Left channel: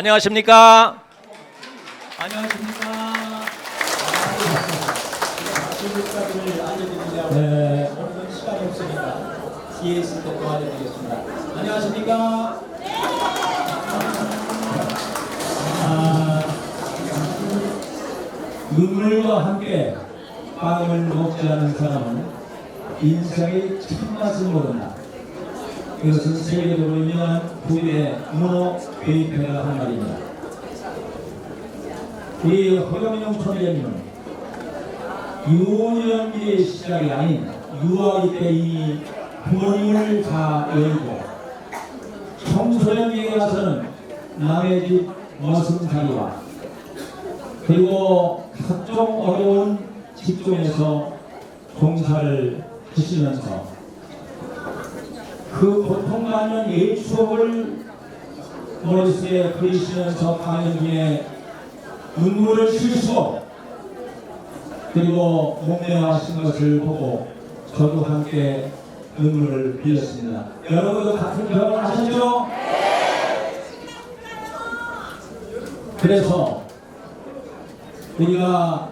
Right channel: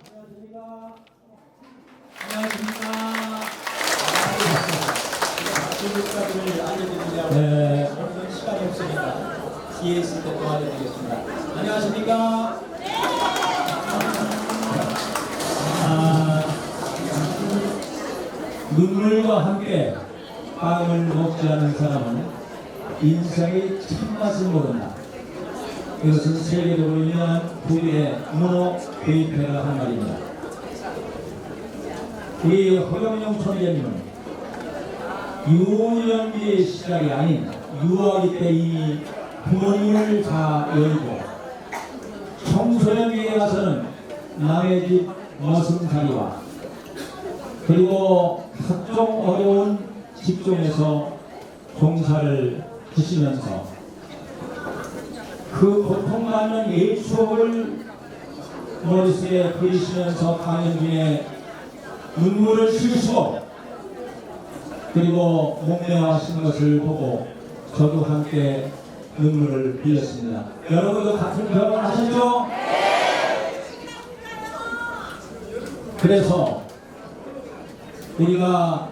안녕하십니까? 안녕하십니까. 주민들을 알려드리려고 오늘은 시간이 없으니까 뒤에 있을 때 도와드리겠습니다. 안녕하십니까. 눈물과 함께 빵을 먹지 않은 사람은 인생의 참맛을 모른다. 이것은 세계적으로 유명한 부의 문호 베이페가 한 말입니다. 우리 허경영 총재님은 유년기의 시작이 아닌 유아기 때 이미 부모님을 다 열고 청소년기에 가서는 남의 집 머슴살이와 그리고 각종 어려운 직종에서 종사를 하시면서 그 고통받는 옛 추억을 머릿속에 그리시면서 가는 중에 눈물을 쉴수록 그리고 목매하신 것을 보고 저도 함께 눈물을 흘렸습니다. 여러분도 같은 경험을 하셨죠? 그래서 우리가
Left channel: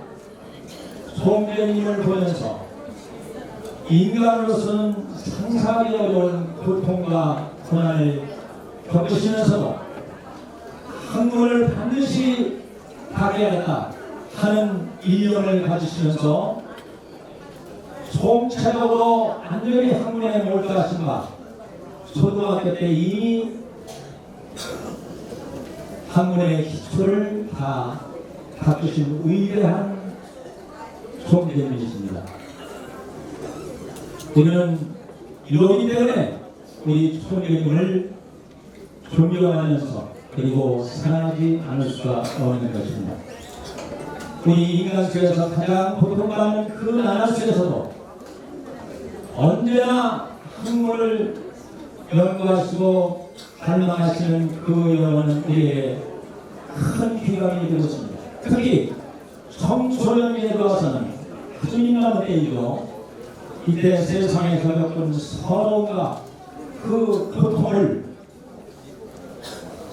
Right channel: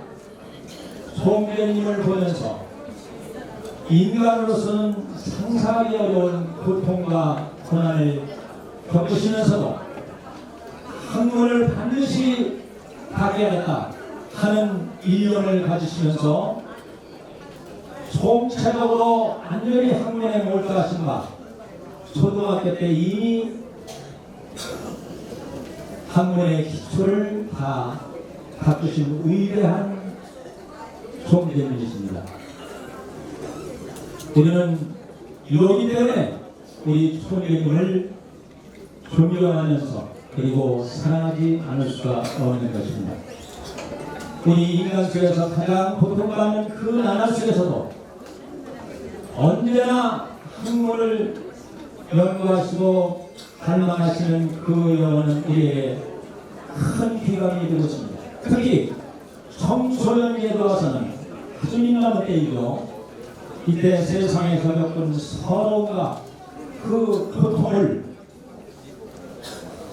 송대님을 보면서 인간으로서는 상상하기 어려운 고통과 고난을 겪으시면서도 학문을 반드시 가져야겠다 하는 일념을 가지시면서 총체적으로 완전히 학문에 몰두하신 바 초등학교 때 이미 학문의 기초를 다 갖추신 위대한 총재님이십니다. 우리는 이러기 때문에 우리 총재님을 존경하면서 그리고 사랑하지 않을 수가 없는 것입니다. 우리 인간 속에서 가장 고통받는 그 나라 속에서도 언제나 학문을 연구하시고 갈망하시는 그 영혼은 우리에게 큰 귀감이 되고 있습니다. 특히 청소년기에 들어와서는 아주 민감한 때이죠. 이때 세상에서 겪은 서러움과 그 고통을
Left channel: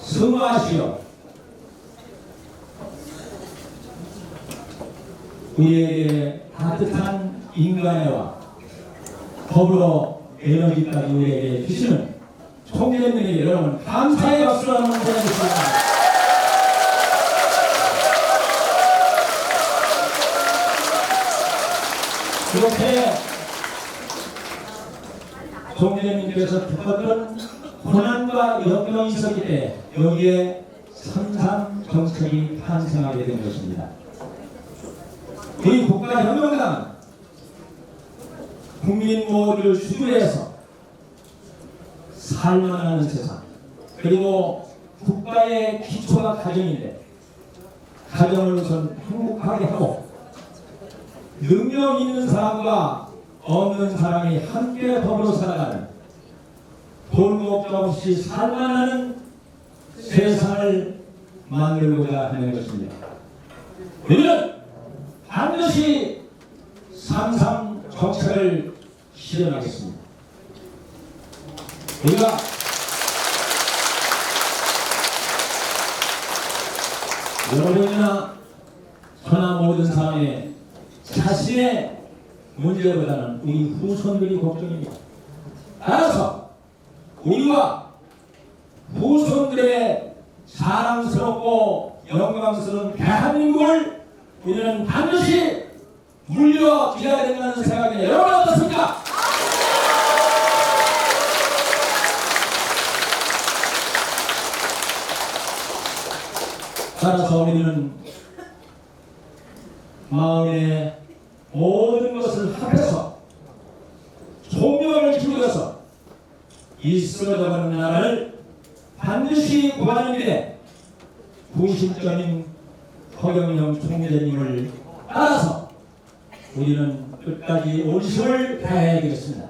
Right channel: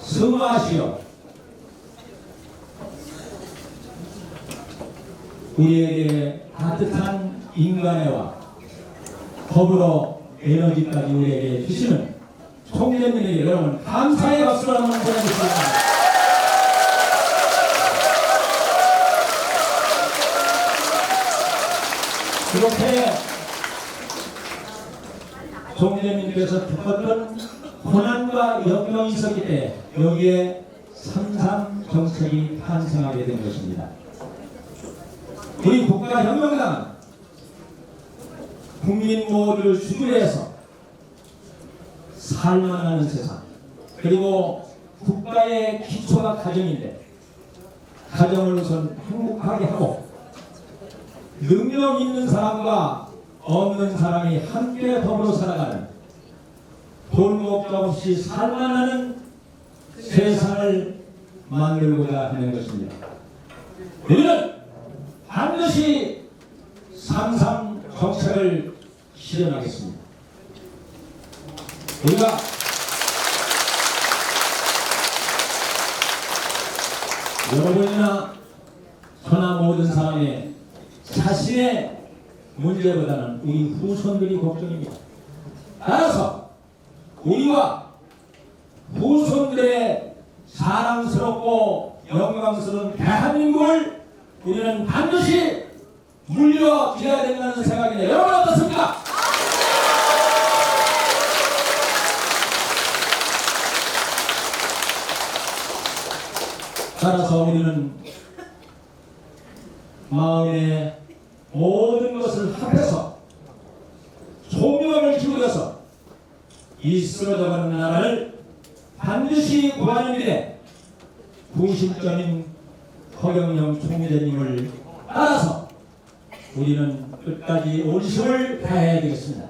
승화하시어 우리에게 따뜻한 인간애와 더불어 에너지까지 우리에게 주시는 총재님에게 여러분 감사의 박수를 한번 보내주십니다. 이렇게 총재님께서 겪었던 고난과 역경이 있었기 때문에 여기에 삼삼 정책이 탄생하게 된 것입니다. 우리 국가혁명당은 국민 모두를 주주해서 살만하는 세상 그리고 국가의 기초가 가정인데 가정을 우선 행복하게 하고 능력 있는 사람과 없는 사람이 함께 더불어 살아가는 돈 걱정 없이 살만하는 세상을 만들고자 하는 것입니다. 우리는 반드시 삼삼 정책을 실현하겠습니다. 우리가 여러분이나 저나 모든 사람의 자신의 문제보다는 우리 후손들이 걱정입니다. 따라서 우리와 후손들의 사랑스럽고 영광스러운 대한민국을 우리는 반드시 물려드려야 된다는 생각이네요. 여러분 어떻습니까? 따라서 우리는 마음의 모든 것을 합해서 총력을 기울여서 이 쓰러져가는 나라를 반드시 구하는 길에 구심점인 허경영 총재님을 따라서 우리는 끝까지 온심을 다해야 되겠습니다.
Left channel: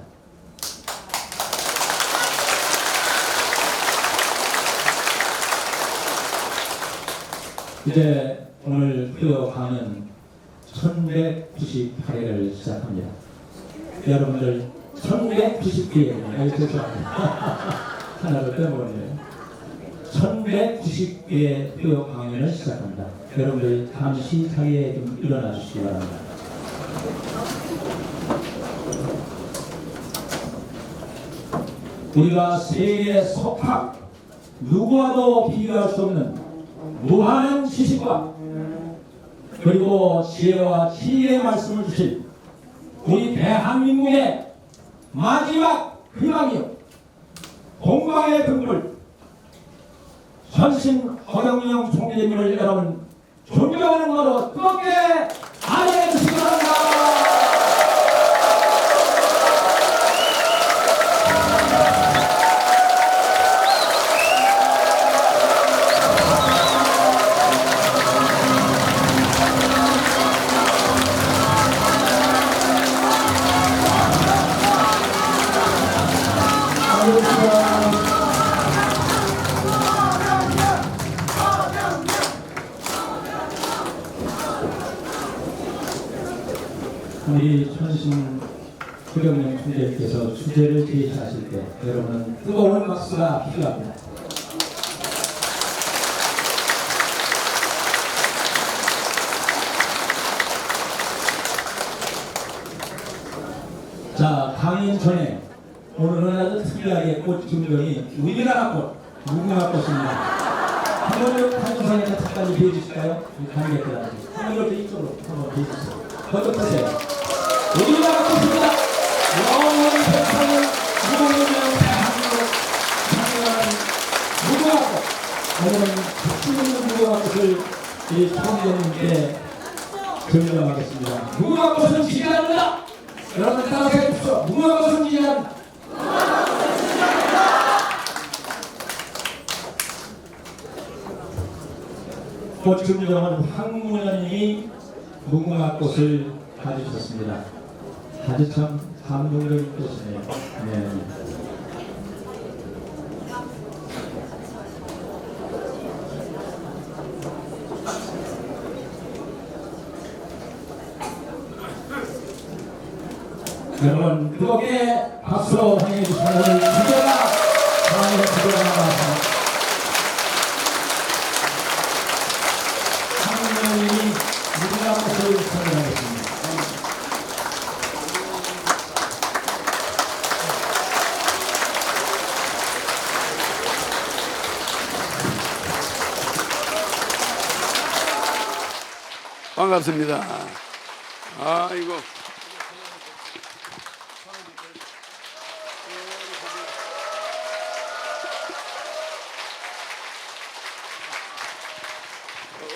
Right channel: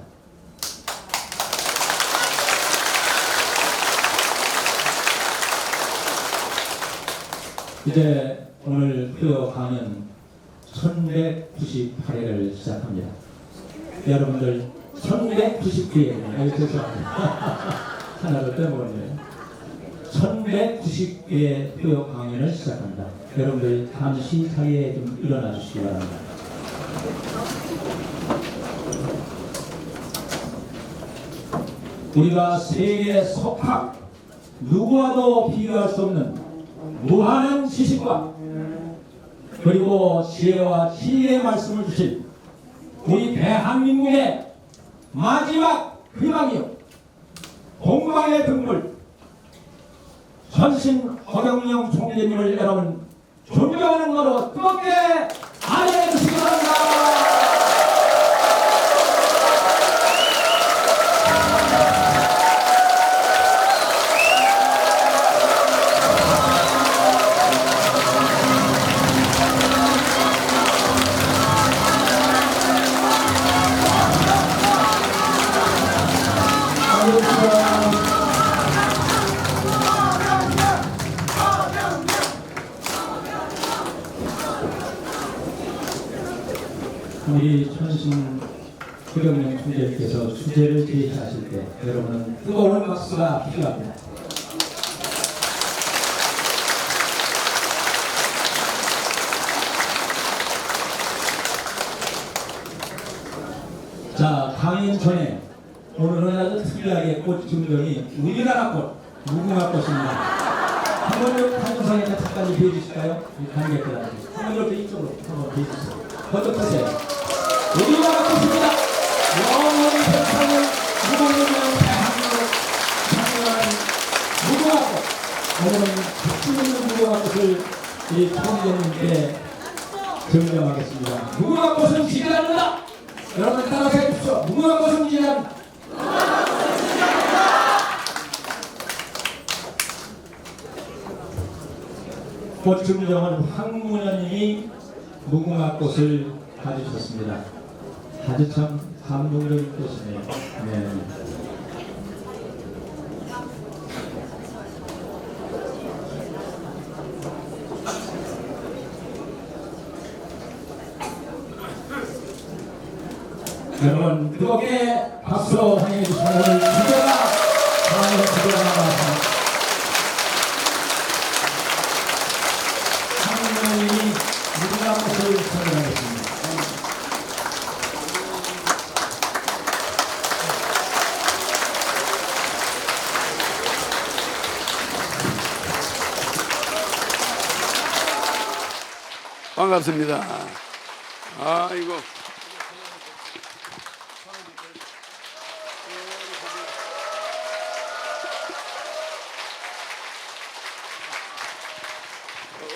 이제 오늘 흘러가는 1198회를 시작합니다. 여러분들 1199회 죄송합니다. 하나를 빼먹었네요. 1190개의 교육 강연을 시작합니다. 여러분들 잠시 자리에 좀 일어나 주시기 바랍니다. 우리가 세계 속학 누구와도 비교할 수 없는 무한한 지식과 그리고 지혜와 진리의 말씀을 주신 우리 대한민국의 마지막 희망이요 동방의 등불 전신 허경영 총재님을 여러분 존경하는 것으로 뜨겁게 환영해 주시기 바랍니다. 우리 천신 허경영 총재님께서 주제를 제시하실 때 여러분은 뜨거운 박수가 필요합니다. 자, 강연 전에 오늘은 아주 특이하게 꽃 증정이 우리나라 꽃, 무궁화 꽃입니다. 한번 한정상에 잠깐 비해주실까요? 관객들한테 한번 이렇게 이쪽으로 한번 비해주세요. 먼저 보세요. 우리나라 꽃입니다. 영원히 세상을 무궁화를 대한민국 장려하는 무궁화 꽃. 오늘은 특징 있는 무궁화 꽃을 이 총재님께 증정하겠습니다. 무궁화 꽃은 지지합니다. 여러분 따라서 해주십시오. 무궁화 꽃은 지지합니다. 꽃 증정은 황문현님이 무궁화 꽃을 가지셨습니다. 아주 참 감동적인 꽃이네요. 네. 여러분 뜨겁게 박수로 환영해 주시면 오늘 주제가 강연의 주제가 나와서 황문현님이 무궁화 꽃을 선정하겠습니다. 반갑습니다. 아이고.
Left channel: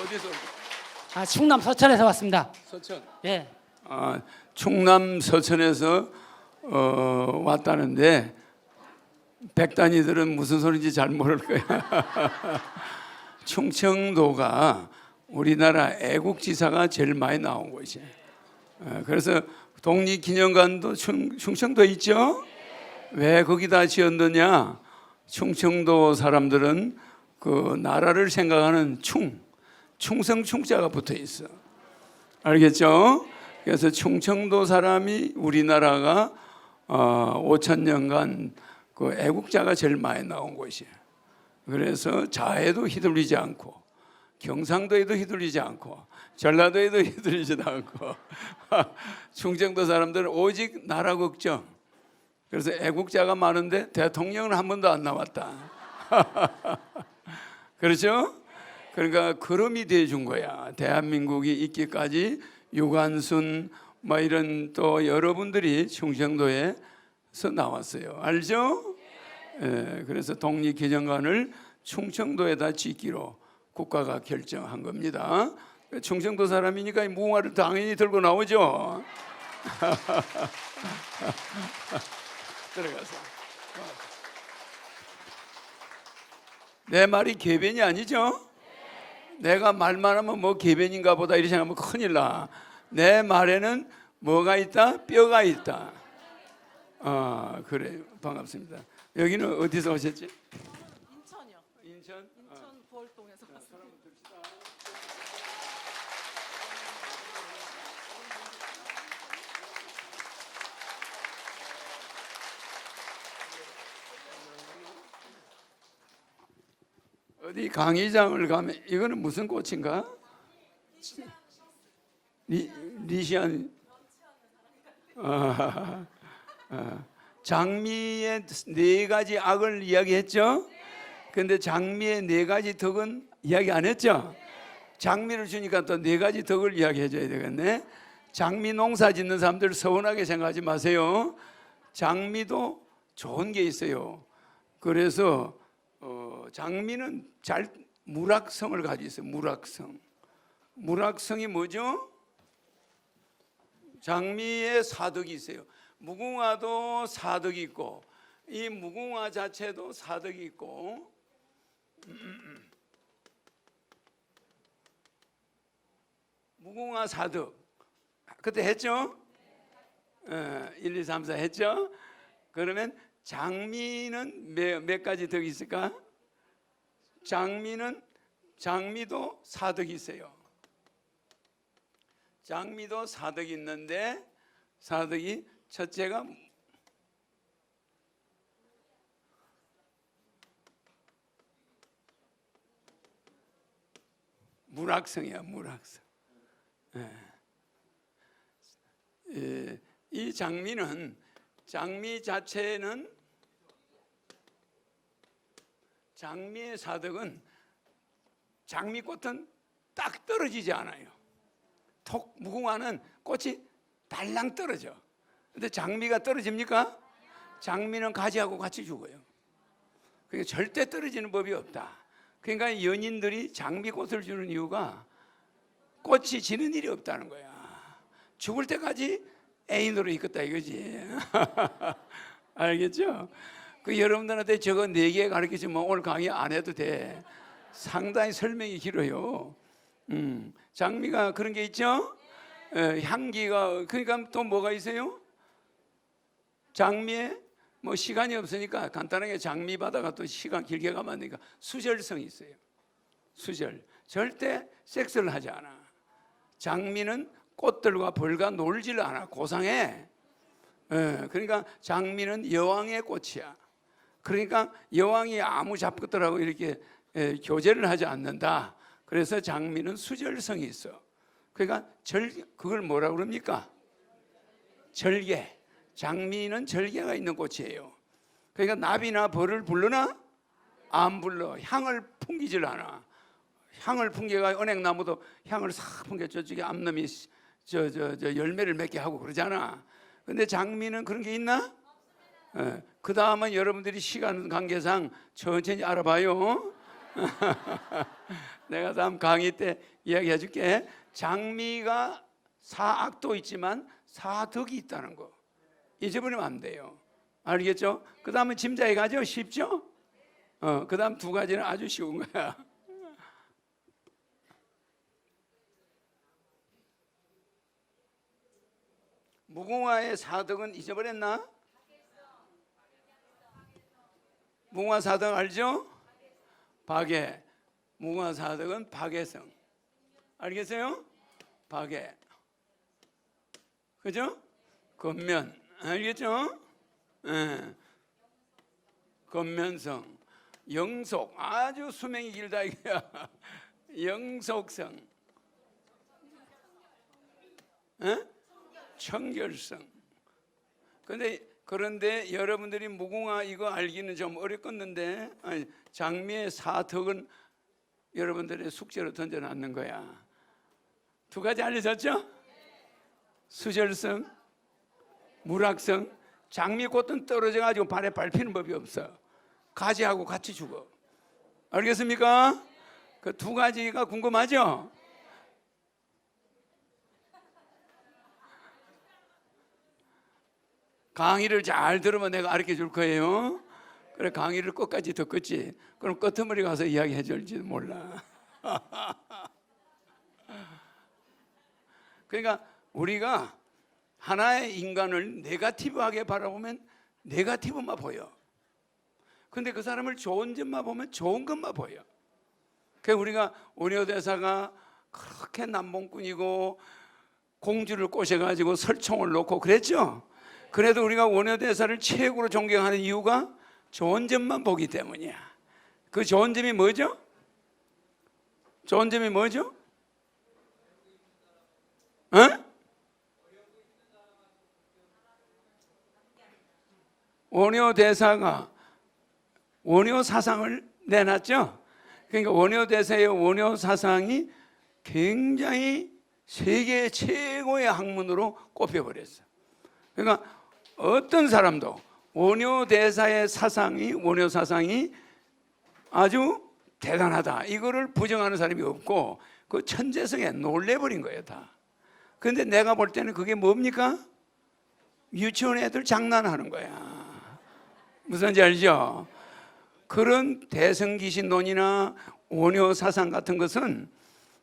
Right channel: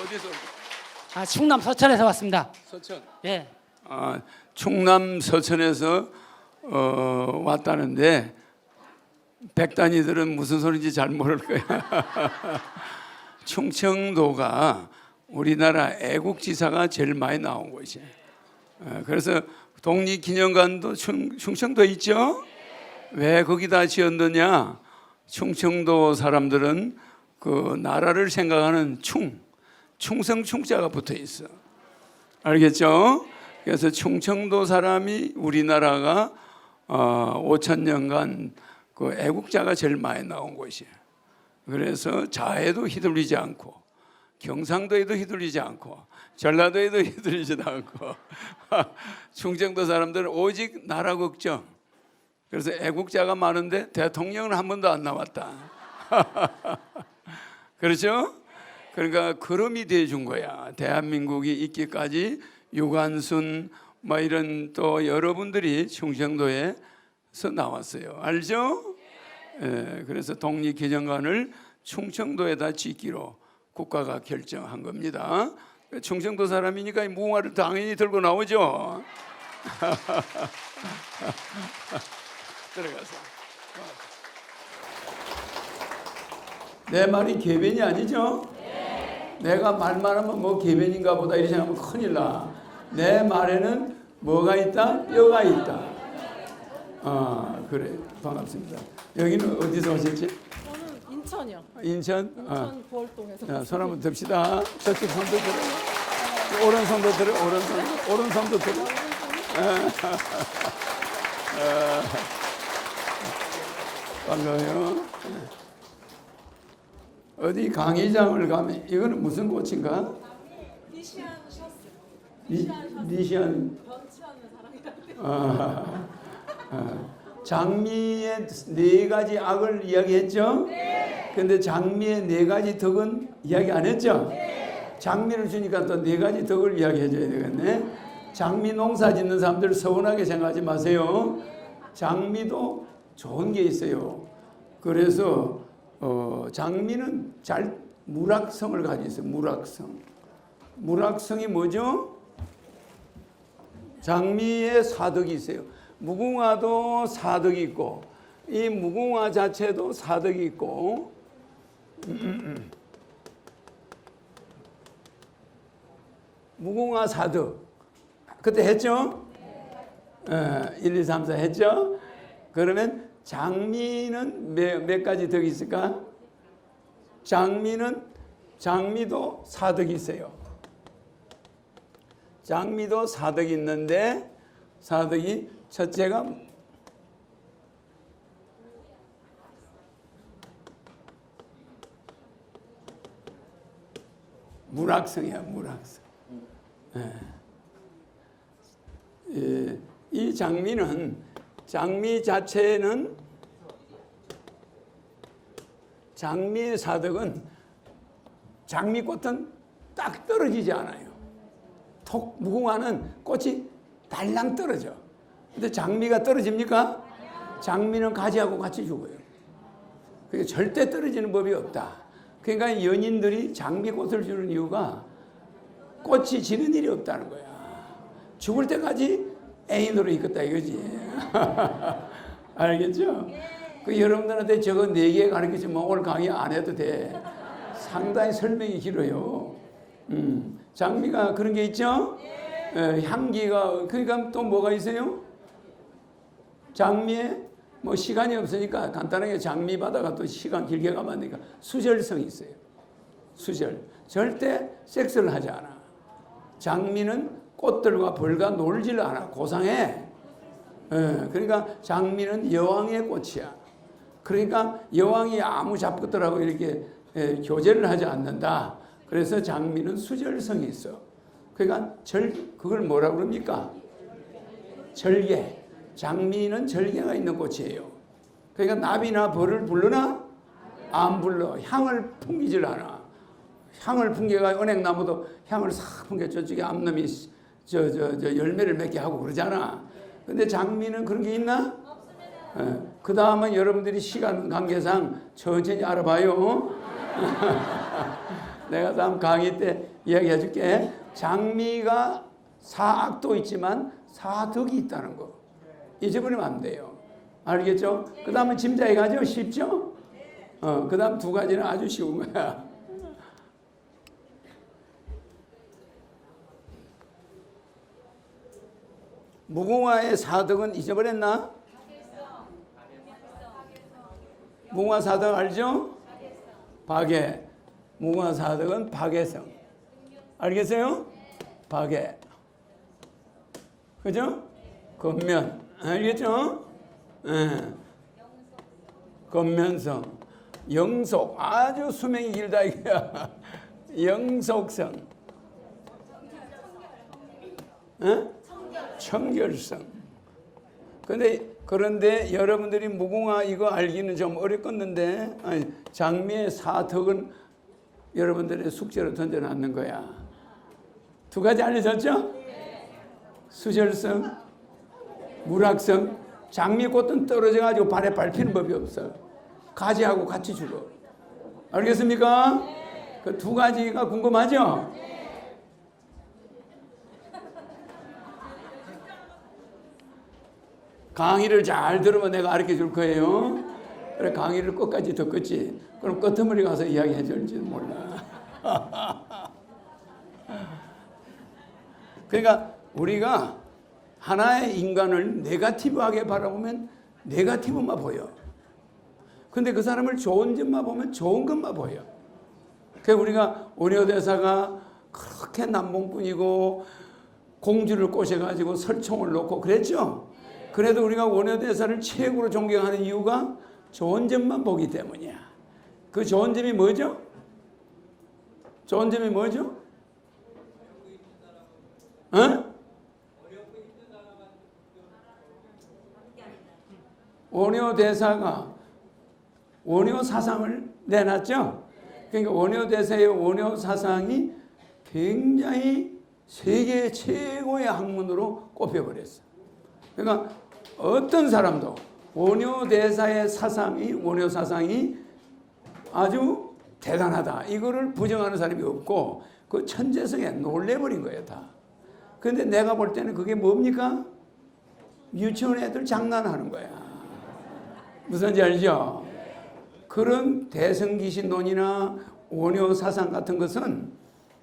어디서? 충남 서천에서 왔습니다. 서천. 예. 충남 서천에서 왔다는데 백단이들은 무슨 소리인지 잘 모를 거야. 충청도가 우리나라 애국지사가 제일 많이 나온 곳이에요. 그래서 독립기념관도 충청도에 있죠. 왜 거기다 지었느냐? 충청도 사람들은 그 나라를 생각하는 충성 충자가 붙어 있어. 알겠죠? 그래서 충청도 사람이 우리나라가 5,000년간 그 애국자가 제일 많이 나온 곳이에요. 그래서 자해도 휘둘리지 않고 경상도에도 휘둘리지 않고 전라도에도 휘둘리지도 않고 충청도 사람들은 오직 나라 걱정. 그래서 애국자가 많은데 대통령은 한 번도 안 나왔다. 그렇죠? 그러니까 걸음이 돼준 거야. 대한민국이 있기까지 유관순 뭐 이런 또 여러분들이 충청도에서 나왔어요. 알죠? 예, 그래서 독립기념관을 충청도에다 짓기로 국가가 결정한 겁니다. 충청도 사람이니까 무궁화를 당연히 들고 나오죠. 들어가서. 내 말이 개변이 아니죠? 내가 말만 하면 뭐 개변인가 보다 이렇게 생각하면 큰일 나. 내 말에는 뭐가 있다? 뼈가 있다. 그래. 반갑습니다. 여기는 어디서 오셨지? 저는 인천이요. 인천? 인천 부월동에서. 자, 손 한번 듭시다. 저쪽 손도 들어. 오른손도 들어. 오른손도 들어. 반가워요. 어디 강의장을 가면 이거는 무슨 꽃인가? 리시안 셔츠. 리시안. 번치하는 사람이다. 장미의 네 가지 악을 이야기했죠? 근데 장미의 네 가지 덕은 이야기 안 했죠? 장미를 주니까 또 네 가지 덕을 이야기해 줘야 되겠네. 장미 농사 짓는 사람들 서운하게 생각하지 마세요. 장미도 좋은 게 있어요. 그래서 장미는 무락성을 가지고 있어요. 무락성. 무락성이 뭐죠? 장미에 사덕이 있어요. 무궁화도 사덕이 있고 이 무궁화 자체도 사덕이 있고 무궁화 사덕 그때 했죠? 1, 2, 3, 4 했죠? 그러면 장미는 몇 가지 덕이 있을까? 장미도 사덕이 있어요. 장미도 사덕이 있는데 사덕이 첫째가 무락성이야. 무락성. 이 장미 자체는 장미의 사덕은 장미꽃은 딱 떨어지지 않아요. 무궁화는 꽃이 달랑 떨어져. 근데 장미가 떨어집니까? 장미는 가지하고 같이 죽어요. 그러니까 절대 떨어지는 법이 없다. 그러니까 연인들이 장미꽃을 주는 이유가 꽃이 지는 일이 없다는 거야. 죽을 때까지 애인으로 있겠다 이거지. 알겠죠? 그 여러분들한테 저거 4개 가르치면 오늘 강의 안 해도 돼. 상당히 설명이 길어요. 장미가 그런 게 있죠? 향기가, 그러니까 또 뭐가 있어요? 장미에 뭐 시간이 없으니까 간단하게 장미 바다가 또 시간 길게 가면 안 되니까 수절성이 있어요. 수절. 절대 섹스를 하지 않아. 장미는 꽃들과 벌과 놀질 않아. 고상해. 그러니까 장미는 여왕의 꽃이야. 그러니까 여왕이 아무 잡것들하고 이렇게 교제를 하지 않는다. 그래서 장미는 수절성이 있어. 그러니까 그걸 뭐라 그럽니까? 절개. 장미는 절개가 있는 꽃이에요. 그러니까 나비나 벌을 부르나? 안 불러. 향을 풍기질 않아. 향을 풍겨가 은행나무도 향을 싹 풍겨 저쪽에 암놈이 저 열매를 맺게 하고 그러잖아. 근데 장미는 그런 게 있나? 그 다음은 여러분들이 시간 관계상 천천히 알아봐요. 내가 다음 강의 때 이야기해 줄게. 장미가 사악도 있지만 사덕이 있다는 거 잊어버리면 안 돼요. 알겠죠? 그 다음은 짐자에 가죠? 쉽죠? 그 다음 2가지는 아주 쉬운 거야. 무궁화의 사덕은 잊어버렸나? 무궁화 사덕 알죠? 박애. 무궁화 사덕은 박애성. 알겠어요? 박애. 그죠? 겉면. 알겠죠? 겉면성. 영속. 아주 수명이 길다 이거야. 영속성. 청결성. 그런데 여러분들이 무궁화 이거 알기는 좀 어렵겠는데 장미의 사덕은 여러분들의 숙제로 던져놨는 거야. 2가지 알려졌죠? 수절성, 무락성. 장미꽃은 떨어져가지고 발에 밟히는 법이 없어. 가지하고 같이 죽어. 알겠습니까? 그 2가지가 궁금하죠? 강의를 잘 들으면 내가 가르쳐 줄 거예요. 그래, 강의를 끝까지 듣겠지. 그럼 끄트머리 가서 이야기해 줄지는 몰라. 그러니까 우리가 하나의 인간을 네거티브하게 바라보면 네거티브만 보여. 근데 그 사람을 좋은 점만 보면 좋은 것만 보여. 그러니까 우리가 오려대사가 그렇게 남봉꾼이고 공주를 꼬셔가지고 설총을 놓고 그랬죠. 그래도 우리가 원효대사를 최고로 존경하는 이유가 좋은 점만 보기 때문이야. 그 좋은 점이 뭐죠? 좋은 점이 뭐죠? 어? 원효 대사가 원효 사상을 내놨죠. 그러니까 원효 대사의 원효 사상이 굉장히 세계 최고의 학문으로 꼽혀버렸어요. 그러니까 어떤 사람도 원효 대사의 사상이 원효 사상이 아주 대단하다 이거를 부정하는 사람이 없고 그 천재성에 놀래버린 거예요 다. 그런데 내가 볼 때는 그게 뭡니까? 유치원 애들 장난하는 거야. 무슨지 알죠? 그런 대성기신론이나 원효 사상 같은 것은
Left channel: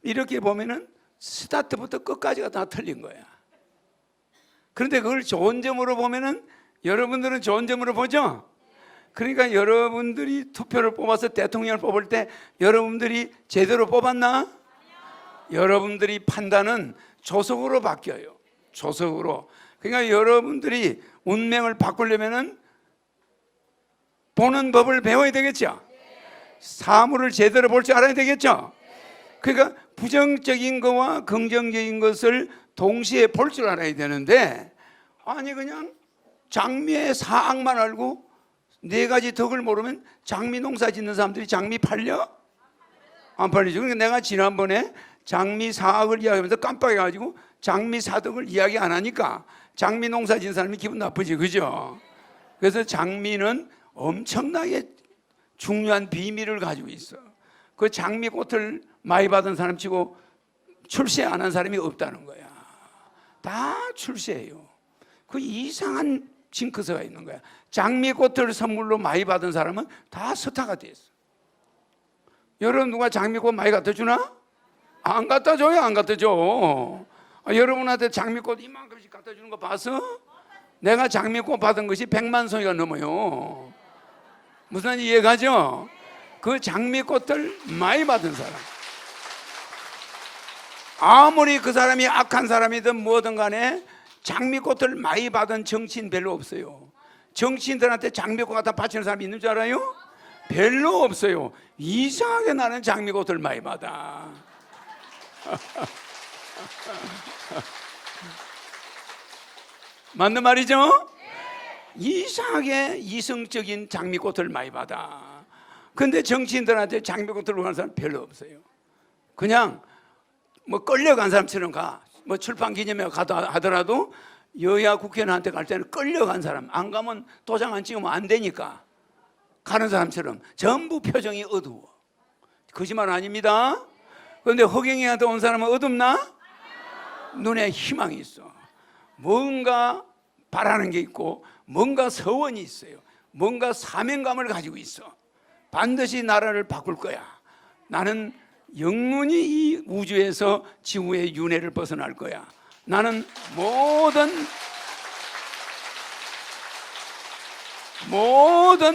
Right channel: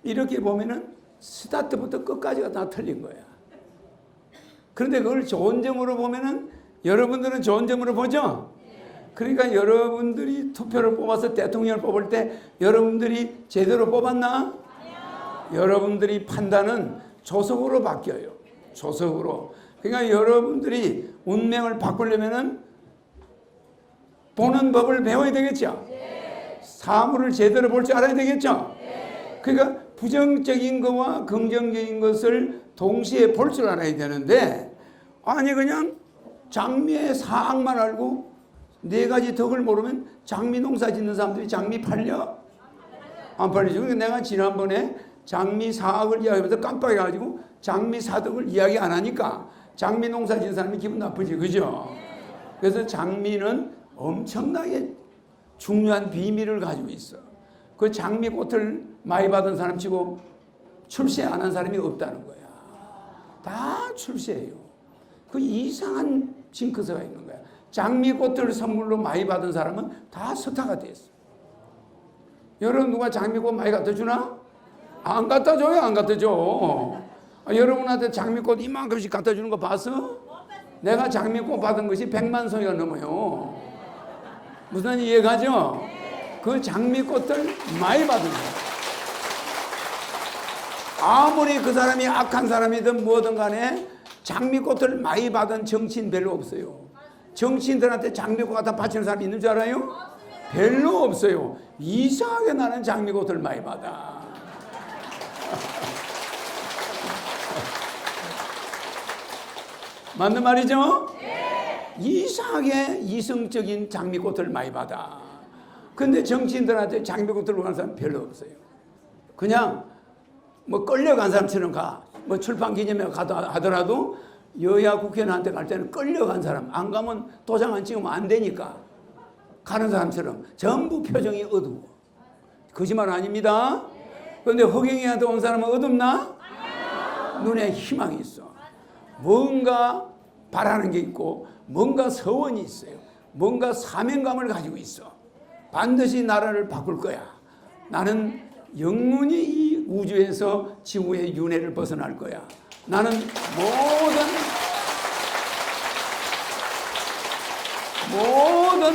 이렇게 보면은 스타트부터 끝까지가 다 틀린 거야. 그런데 그걸 좋은 점으로 보면은 여러분들은 좋은 점으로 보죠? 그러니까 여러분들이 투표를 뽑아서 대통령을 뽑을 때 여러분들이 제대로 뽑았나? 여러분들이 판단은 조석으로 바뀌어요. 조석으로. 그러니까 여러분들이 운명을 바꾸려면은 보는 법을 배워야 되겠죠. 사물을 제대로 볼 줄 알아야 되겠죠. 그러니까 부정적인 것과 긍정적인 것을 동시에 볼 줄 알아야 되는데 아니 그냥 장미의 사학만 알고 네 가지 덕을 모르면 장미 농사 짓는 사람들이 장미 팔려? 안 팔리죠. 그러니까 내가 지난번에 장미 사학을 이야기하면서 깜빡해가지고 장미 사덕을 이야기 안 하니까 장미 농사 짓는 사람이 기분 나쁘지, 그죠? 그래서 장미는 엄청나게 중요한 비밀을 가지고 있어. 그 장미꽃을 많이 받은 사람 치고 출세 안 한 사람이 없다는 거야. 다 출세해요. 그 이상한 징크스가 있는 거야. 장미꽃을 선물로 많이 받은 사람은 다 스타가 됐어. 여러분 누가 장미꽃 많이 갖다 주나? 안 갖다 줘요. 안 갖다 줘. 여러분한테 장미꽃 이만큼씩 갖다 주는 거 봤어? 내가 장미꽃 받은 것이 100만 송이가 넘어요. 무슨 이해가죠? 그 장미꽃을 많이 받은 사람. 아무리 그 사람이 악한 사람이든 뭐든 간에 장미꽃을 많이 받은 정치인 별로 없어요. 정치인들한테 장미꽃 갖다 바치는 사람이 있는 줄 알아요? 별로 없어요. 이상하게 나는 장미꽃을 많이 받아. 맞는 말이죠? 이상하게 이성적인 장미꽃을 많이 받아. 근데 정치인들한테 장미꽃을 가는 사람 별로 없어요. 그냥 뭐 끌려간 사람처럼 가. 뭐 출판 기념회 하더라도 여야 국회의원한테 갈 때는 끌려간 사람. 안 가면 도장 안 찍으면 안 되니까 가는 사람처럼 전부 표정이 어두워. 거짓말 아닙니다. 그런데 허경영한테 온 사람은 어둡나? 눈에 희망이 있어. 뭔가 바라는 게 있고 뭔가 서원이 있어요. 뭔가 사명감을 가지고 있어. 반드시 나라를 바꿀 거야. 나는 영원히 이 우주에서 지구의 윤회를 벗어날 거야. 나는 모든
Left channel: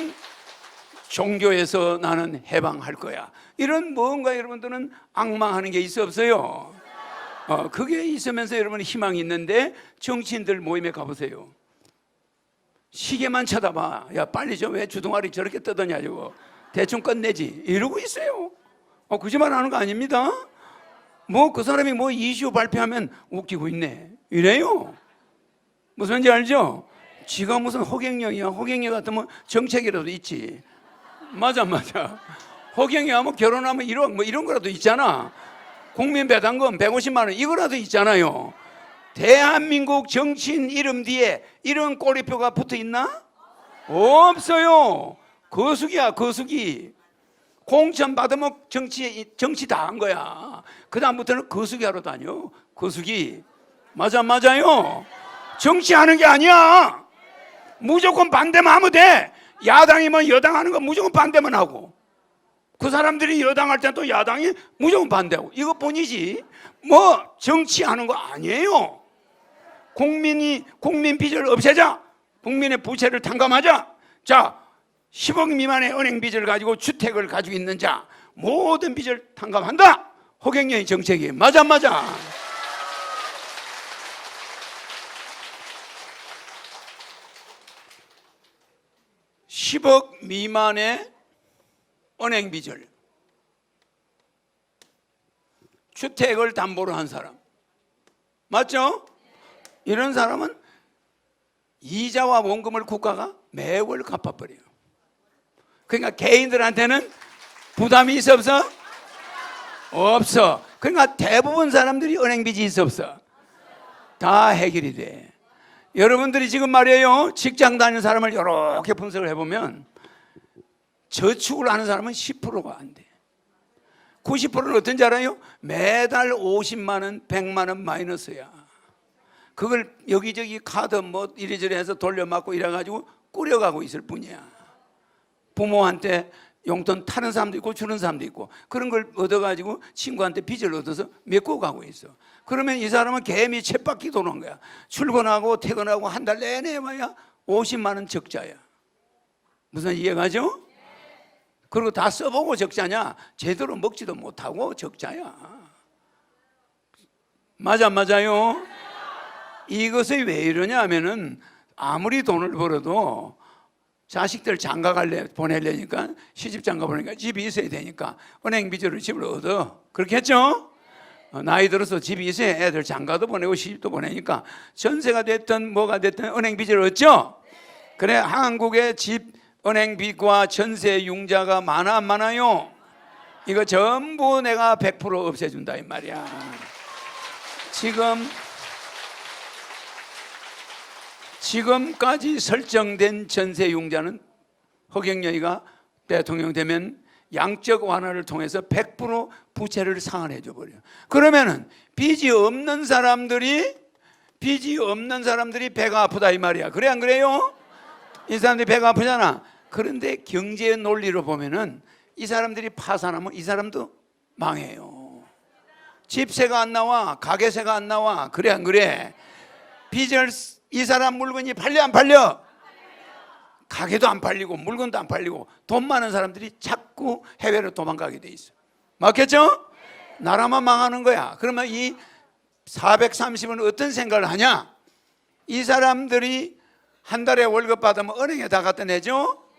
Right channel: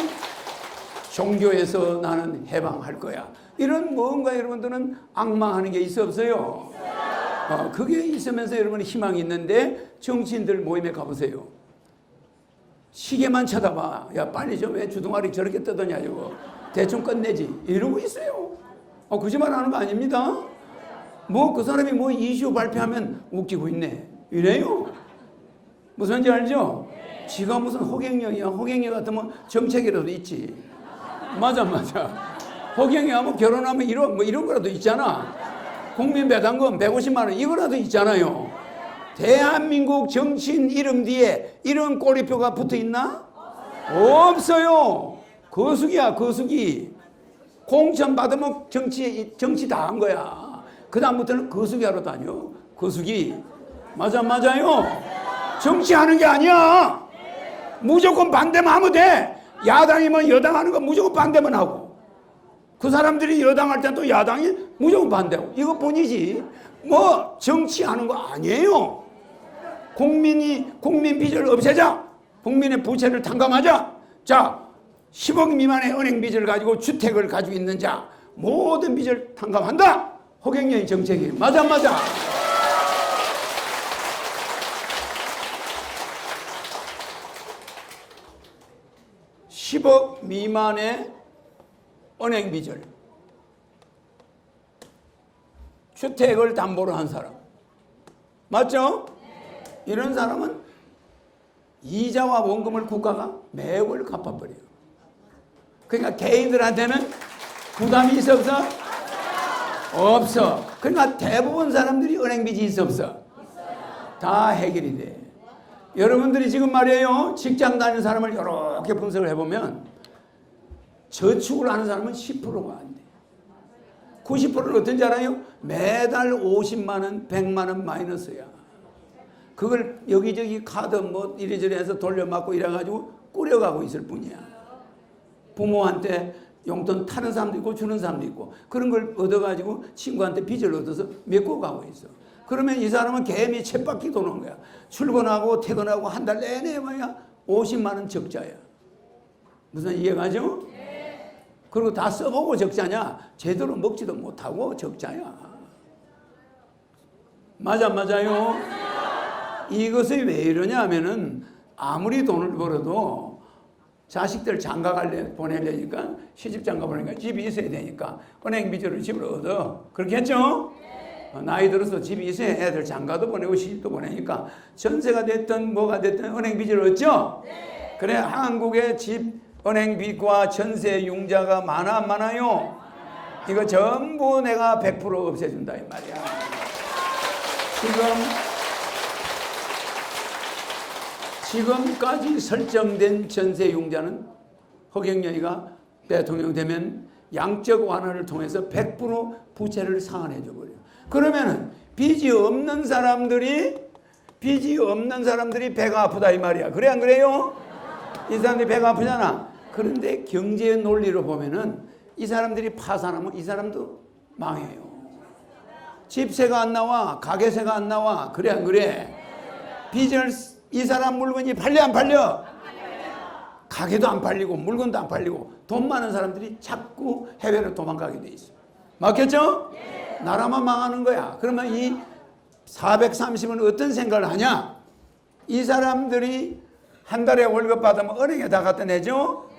종교에서 나는 해방할 거야. 이런 뭔가 여러분들은 악망하는 게 있어 없어요? 그게 있으면서 여러분 희망이 있는데 정치인들 모임에 가보세요. 시계만 쳐다봐. 야 빨리 좀 왜 주둥아리 저렇게 뜯었냐 이거. 대충 끝내지 이러고 있어요. 거짓말 하는 거 아닙니다. 뭐 그 사람이 뭐 이슈 발표하면 웃기고 있네 이래요. 무슨 말인지 알죠? 지가 무슨 허경영이야. 허경영 같으면 정책이라도 있지. 맞아. 허경영 하면 결혼하면 이런 거라도 있잖아. 국민 배당금 150만 원 이거라도 있잖아요. 대한민국 정치인 이름 뒤에 이런 꼬리표가 붙어 있나? 없어요. 거수기야 거수기. 공천 받으면 정치 다 한 거야. 그 다음부터는 거수기 하러 다녀. 거수기. 맞아요. 정치하는 게 아니야. 무조건 반대만 하면 돼. 야당이면 여당 하는 거 무조건 반대만 하고 그 사람들이 여당할 때 또 야당이 무조건 반대하고 이것뿐이지 뭐 정치하는 거 아니에요. 국민 빚을 없애자. 국민의 부채를 탕감하자. 자 10억 미만의 은행 빚을 가지고 주택을 가지고 있는 자 모든 빚을 탕감한다. 허경영의 정책이 맞아. 10억 미만의 은행 빚을 주택을 담보로 한 사람. 맞죠? 이런 사람은 이자와 원금을 국가가 매월 갚아버려요. 그러니까 개인들한테는 부담이 있어 없어? 없어. 그러니까 대부분 사람들이 은행 빚이 있어 없어? 다 해결이 돼. 여러분들이 지금 말이에요, 직장 다니는 사람을 이렇게 분석을 해보면 저축을 하는 사람은 10%가 안 돼. 90%는 어떤지 알아요? 매달 50만 원, 100만 원 마이너스야. 그걸 여기저기 카드 뭐 이래저래 해서 돌려막고 이래가지고 꾸려가고 있을 뿐이야. 부모한테 용돈 타는 사람도 있고 주는 사람도 있고 그런 걸 얻어가지고 친구한테 빚을 얻어서 메고 가고 있어. 그러면 이 사람은 개미 쳇바퀴 도는 거야. 출근하고 퇴근하고 한 달 내내 와야 50만 원 적자야. 무슨 이해가죠? 그리고 다 써보고 적자냐? 제대로 먹지도 못하고 적자야. 맞아요? 이것이 왜 이러냐 하면은 아무리 돈을 벌어도 자식들 장가 보내려니까 시집 장가 보내니까 집이 있어야 되니까 은행 빚으로 집을 얻어. 그렇게 했죠? 나이 들어서 집이 있어야 애들 장가도 보내고 시집도 보내니까 전세가 됐든 뭐가 됐든 은행 빚을 얻죠? 그래 한국의 집 은행 빚과 전세 융자가 많아 안 많아요? 이거 전부 내가 100% 없애준다 이 말이야. 지금까지 설정된 전세 융자는 허경영이가 대통령 되면 양적 완화를 통해서 100% 부채를 상환해 줘 버려. 그러면은 빚이 없는 사람들이 배가 아프다 이 말이야. 그래 안 그래요? 이 사람들이 배가 아프잖아. 그런데 경제의 논리로 보면은 이 사람들이 파산하면 이 사람도 망해요. 집세가 안 나와, 가게세가 안 나와. 그래 안 그래? 빚을 이 사람 물건이 팔려 안 팔려? 가게도 안 팔리고 물건도 안 팔리고 돈 많은 사람들이 자꾸 해외로 도망가게 돼 있어. 맞겠죠? 나라만 망하는 거야. 그러면 이 430은 어떤 생각을 하냐? 이 사람들이 한 달에 월급 받으면 은행에 다 갖다 내죠?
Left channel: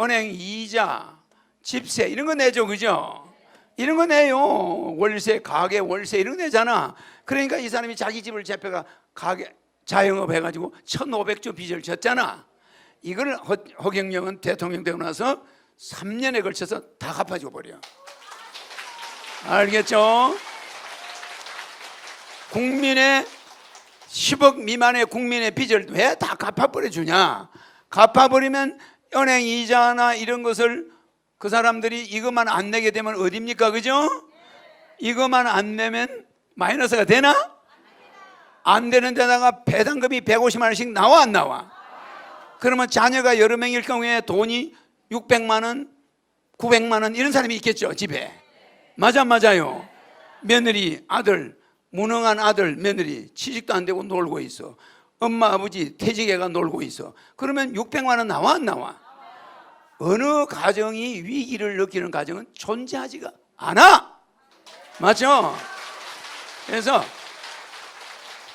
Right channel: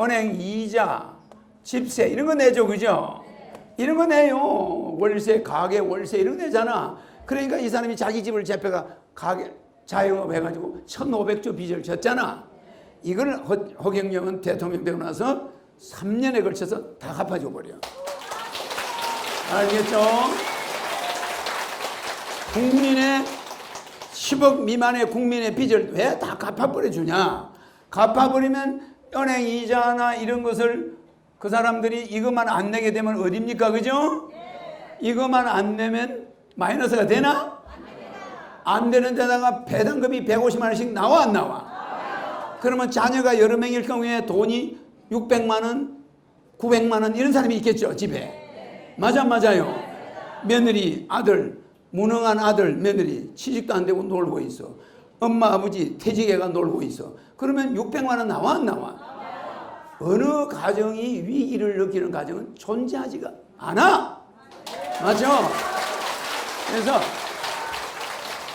은행 이자, 집세 이런 거 내죠, 그죠? 이런 거 내요. 월세, 가게 월세 이런 거 내잖아. 그러니까 이 사람이 자기 집을 잡혀가 가게 자영업 해가지고 1,500조 빚을 졌잖아. 이걸 허경영은 대통령 되고 나서 3년에 걸쳐서 다 갚아줘 버려. 알겠죠? 국민의 10억 미만의 국민의 빚을 왜 다 갚아버려 주냐? 갚아버리면 은행 이자나 이런 것을 그 사람들이 이것만 안 내게 되면 어딥니까? 그죠? 이것만 안 내면 마이너스가 되나? 안 되는 데다가 배당금이 150만 원씩 나와 안 나와? 그러면 자녀가 여러 명일 경우에 돈이 600만 원, 900만 원 이런 사람이 있겠죠, 집에. 맞아요. 며느리, 아들, 무능한 아들, 며느리 취직도 안 되고 놀고 있어. 엄마, 아버지 퇴직해가 놀고 있어. 그러면 600만 원 나와 안 나와? 어느 가정이 위기를 느끼는 가정은 존재하지가 않아. 맞죠? 그래서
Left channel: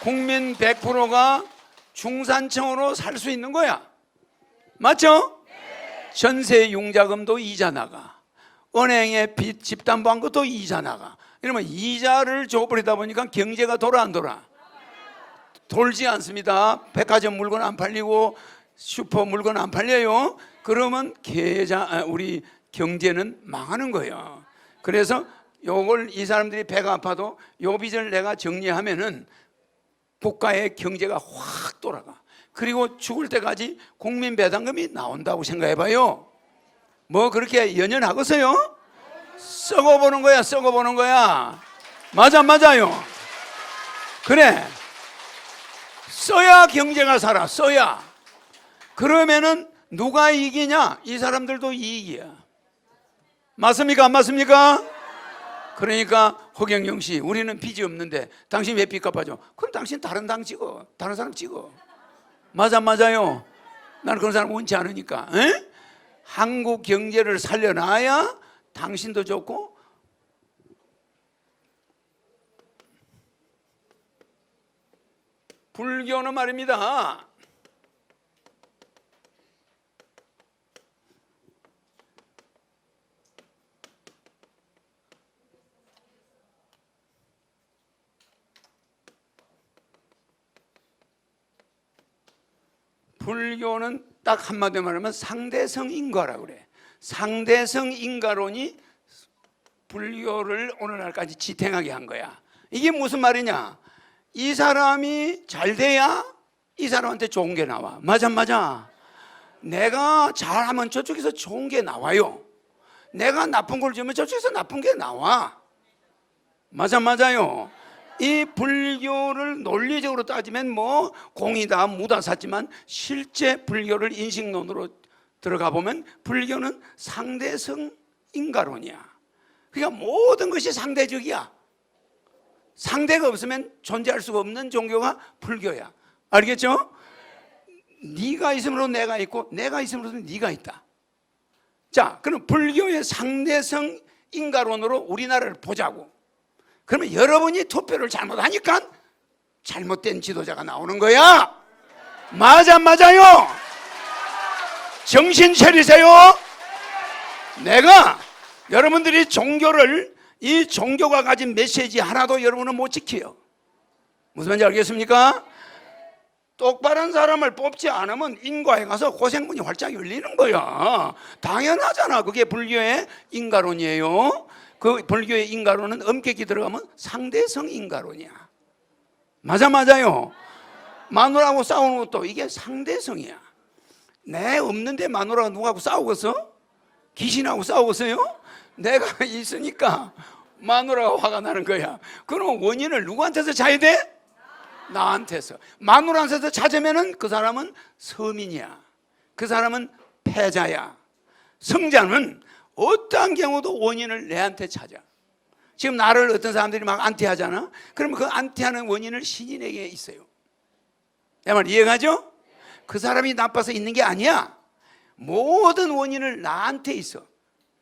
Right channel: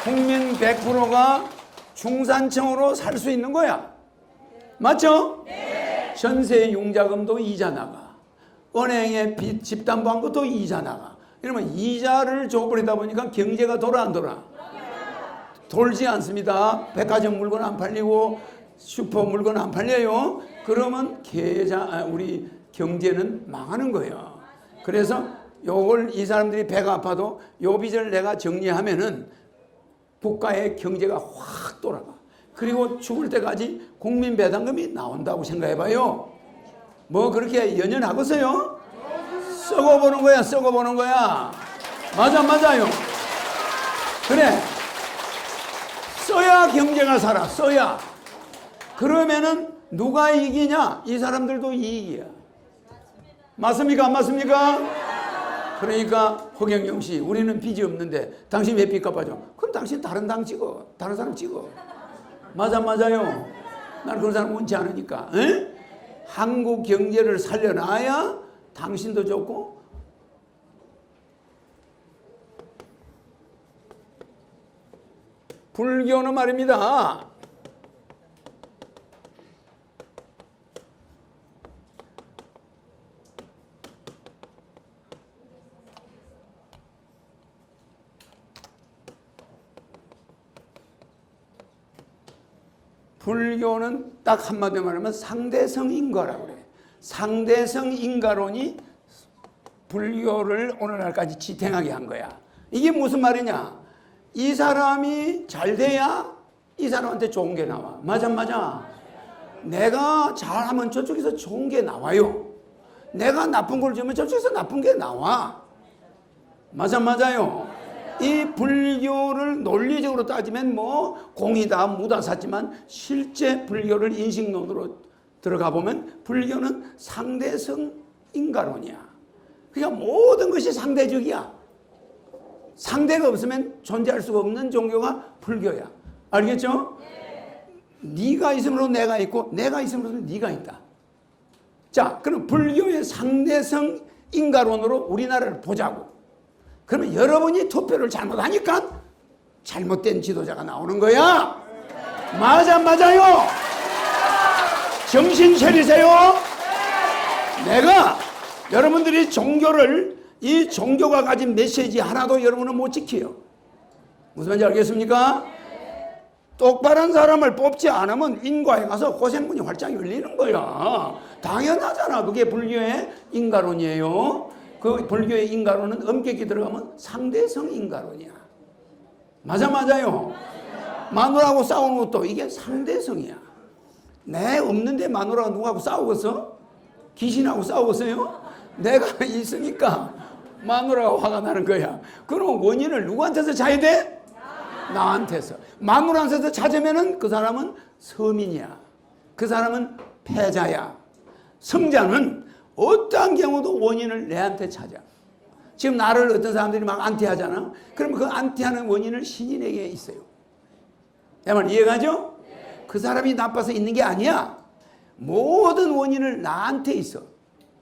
국민 100%가 중산층으로 살 수 있는 거야. 맞죠? 전세 융자금도 이자 나가. 은행에 빚 집담보한 것도 이자 나가. 이러면 이자를 줘버리다 보니까 경제가 돌아 안 돌아? 돌지 않습니다. 백화점 물건 안 팔리고 슈퍼 물건 안 팔려요. 그러면 우리 경제는 망하는 거예요. 그래서 요걸 이 사람들이 배가 아파도 요 빚을 내가 정리하면은 국가의 경제가 확 돌아가. 그리고 죽을 때까지 국민 배당금이 나온다고 생각해봐요. 뭐 그렇게 연연하겠어요? 썩어보는 거야, 썩어보는 거야. 맞아요. 그래. 써야 경제가 살아, 써야. 그러면은 누가 이기냐? 이 사람들도 이익이야. 맞습니까? 안 맞습니까? 그러니까 허경영 씨, 우리는 빚이 없는데 당신 왜 빚 갚아줘? 그럼 당신 다른 당 찍어, 다른 사람 찍어. 맞아요. 나는 그런 사람 원치 않으니까. 에? 한국 경제를 살려놔야 당신도 좋고 불교는 말입니다. 불교는 딱 한마디로 말하면 상대성 인과라고 그래. 상대성 인과론이 불교를 오늘날까지 지탱하게 한 거야. 이게 무슨 말이냐? 이 사람이 잘 돼야 이 사람한테 좋은 게 나와. 맞아, 맞아. 내가 잘하면 저쪽에서 좋은 게 나와요. 내가 나쁜 걸 주면 저쪽에서 나쁜 게 나와. 맞아, 맞아요. 이 불교를 논리적으로 따지면 뭐 공이다 무다 샀지만 실제 불교를 인식론으로 들어가 보면 불교는 상대성 인과론이야. 그러니까 모든 것이 상대적이야. 상대가 없으면 존재할 수가 없는 종교가 불교야. 알겠죠? 네가 있으므로 내가 있고 내가 있으므로 네가 있다. 자, 그럼 불교의 상대성 인과론으로 우리나라를 보자고. 그러면 여러분이 투표를 잘못하니까 잘못된 지도자가 나오는 거야. 맞아, 맞아요. 정신 차리세요. 내가 여러분들이 종교를 이 종교가 가진 메시지 하나도 여러분은 못 지켜요. 무슨 말인지 알겠습니까? 똑바른 사람을 뽑지 않으면 인과에 가서 고생문이 활짝 열리는 거야. 당연하잖아. 그게 불교의 인과론이에요. 그 불교의 인과론은 엄격히 들어가면 상대성 인과론이야. 맞아, 맞아요. 마누라하고 싸우는 것도 이게 상대성이야. 내 없는데 마누라가 누구하고 싸우겠어? 귀신하고 싸우겠어요? 내가 있으니까 마누라가 화가 나는 거야. 그럼 원인을 누구한테서 찾아야 돼? 나한테서. 마누라한테서 찾으면은 그 사람은 서민이야. 그 사람은 패자야. 성자는 어떠한 경우도 원인을 내한테 찾아. 지금 나를 어떤 사람들이 막 안티하잖아. 그럼 그 안티하는 원인을 신인에게 있어요. 내 말 이해가죠? 그 사람이 나빠서 있는 게 아니야. 모든 원인을 나한테 있어.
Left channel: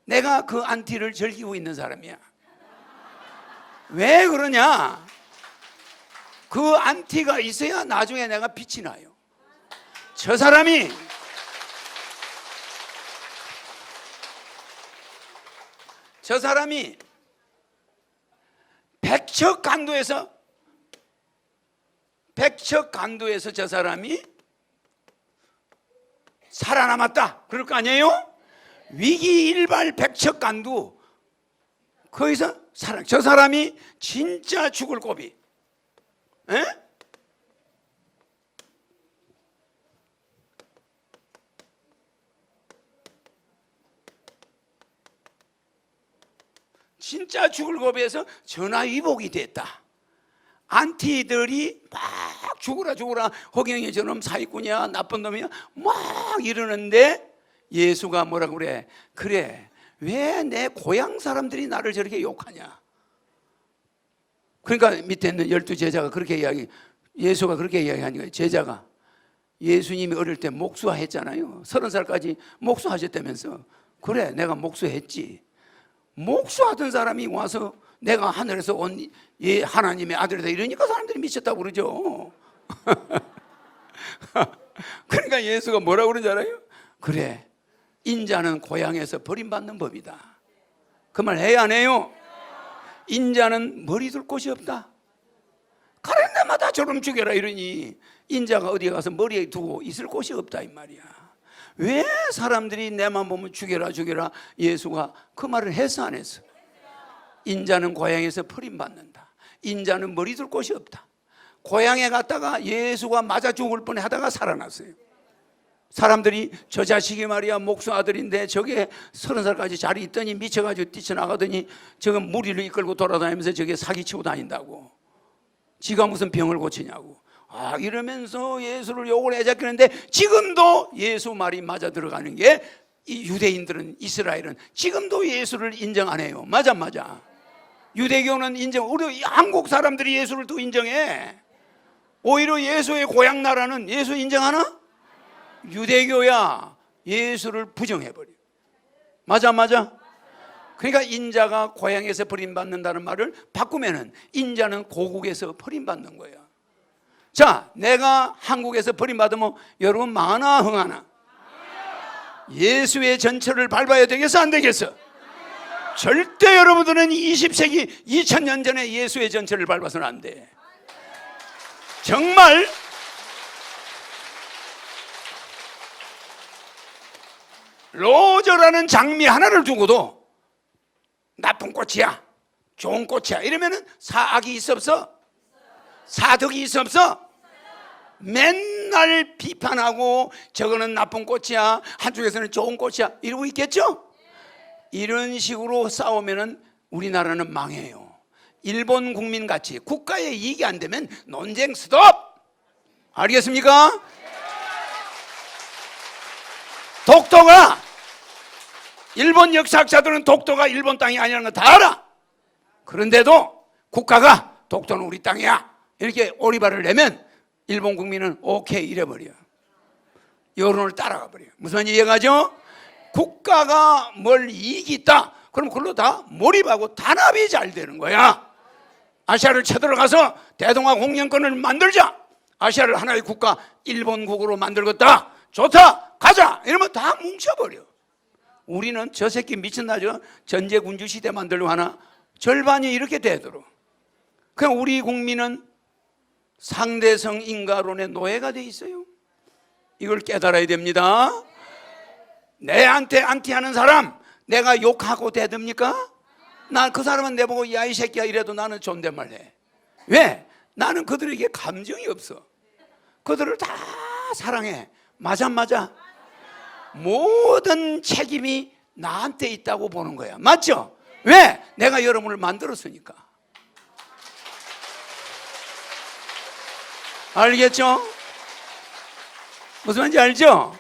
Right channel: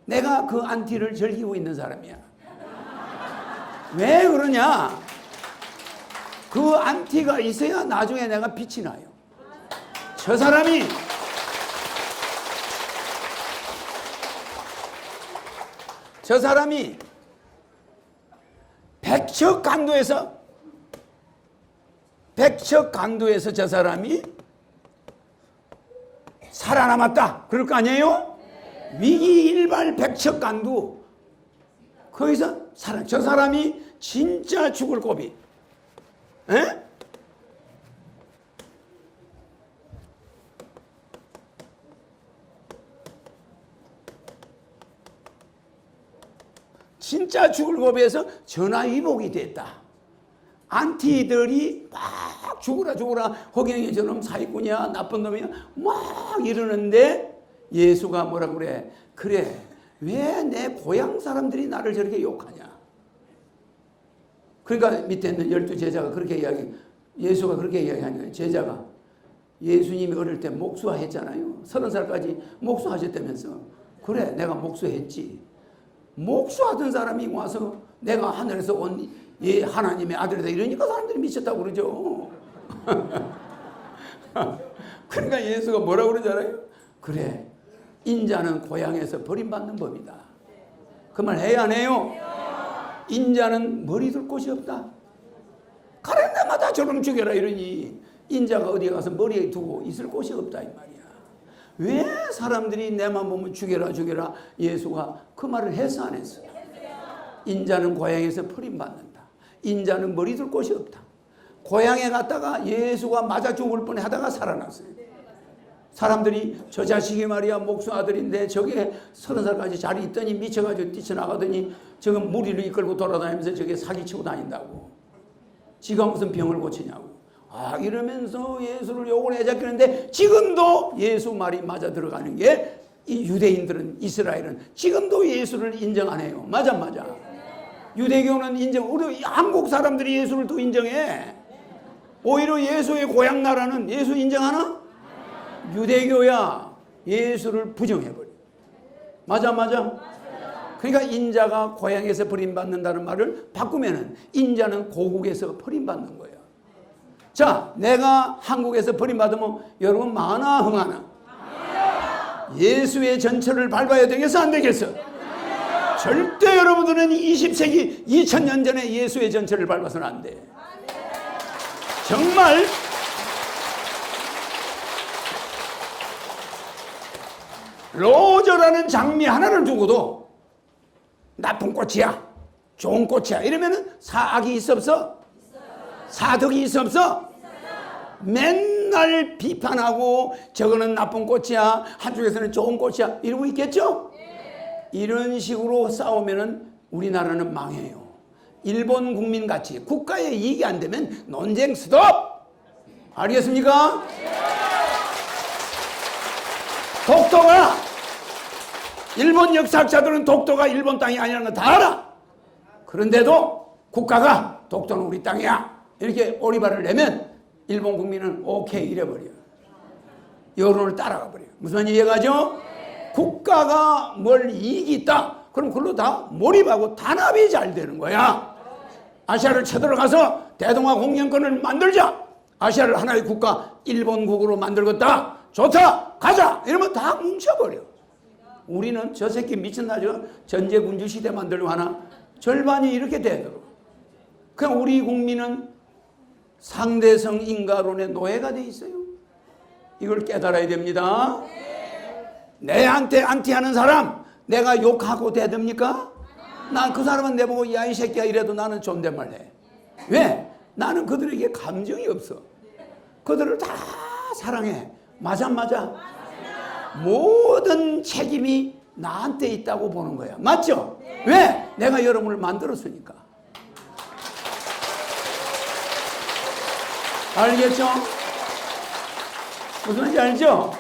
내가 그 안티를 즐기고 있는 사람이야. 왜 그러냐? 그 안티가 있어야 나중에 내가 빛이 나요. 저 사람이 백척 강도에서 저 사람이 살아남았다. 그럴 거 아니에요? 위기일발 백척 강도. 거기서 저 사람이 진짜 죽을 고비. 에? 진짜 죽을 고비에서 전화위복이 됐다. 안티들이 막 죽으라 허경영이 저놈 사기꾼이야 나쁜 놈이야 막 이러는데 예수가 뭐라고 그래? 그래, 왜 내 고향 사람들이 나를 저렇게 욕하냐? 그러니까 밑에 있는 12제자가 그렇게 예수가 그렇게 이야기하는 거예요. 제자가 예수님이 어릴 때 목수했잖아요. 30살까지 목수하셨다면서. 그래, 내가 목수했지. 목수하던 사람이 와서 내가 하늘에서 온 이 하나님의 아들이다 이러니까 사람들이 미쳤다고 그러죠. 그러니까 예수가 뭐라고 그러잖아요. 그래, 인자는 고향에서 버림받는 법이다. 그 말 해야 안 해요? 인자는 머리 둘 곳이 없다. 가는 데마다 저놈 죽여라 이러니 인자가 어디에 가서 머리에 두고 있을 곳이 없다 이 말이야. 왜 사람들이 내만 보면 죽여라 예수가 그 말을 해서 안 했어? 인자는 고향에서 버림받는다. 인자는 머리 둘 곳이 없다. 고향에 갔다가 예수가 맞아 죽을 뻔 하다가 살아났어요. 사람들이 저 자식이 말이야 목수 아들인데 저게 30살까지 자리 있더니 미쳐가지고 뛰쳐나가더니 지금 무리를 이끌고 돌아다니면서 저게 사기치고 다닌다고. 지가 무슨 병을 고치냐고. 이러면서 예수를 욕을 해잡히는데 지금도 예수 말이 맞아 들어가는 게 이 유대인들은, 이스라엘은 지금도 예수를 인정 안 해요. 맞아. 유대교는 인정, 우리 한국 사람들이 예수를 또 인정해. 오히려 예수의 고향 나라는 예수 인정하나? 유대교야 예수를 부정해버려. 맞아. 그러니까 인자가 고향에서 버림받는다는 말을 바꾸면은 인자는 고국에서 버림받는 거예요. 자, 내가 한국에서 버림받으면 여러분 망하나 흥하나? 예수의 전철을 밟아야 되겠어 안 되겠어? 절대 여러분들은 20세기 2000년 전에 예수의 전철을 밟아서는 안 돼. 정말 로저라는 장미 하나를 두고도 나쁜 꽃이야, 좋은 꽃이야 이러면은 사악이 있어 없어? 사덕이 있어 없어? 맨날 비판하고 저거는 나쁜 꽃이야, 한쪽에서는 좋은 꽃이야 이러고 있겠죠? 이런 식으로 싸우면은 우리나라는 망해요. 일본 국민같이 국가에 이익이 안 되면 논쟁 스톱! 알겠습니까? 독도가, 일본 역사학자들은 독도가 일본 땅이 아니라는 거 다 알아. 그런데도 국가가 독도는 우리 땅이야 이렇게 오리발을 내면 일본 국민은 오케이 이래버려. 여론을 따라가 버려요. 무슨 말인지 이해가죠? 국가가 뭘 이익이 있다 그럼 그걸로 다 몰입하고 단합이 잘 되는 거야. 아시아를 쳐들어가서 대동아 공영권을 만들자. 아시아를 하나의 국가 일본국으로 만들겠다. 좋다 가자 이러면 다 뭉쳐버려. 우리는 저 새끼 미친다 저 전제군주 시대 만들려고 하나 절반이 이렇게 되도록. 그냥 우리 국민은 상대성 인가론의 노예가 돼 있어요. 이걸 깨달아야 됩니다. 내한테 안티하는 사람 내가 욕하고 대듭니까? 난 그 사람은 내보고 야 이 새끼야 이래도 나는 존댓말 해. 왜? 나는 그들에게 감정이 없어. 그들을 다 사랑해. 맞아. 모든 책임이 나한테 있다고 보는 거야. 맞죠? 왜? 내가 여러분을 만들었으니까. 알겠죠? 무슨 말인지 알죠?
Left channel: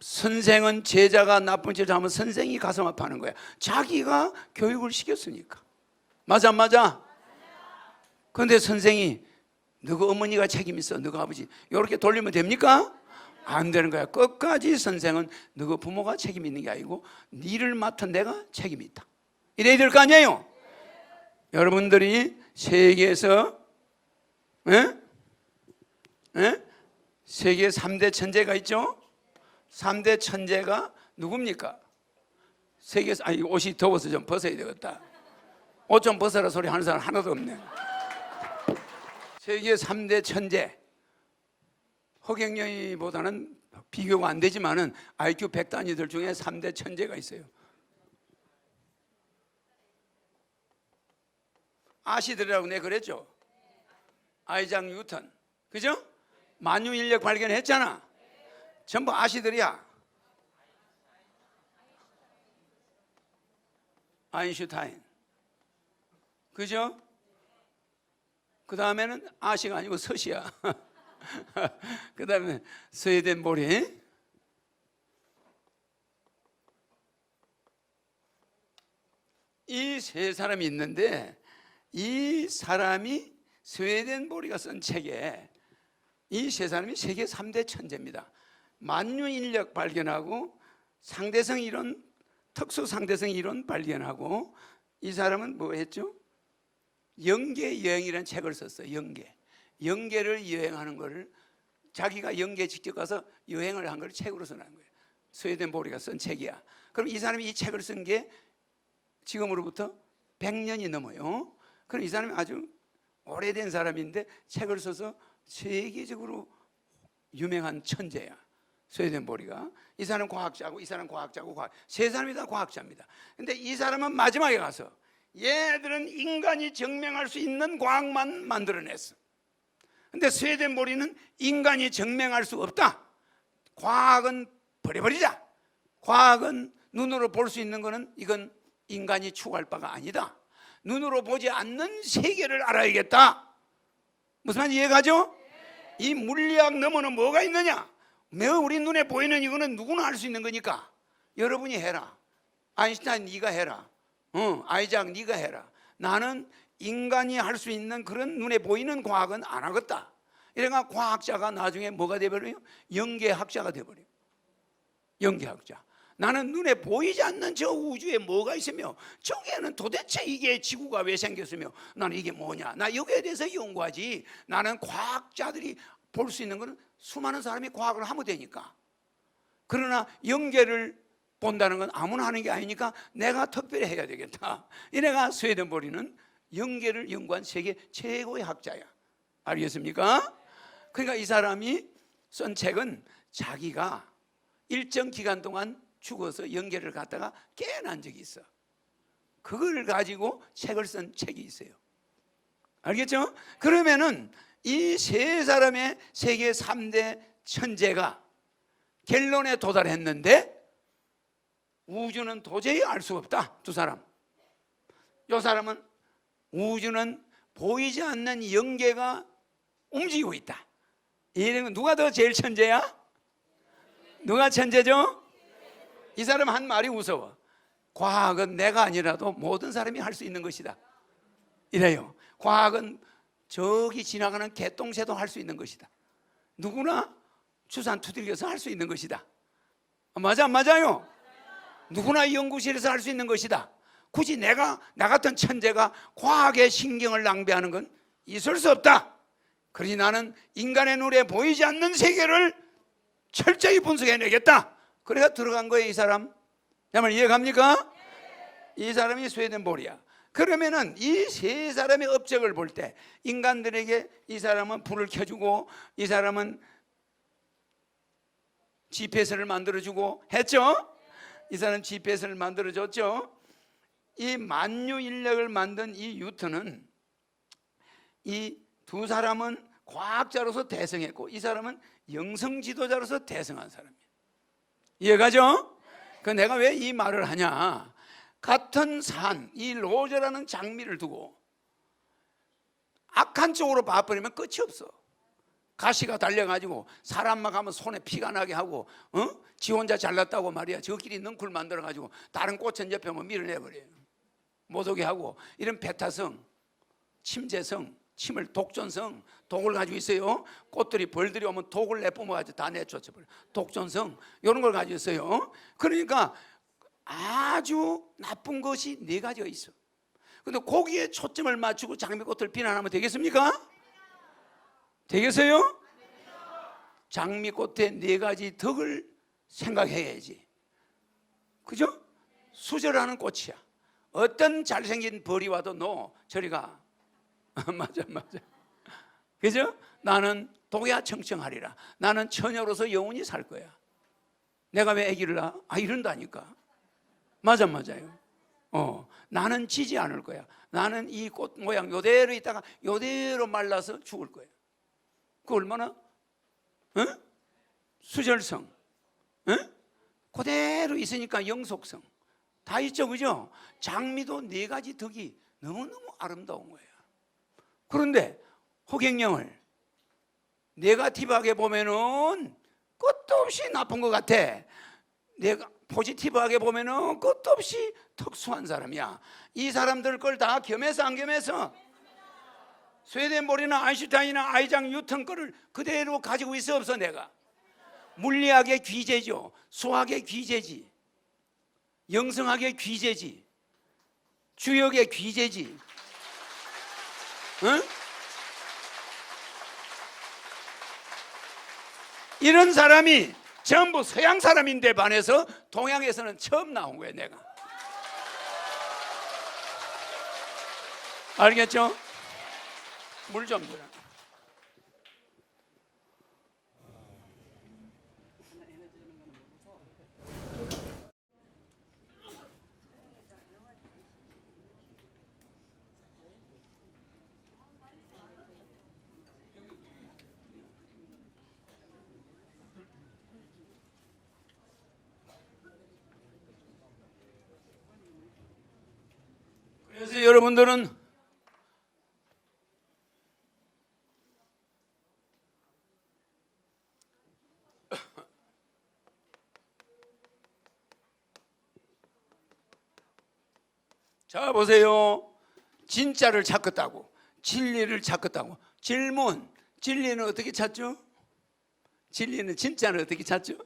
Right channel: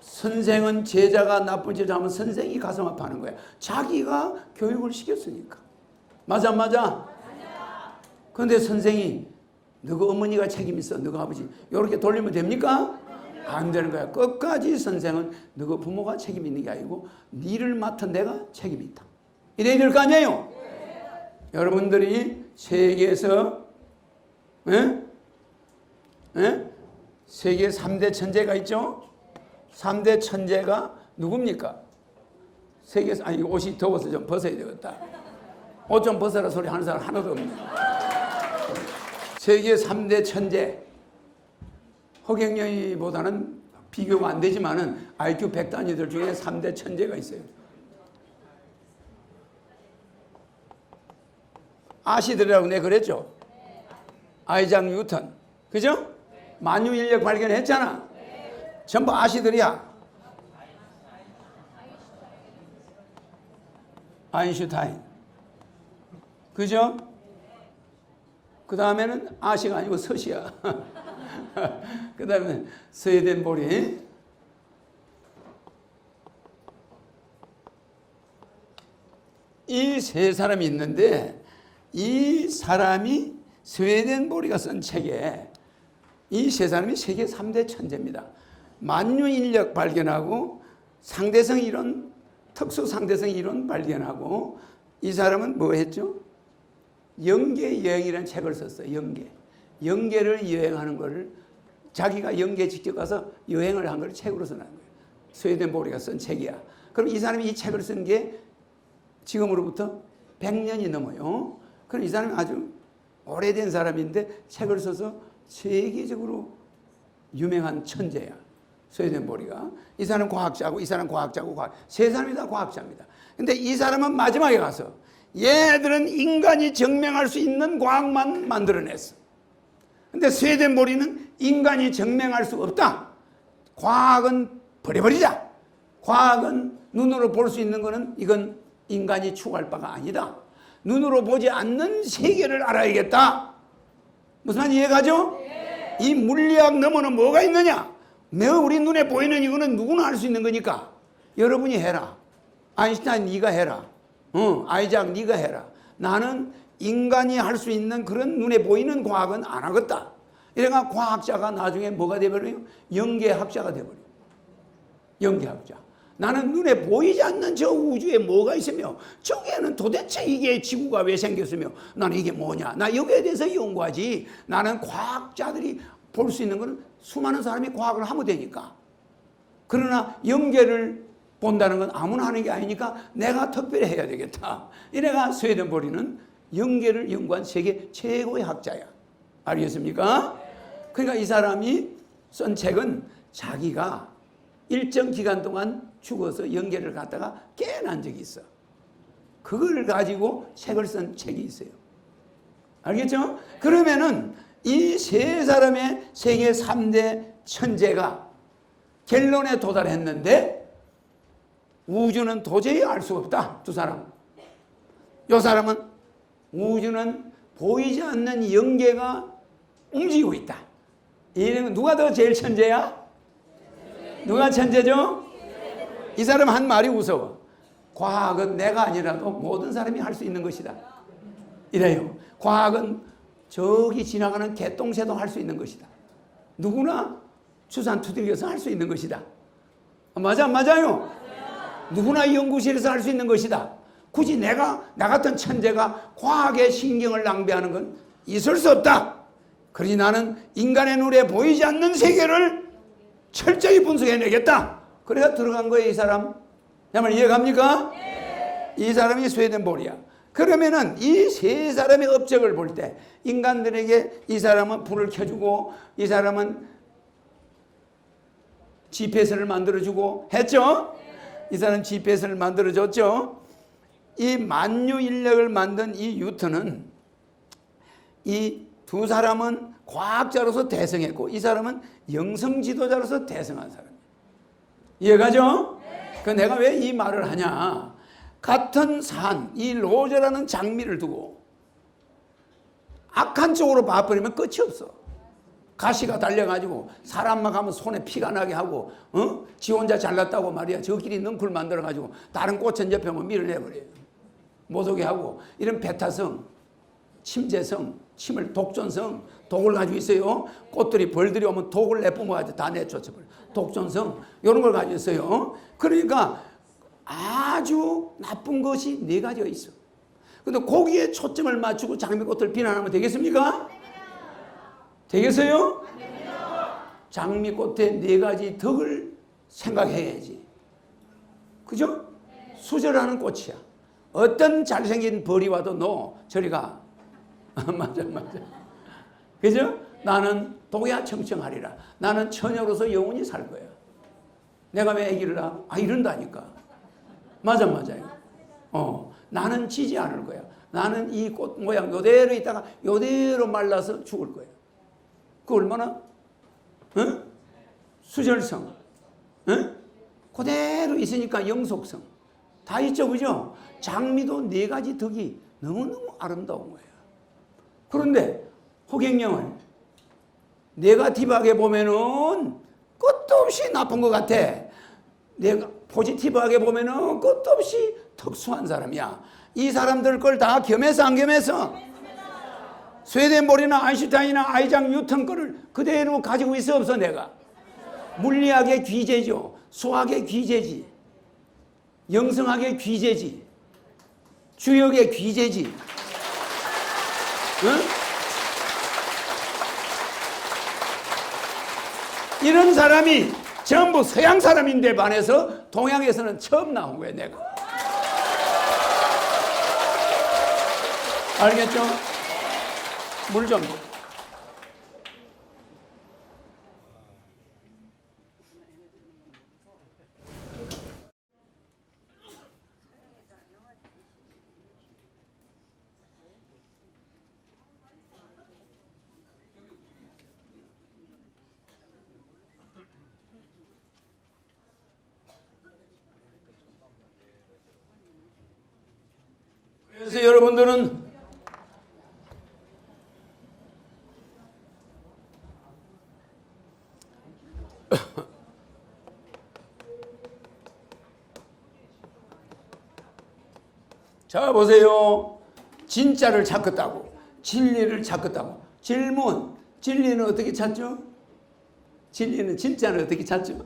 선생은 제자가 나쁜 짓을 하면 선생이 가슴 아파하는 거야. 자기가 교육을 시켰으니까. 맞아? 그런데 선생이 너가 어머니가 책임 있어, 너가 아버지 이렇게 돌리면 됩니까? 안 되는 거야. 끝까지 선생은 너가 부모가 책임 있는 게 아니고 니를 맡은 내가 책임이 있다. 이래야 될 거 아니에요? 여러분들이 세계에서 세계 3대 천재가 있죠? 3대 천재가 누굽니까? 세계에서, 아니 옷이 더워서 좀 벗어야 되겠다. 옷 좀 벗어라 소리 하는 사람 하나도 없네. 세계 3대 천재, 허경영이보다는 비교가 안 되지만은 IQ 100단위들 중에 3대 천재가 있어요. 아시들이라고 내가 그랬죠? 아이작 뉴턴, 그죠? 만유인력 발견했잖아. 전부 아시들이야. 아인슈타인, 그죠? 그 다음에는 아시가 아니고 서시야. 그 다음에 스웨덴보리. 이 세 사람이 있는데 이 사람이 스웨덴보리가 쓴 책에 이 세 사람이 세계 3대 천재입니다. 만유인력 발견하고 상대성 이론, 특수 상대성 이론 발견하고 이 사람은 뭐 했죠? 영계 여행이라는 책을 썼어요. 영계를 여행하는 거를 자기가 영계 직접 가서 여행을 한 걸 책으로 써놓은 거예요. 스웨덴보리가 쓴 책이야. 그럼 이 사람이 이 책을 쓴 게 지금으로부터 100년이 넘어요. 그럼 이 사람이 아주 오래된 사람인데 책을 써서 세계적으로 유명한 천재야. 스웨덴보리가. 이 사람은 과학자고 이 사람은 과학자고 세 사람이 다 과학자입니다. 근데 이 사람은 마지막에 가서 얘들은 인간이 증명할 수 있는 과학만 만들어냈어. 근데 스웨덴보리는 인간이 증명할 수 없다. 과학은 버려버리자. 과학은 눈으로 볼 수 있는 거는 이건 인간이 추구할 바가 아니다. 눈으로 보지 않는 세계를 알아야겠다. 무슨 말인지 이해가죠? 이 물리학 너머는 뭐가 있느냐? 우리 눈에 보이는 이거는 누구나 할 수 있는 거니까 여러분이 해라. 아인슈타인 네가 해라. 아이작 네가 해라. 나는 인간이 할 수 있는 그런 눈에 보이는 과학은 안 하겠다. 이래가 과학자가 나중에 뭐가 돼버려요? 영계학자가 돼버려요. 영계학자. 나는 눈에 보이지 않는 저 우주에 뭐가 있으며 저기에는 도대체 이게 지구가 왜 생겼으며 나는 이게 뭐냐. 나 여기에 대해서 연구하지. 나는 과학자들이 볼 수 있는 거는 수많은 사람이 과학을 하면 되니까. 그러나 영계를 본다는 건 아무나 하는 게 아니니까 내가 특별히 해야 되겠다. 이래가 스웨덴보리는 영계를 연구한 세계 최고의 학자야. 알겠습니까? 그러니까 이 사람이 쓴 책은 자기가 일정 기간 동안 죽어서 영계를 갔다가 깨어난 적이 있어. 그걸 가지고 책을 쓴 책이 있어요. 알겠죠? 그러면은 이 세 사람의 세계 3대 천재가 결론에 도달했는데 우주는 도저히 알 수 없다. 두 사람. 이 사람은 우주는 보이지 않는 영계가 움직이고 있다. 이는 누가 더 제일 천재야? 누가 천재죠? 이 사람 한 말이 무서워. 과학은 내가 아니라도 모든 사람이 할 수 있는 것이다. 이래요. 과학은 저기 지나가는 개똥새도 할 수 있는 것이다. 누구나 추산 두들겨서 할 수 있는 것이다. 맞아요? 누구나 연구실에서 할 수 있는 것이다. 굳이 나 같은 천재가 과학에 신경을 낭비하는 건 있을 수 없다. 그러니 나는 인간의 눈에 보이지 않는 세계를 철저히 분석해내겠다. 그래서 들어간 거예요, 이 사람. 내 말 이해갑니까? 이 사람이 스웨덴볼이야. 그러면은 이 세 사람의 업적을 볼 때 인간들에게 이 사람은 불을 켜주고 이 사람은 GPS를 만들어주고 했죠? 이 사람은 GPS를 만들어줬죠? 이 만유 인력을 만든 이 뉴턴은 이 두 사람은 과학자로서 대성했고 이 사람은 영성 지도자로서 대성한 사람이에요. 이해가죠? 그 내가 왜 이 말을 하냐? 같은 산, 이 로저라는 장미를 두고 악한 쪽으로 봐버리면 끝이 없어. 가시가 달려가지고 사람만 가면 손에 피가 나게 하고 지 혼자 잘났다고 말이야. 저끼리 넝쿨 만들어가지고 다른 꽃은 옆에 뭐 밀어내버려요. 못 오게 하고 이런 배타성, 침재성, 침을 독전성, 독을 가지고 있어요. 꽃들이 벌들이 오면 독을 내뿜어가지고 다 내쫓아버려요. 독전성 이런 걸 가지고 있어요. 그러니까 아주 나쁜 것이 네 가지가 있어. 근데 거기에 초점을 맞추고 장미꽃을 비난하면 되겠습니까? 되겠어요? 장미꽃의 네 가지 덕을 생각해야지. 그죠? 수절하는 꽃이야. 어떤 잘생긴 벌이 와도 너 저리 가. 맞아. 그죠? 나는 독야 청청하리라. 나는 처녀로서 영원히 살 거야. 내가 왜 아기를 낳아? 이런다니까. 맞아요. 나는 지지 않을 거야. 나는 이 꽃 모양 요대로 있다가 요대로 말라서 죽을 거야. 그 얼마나 수절성, 그대로 있으니까 영속성 다 있죠, 그죠? 장미도 네 가지 덕이 너무너무 아름다운 거예요. 그런데 호갱령을 네가티브하게 보면은 끝도 없이 나쁜 것 같아. 내가 포지티브하게 보면은 끝도 없이 특수한 사람이야. 이 사람들 걸 다 겸해서 안 겸해서? 스웨덴볼이나 아인슈타인이나 아이작 뉴턴 거를 그대로 가지고 있어 없어? 내가 물리학의 귀재죠. 수학의 귀재지. 영성학의 귀재지. 주역의 귀재지. 이런 사람이 전부 서양 사람인데 반해서 동양에서는 처음 나온 거예요, 내가. 알겠죠? 물 좀. 그래서 여러분들은 자 보세요. 진짜를 찾겠다고, 진리를 찾겠다고. 질문, 진리는 어떻게 찾죠? 진리는 진짜를 어떻게 찾죠?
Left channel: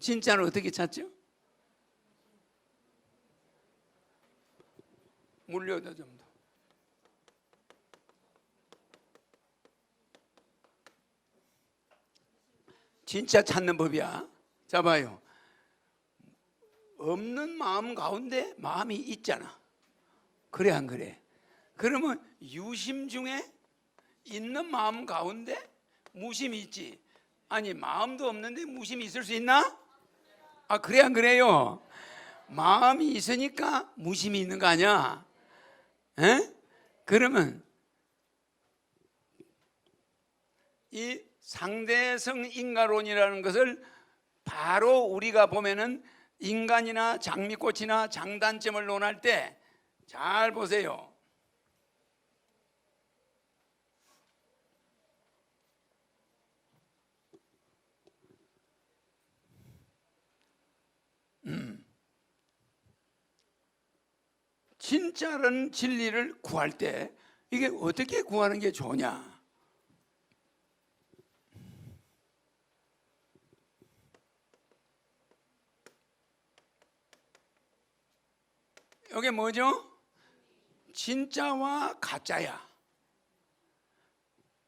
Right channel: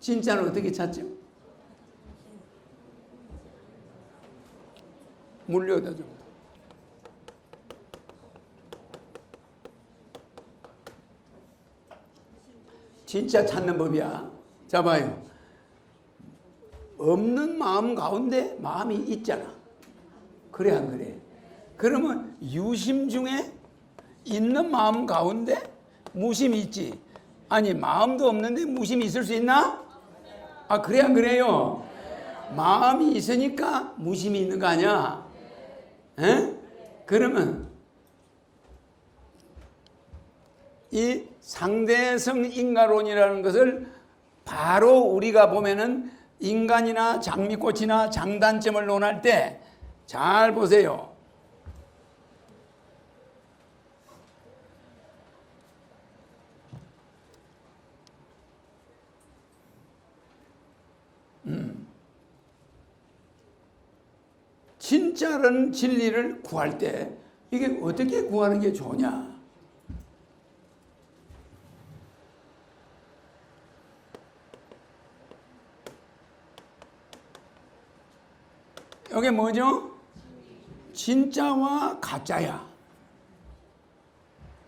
진짜를 어떻게 찾죠? 물려다 줍니다. 진짜 찾는 법이야. 자 봐요. 없는 마음 가운데 마음이 있잖아. 그래 안 그래? 그러면 유심 중에 있는 마음 가운데 무심이 있지. 아니 마음도 없는데 무심이 있을 수 있나? 아 그래 안 그래요? 마음이 있으니까 무심이 있는 거 아니야? 에? 그러면 이 상대성 인과론이라는 것을 바로 우리가 보면은 인간이나 장미꽃이나 장단점을 논할 때 잘 보세요. 진짜는 진리를 구할 때 이게 어떻게 구하는 게 좋냐? 이게 뭐죠? 진짜와 가짜야.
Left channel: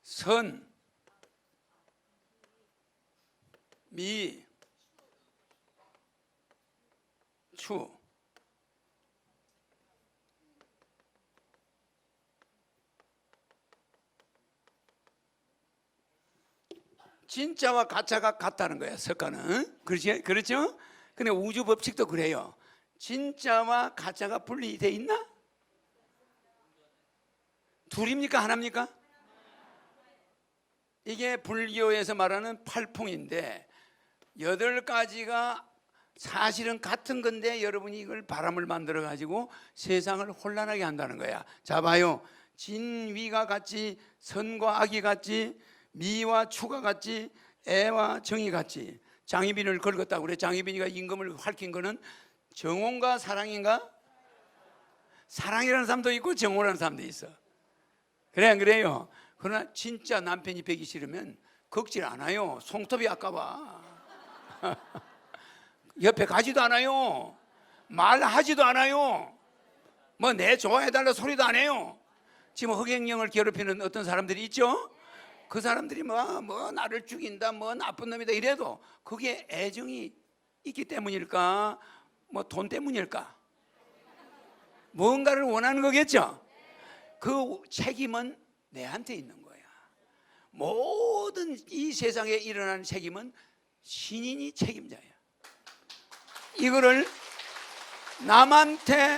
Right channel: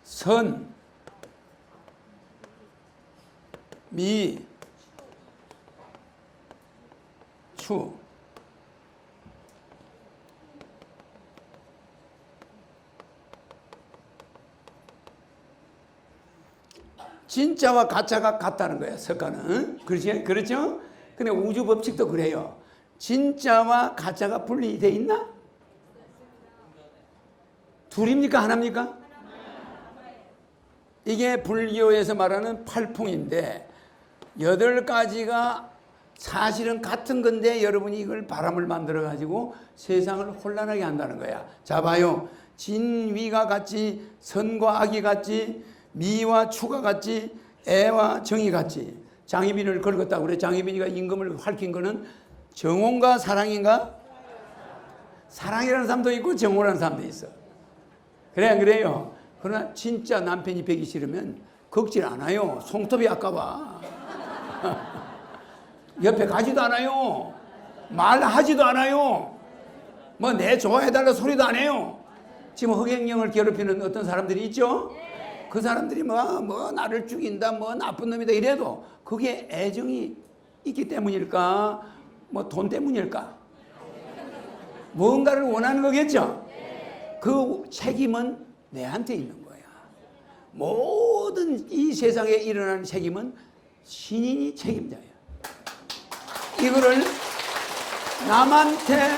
선, 미, 추. 진짜와 가짜가 같다는 거야, 석가는. 그렇죠? 근데 우주 법칙도 그래요. 진짜와 가짜가 분리돼 있나? 둘입니까? 하나입니까? 이게 불교에서 말하는 팔풍인데 8가지가 사실은 같은 건데 여러분이 이걸 바람을 만들어 가지고 세상을 혼란하게 한다는 거야. 자 봐요. 진위가 같지, 선과 악이 같지, 미와 추가 같지, 애와 정이 같지. 장희빈을 긁었다고 그래. 장희빈이가 임금을 핥힌 거는 정혼과 사랑인가? 사랑이라는 사람도 있고 정혼이라는 사람도 있어. 그래 안 그래요? 그러나 진짜 남편이 배기 싫으면 긁질 않아요. 손톱이 아까워. 옆에 가지도 않아요. 말하지도 않아요. 뭐 내 좋아해달라 소리도 안 해요. 지금 허경영을 괴롭히는 어떤 사람들이 있죠? 그 사람들이 뭐 나를 죽인다, 뭐 나쁜 놈이다 이래도 그게 애정이 있기 때문일까? 뭐 돈 때문일까? 뭔가를 원하는 거겠죠? 그 책임은 내한테 있는 거야. 모든 이 세상에 일어나는 책임은 신인이 책임자야. 이거를 남한테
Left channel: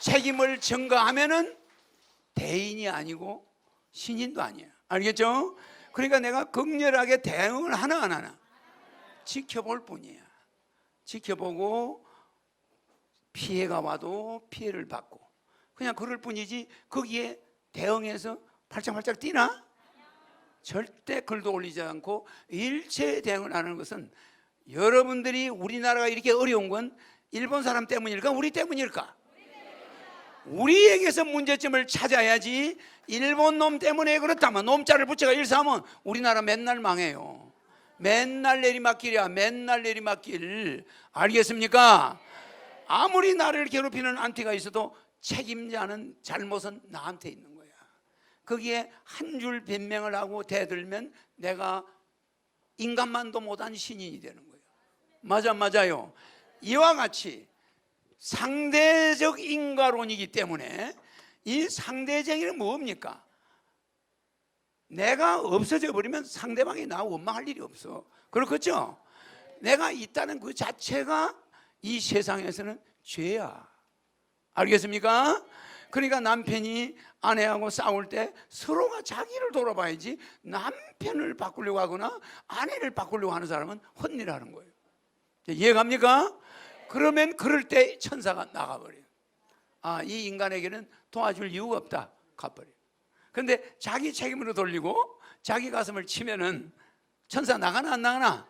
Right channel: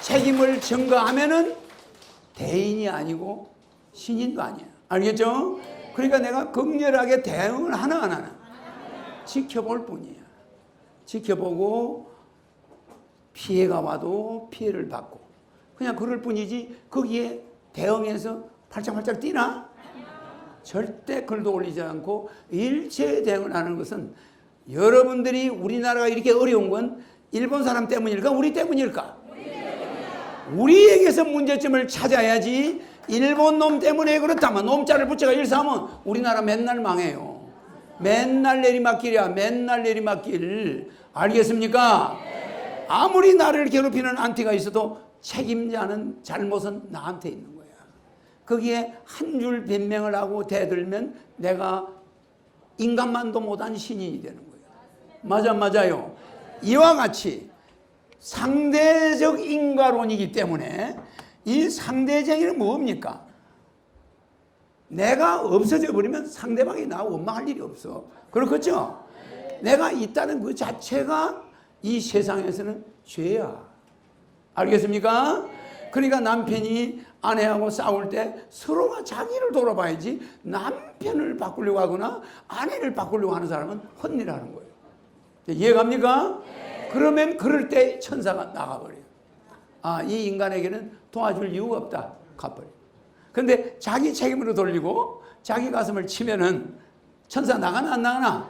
책임을 전가하면은 대인이 아니고 신인도 아니야. 알겠죠? 그러니까 내가 극렬하게 대응을 하나 안 하나 지켜볼 뿐이야. 지켜보고 피해가 와도 피해를 받고 그냥 그럴 뿐이지 거기에 대응해서 팔짝팔짝 뛰나? 절대 글도 올리지 않고 일체 대응을 하는 것은 여러분들이 우리나라가 이렇게 어려운 건 일본 사람 때문일까? 우리 때문일까? 우리에게서 문제점을 찾아야지. 일본 놈 때문에 그렇다면 놈자를 붙여가 일삼으면 우리나라 맨날 망해요. 맨날 내리막길이야. 맨날 내리막길. 알겠습니까? 아무리 나를 괴롭히는 안티가 있어도 책임자는 잘못은 나한테 있는 거야. 거기에 한 줄 변명을 하고 대들면 내가 인간만도 못한 신인이 되는 거예요. 맞아요. 이와 같이 상대적 인과론이기 때문에 이 상대적인 뭡니까? 내가 없어져 버리면 상대방이 나 원망할 일이 없어. 그렇겠죠? 내가 있다는 그 자체가 이 세상에서는 죄야. 알겠습니까? 그러니까 남편이 아내하고 싸울 때 서로가 자기를 돌아봐야지 남편을 바꾸려고 하거나 아내를 바꾸려고 하는 사람은 혼내라는 거예요. 이해갑니까? 그러면 그럴 때 천사가 나가버려요. 아, 이 인간에게는 도와줄 이유가 없다. 가버려요. 근데 자기 책임으로 돌리고 자기 가슴을 치면은 천사 나가나 안 나가나?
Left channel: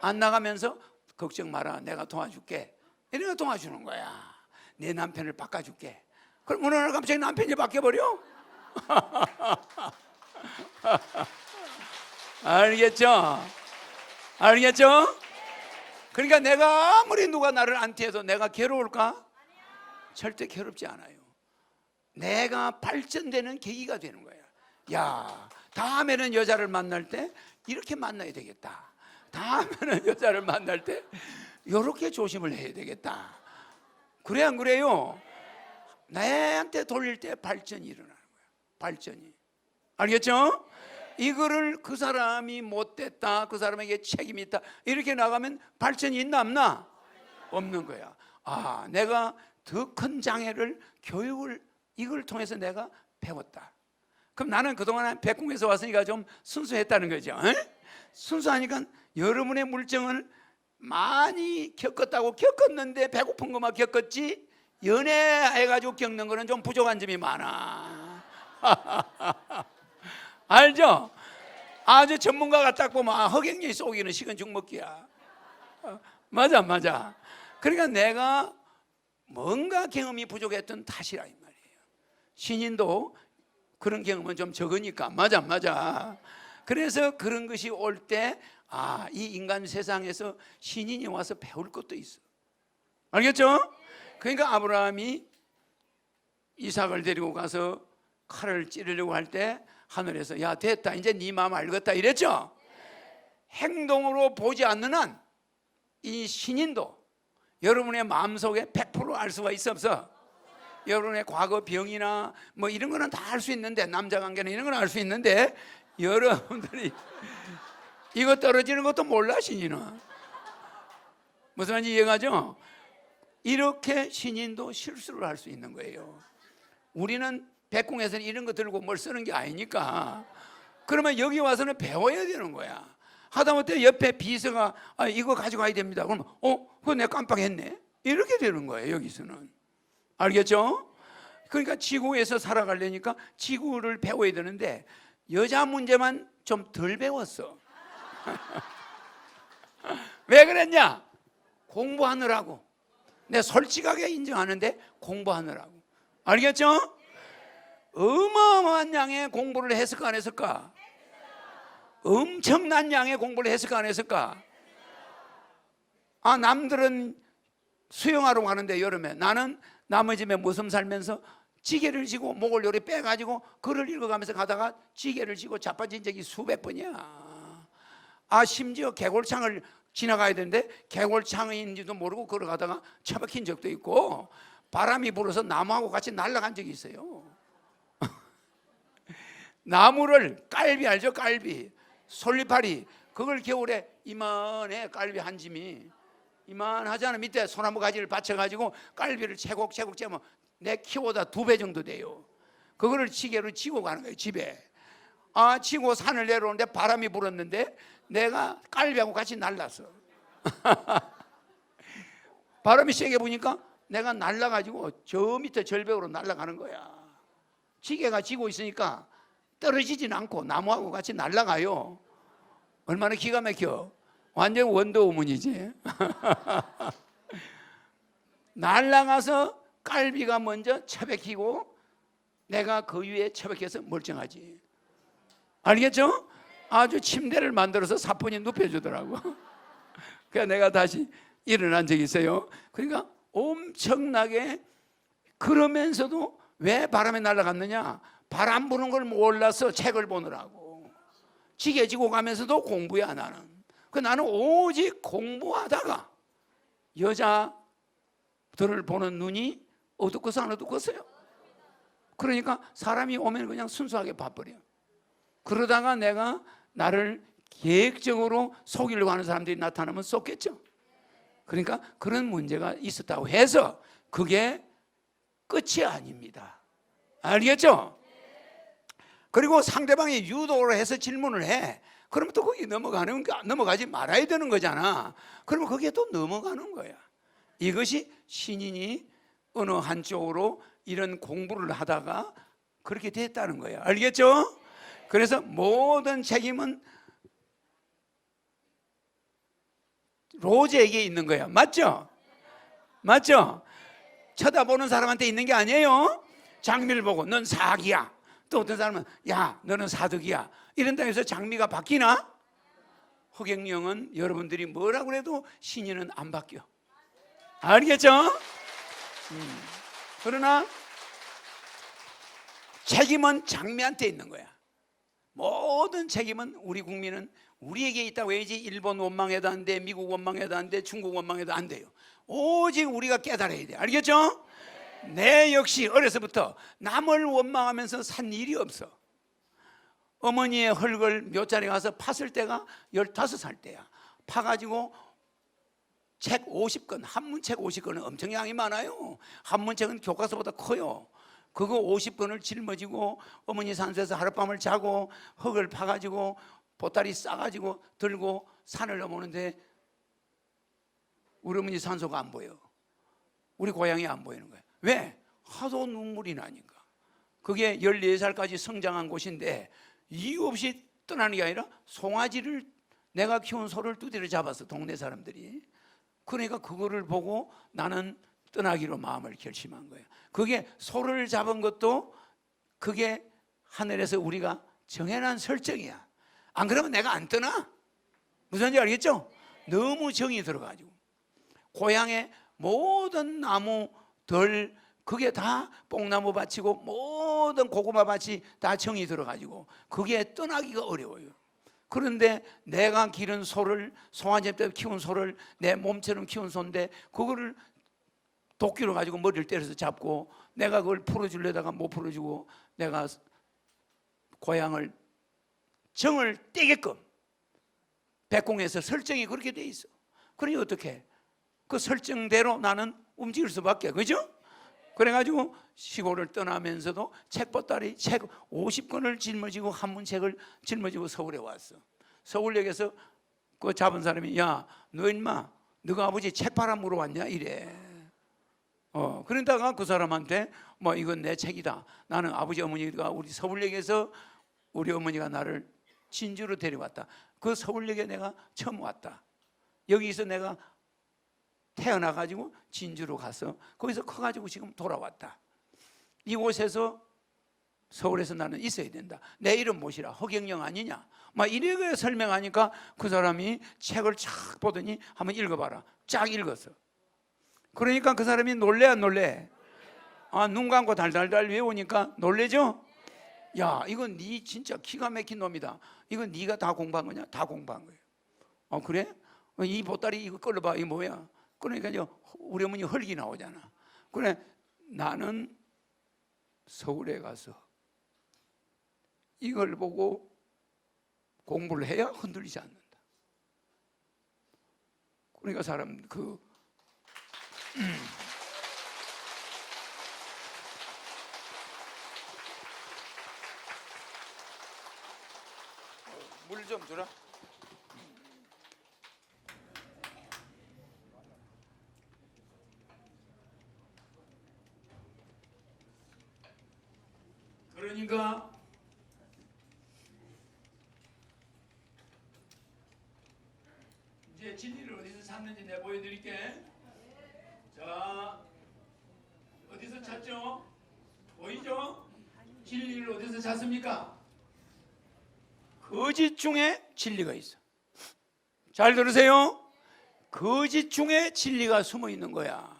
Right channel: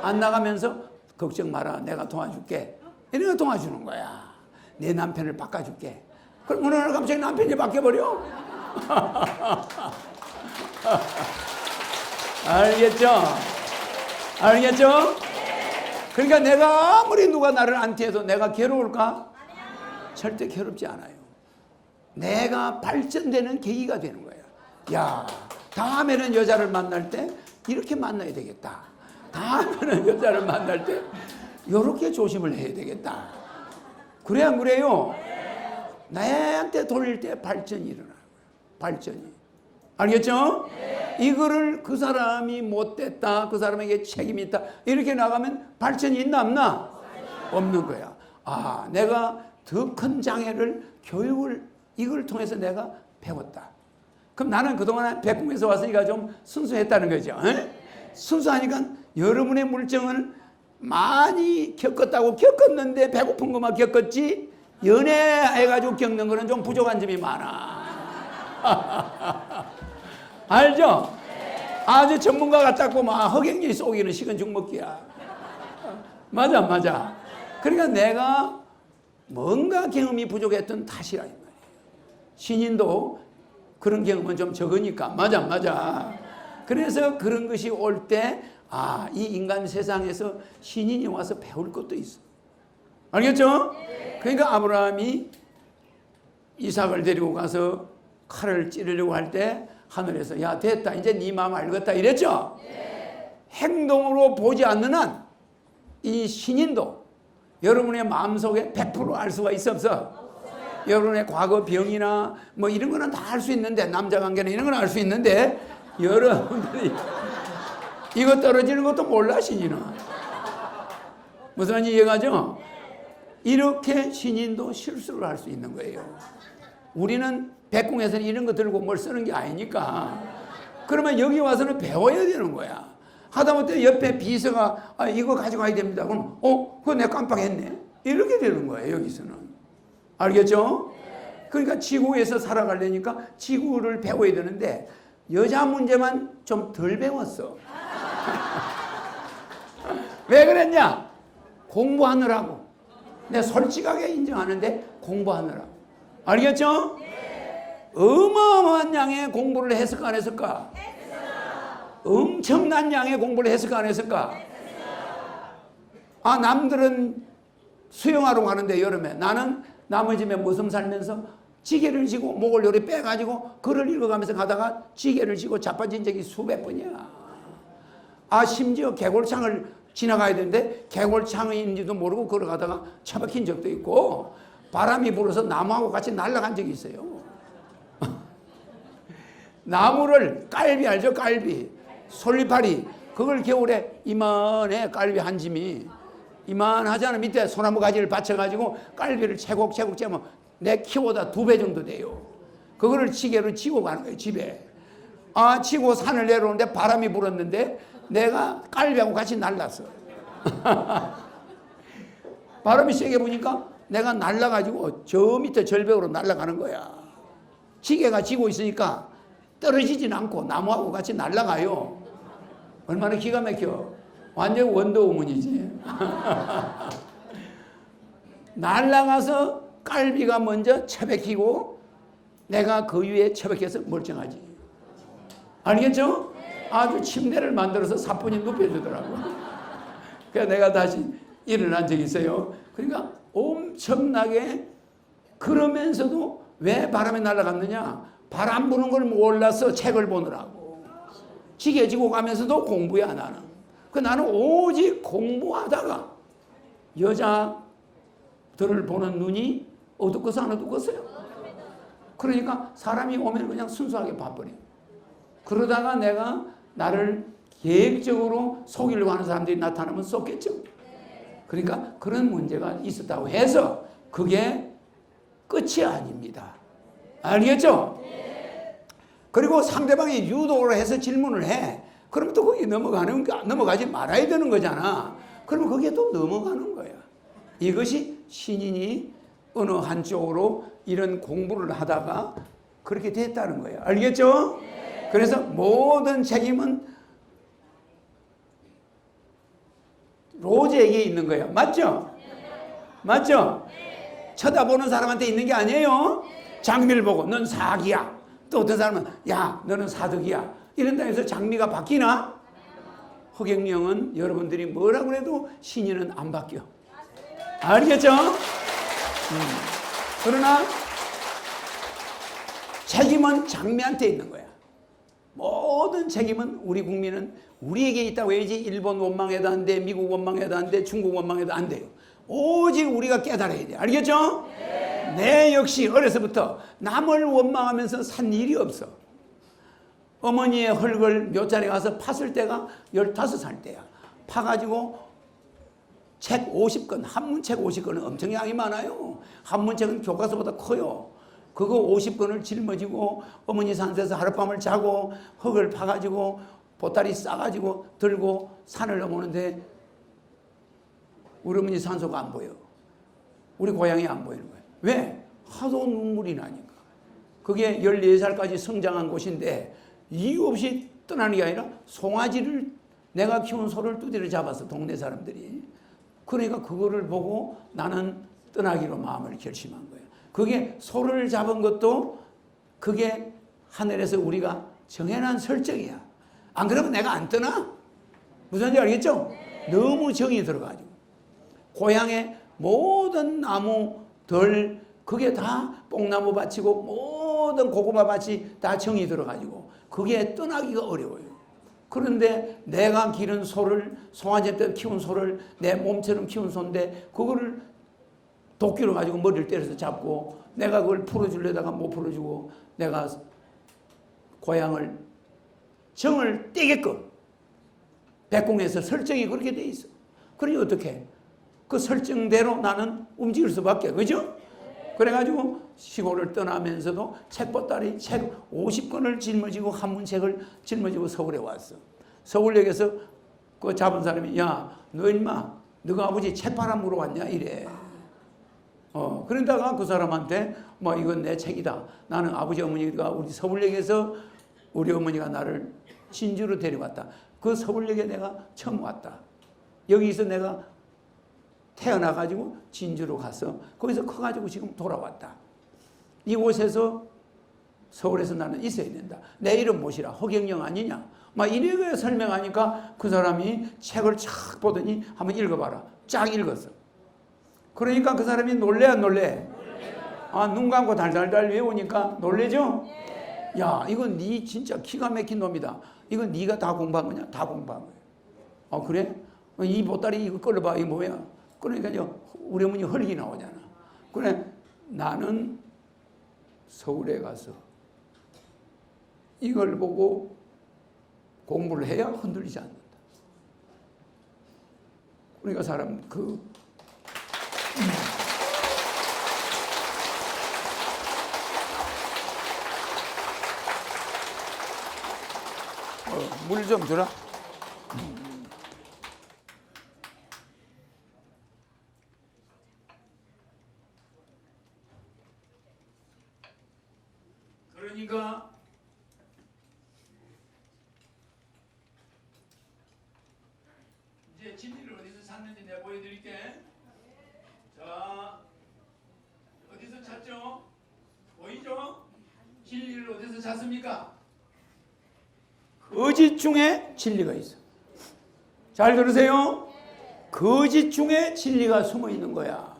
안 나가면서 걱정 마라. 내가 도와줄게. 이러면 도와주는 거야. 내 남편을 바꿔줄게. 그럼 어느 날 갑자기 남편이 바뀌어버려? 알겠죠? 알겠죠? 그러니까 내가 아무리 누가 나를 안티해도 내가 괴로울까? 절대 괴롭지 않아요. 내가 발전되는 계기가 되는 거예요. 야, 다음에는 여자를 만날 때 이렇게 만나야 되겠다. 다음에는 여자를 만날 때 이렇게 조심을 해야 되겠다. 그래 안 그래요? 나한테 돌릴 때 발전이 일어나는 거예요. 발전이. 알겠죠? 이거를 그 사람이 못됐다, 그 사람에게 책임이 있다 이렇게 나가면 발전이 있나 없나? 없는 거야. 아, 내가 더 큰 장애를 교육을 이걸 통해서 내가 배웠다. 그럼 나는 그동안 백궁에서 왔으니까 좀 순수했다는 거죠. 순수하니까 여러분의 물정을 많이 겪었는데 배고픈 것만 겪었지 연애해가지고 겪는 거는 좀 부족한 점이 많아. 알죠? 아주 전문가 같다고 막 허경영이 쏘기는 식은 죽먹기야. 맞아. 그러니까 내가 뭔가 경험이 부족했던 탓이라 이 말이에요. 신인도 그런 경험은 좀 적으니까. 맞아. 그래서 그런 것이 올 때 아, 이 인간 세상에서 신인이 와서 배울 것도 있어. 알겠죠? 그러니까 아브라함이 이삭을 데리고 가서 칼을 찌르려고 할 때 하늘에서 야 됐다 이제 네 마음 알겠다 이랬죠? 행동으로 보지 않는 한 이 신인도 여러분의 마음속에 100% 알 수가 있어 없어? 여러분의 과거 병이나 뭐 이런 거는 다 알 수 있는데 남자 관계나 이런 건 알 수 있는데 여러분들이 이거 떨어지는 것도 몰라 신인은. 무슨 말인지 이해가죠? 이렇게 신인도 실수를 할 수 있는 거예요. 우리는 백궁에서는 이런 거 들고 뭘 쓰는 게 아니니까. 그러면 여기 와서는 배워야 되는 거야. 하다못해 옆에 비서가 아, 이거 가져가야 됩니다. 그럼 그거 내가 깜빡했네. 이렇게 되는 거예요 여기서는. 알겠죠? 그러니까 지구에서 살아가려니까 지구를 배워야 되는데 여자 문제만 좀 덜 배웠어. 왜 그랬냐? 공부하느라고. 내가 솔직하게 인정하는데 공부하느라고. 알겠죠? 어마어마한 양의 공부를 했을까 안 했을까? 엄청난 양의 공부를 했을까 안 했을까? 아, 남들은 수영하러 가는데 여름에 나는 남의 집에 모섬 살면서 지게를 지고 목을 요리 빼가지고 글을 읽어가면서 가다가 지게를 지고 자빠진 적이 수백 번이야. 아, 심지어 개골창을 지나가야 되는데 개골창인지도 모르고 걸어가다가 처박힌 적도 있고 바람이 불어서 나무하고 같이 날아간 적이 있어요. 나무를 깔비 알죠? 깔비 솔리파리 그걸 겨울에 이만해. 깔비 한 짐이 이만하잖아. 밑에 소나무 가지를 받쳐가지고 깔비를 채곡채곡 채면 내 키보다 2배 정도 돼요. 그거를 지게로 지고 가는 거예요 집에. 아, 지고 산을 내려오는데 바람이 불었는데 내가 깔비하고 같이 날랐어. 바람이 세게 부니까 내가 날라가지고 저 밑에 절벽으로 날아가는 거야. 지게가 지고 있으니까 떨어지진 않고 나무하고 같이 날아가요. 얼마나 기가 막혀. 완전 원더우먼이지. 날아가서 깔비가 먼저 처박히고 내가 그 위에 처박혀서 멀쩡하지. 알겠죠? 아주 침대를 만들어서 사뿐히 눕혀주더라고. 그래서 내가 다시 일어난 적이 있어요. 그러니까 엄청나게 그러면서도 왜 바람에 날아갔느냐? 바람 부는 걸 몰라서 책을 보느라고. 지게 지고 가면서도 공부야 나는. 그 나는 오직 공부하다가 여자들을 보는 눈이 어둡고서 안 어둡겠어요? 그러니까 사람이 오면 그냥 순수하게 봐버려요. 그러다가 내가 나를 계획적으로 속이려고 하는 사람들이 나타나면 쏘겠죠. 그러니까 그런 문제가 있었다고 해서 그게 끝이 아닙니다. 알겠죠? 그리고 상대방이 유도를 해서 질문을 해. 그러면 또 거기 넘어가지 말아야 되는 거잖아. 그러면 거기에 또 넘어가는 거야. 이것이 신인이 어느 한쪽으로 이런 공부를 하다가 그렇게 됐다는 거예요. 알겠죠? 그래서 모든 책임은 로제에게 있는 거예요. 맞죠? 맞죠? 쳐다보는 사람한테 있는 게 아니에요. 장미를 보고 넌 사기야. 또 어떤 사람은 야 너는 사덕이야. 이런다 해서 장미가 바뀌나? 허경영은 여러분들이 뭐라고 해도 신인은 안 바뀌어. 알겠죠? 그러나 책임은 장미한테 있는 거야. 모든 책임은 우리 국민은 우리에게 있다고 해야지. 일본 원망해도 안 돼, 미국 원망해도 안 돼, 중국 원망해도 안 돼요. 오직 우리가 깨달아야 돼. 알겠죠? 내 역시 어려서부터 남을 원망하면서 산 일이 없어. 어머니의 흙을 묘자리에 가서 팠을 때가 15살 때야. 파가지고 책 50권, 한문책 50권은 엄청 양이 많아요. 한문책은 교과서보다 커요. 그거 50권을 짊어지고 어머니 산에서 하룻밤을 자고 흙을 파가지고 보따리 싸가지고 들고 산을 넘어오는데 우리 어머니 산소가 안 보여. 우리 고향이 안 보이는 거예요. 왜? 하도 눈물이 나니까. 그게 14살까지 성장한 곳인데 이유 없이 떠나는 게 아니라 송아지를 내가 키운 소를 두드려 잡았어, 동네 사람들이. 그러니까 그거를 보고 나는 떠나기로 마음을 결심한 거예요. 그게 소를 잡은 것도 그게 하늘에서 우리가 정해놓은 설정이야. 안 그러면 내가 안 떠나? 무슨 말인지 알겠죠? 너무 정이 들어가지고 고향의 모든 나무들 그게 다 뽕나무 밭이고 모든 고구마 밭이 다 정이 들어가지고 그게 떠나기가 어려워요. 그런데 내가 기른 소를, 송아지 때 키운 소를 내 몸처럼 키운 소인데 그거를 도끼로 가지고 머리를 때려서 잡고 내가 그걸 풀어주려다가 못 풀어주고 내가 고향을 정을 떼게끔 백궁에서 설정이 그렇게 돼 있어. 그러니 어떻게? 그 설정대로 나는 움직일 수밖에, 그죠? 그래가지고 시골을 떠나면서도 책보따리 책 50권을 짊어지고 한문책을 짊어지고 서울에 왔어. 서울역에서 그 잡은 사람이 야, 너 인마 너가 아버지 책 팔아 물어봤냐 이래. 그러다가 그 사람한테 뭐 이건 내 책이다. 나는 아버지 어머니가 우리 서울역에서 우리 어머니가 나를 진주로 데려갔다. 그 서울역에 내가 처음 왔다. 여기서 내가 태어나가지고 진주로 가서 거기서 커가지고 지금 돌아왔다. 이곳에서 서울에서 나는 있어야 된다. 내 이름 못이라 허경영 아니냐? 막 이렇게 설명하니까 그 사람이 책을 쫙 보더니 한번 읽어봐라. 쫙 읽었어. 그러니까 그 사람이 놀래 안 놀래? 아, 눈 감고 달달달 외우니까 놀래죠? 야, 이건 네 진짜 기가 막힌 놈이다. 이건 네가 다 공부한 거냐? 다 공부한 거야. 그래? 이 보따리 이거 끌어봐. 이거 뭐야? 그러니까 우리 어머니 혈기 나오잖아. 그래, 나는 서울에 가서 이걸 보고 공부를 해야 흔들리지 않는다. 그러니까 사람 물 좀 주라. 그러니까 이제 진리를 어디서 찾는지 내가 보여드릴게. 자, 어디서 찾죠? 보이죠? 진리를 어디서 찾습니까? 거짓 중에 진리가 있어. 잘 들으세요. 거짓 중에 진리가 숨어 있는 거야.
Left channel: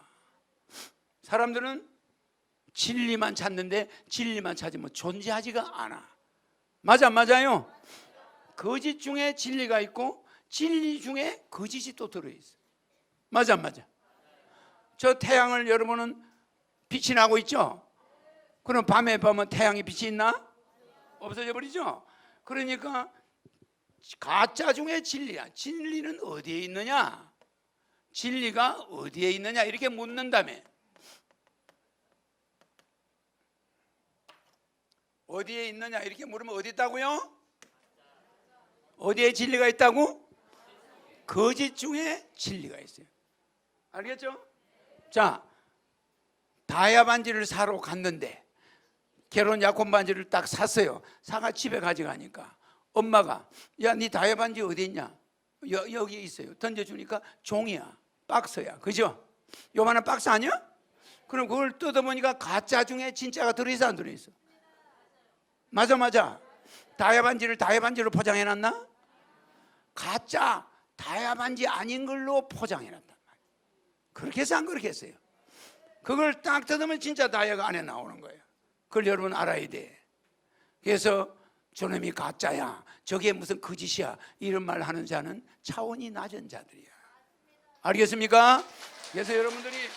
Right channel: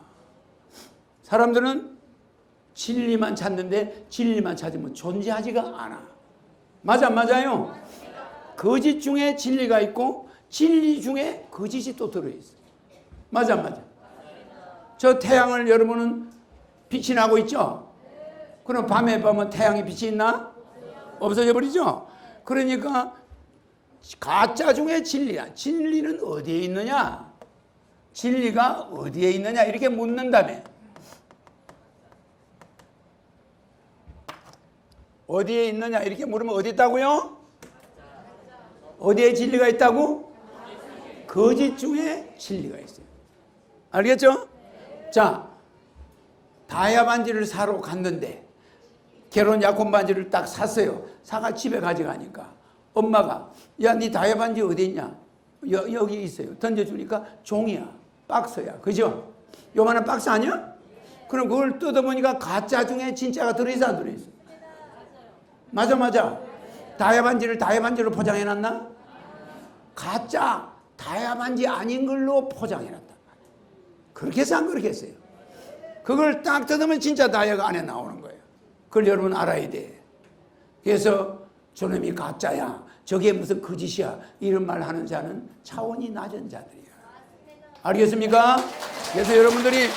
사람들은 진리만 찾는데 진리만 찾으면 존재하지가 않아. 맞아, 맞아요? 거짓 중에 진리가 있고 진리 중에 거짓이 또 들어있어. 맞아, 맞아. 저 태양을 여러분은 빛이 나고 있죠? 그럼 밤에 보면 태양이 빛이 있나? 없어져 버리죠? 그러니까 가짜 중에 진리야. 진리는 어디에 있느냐? 진리가 어디에 있느냐? 이렇게 묻는다며. 어디에 있느냐? 이렇게 물으면 어디 있다고요? 어디에 진리가 있다고? 거짓 중에 진리가 있어요. 알겠죠? 자, 다이아 반지를 사러 갔는데 결혼 약혼 반지를 딱 샀어요. 사가 집에 가져가니까 엄마가 야, 네 다이아 반지 어디 있냐? 여기 있어요. 던져주니까 종이야. 박스야. 그죠? 요만한 박스 아니야? 그럼 그걸 뜯어보니까 가짜 중에 진짜가 들어있어 안 들어있어? 맞아, 맞아. 다이아 반지를 다이아 반지로 포장해놨나? 가짜 다이아 반지 아닌 걸로 포장해놨단 말이야. 그렇게 해서 안 그렇게 했어요. 그걸 딱 뜯으면 진짜 다이아가 안에 나오는 거예요. 그걸 여러분 알아야 돼. 그래서 저놈이 가짜야, 저게 무슨 거짓이야, 이런 말 하는 자는 차원이 낮은 자들이에요. 알겠습니까? 그래서 여러분들이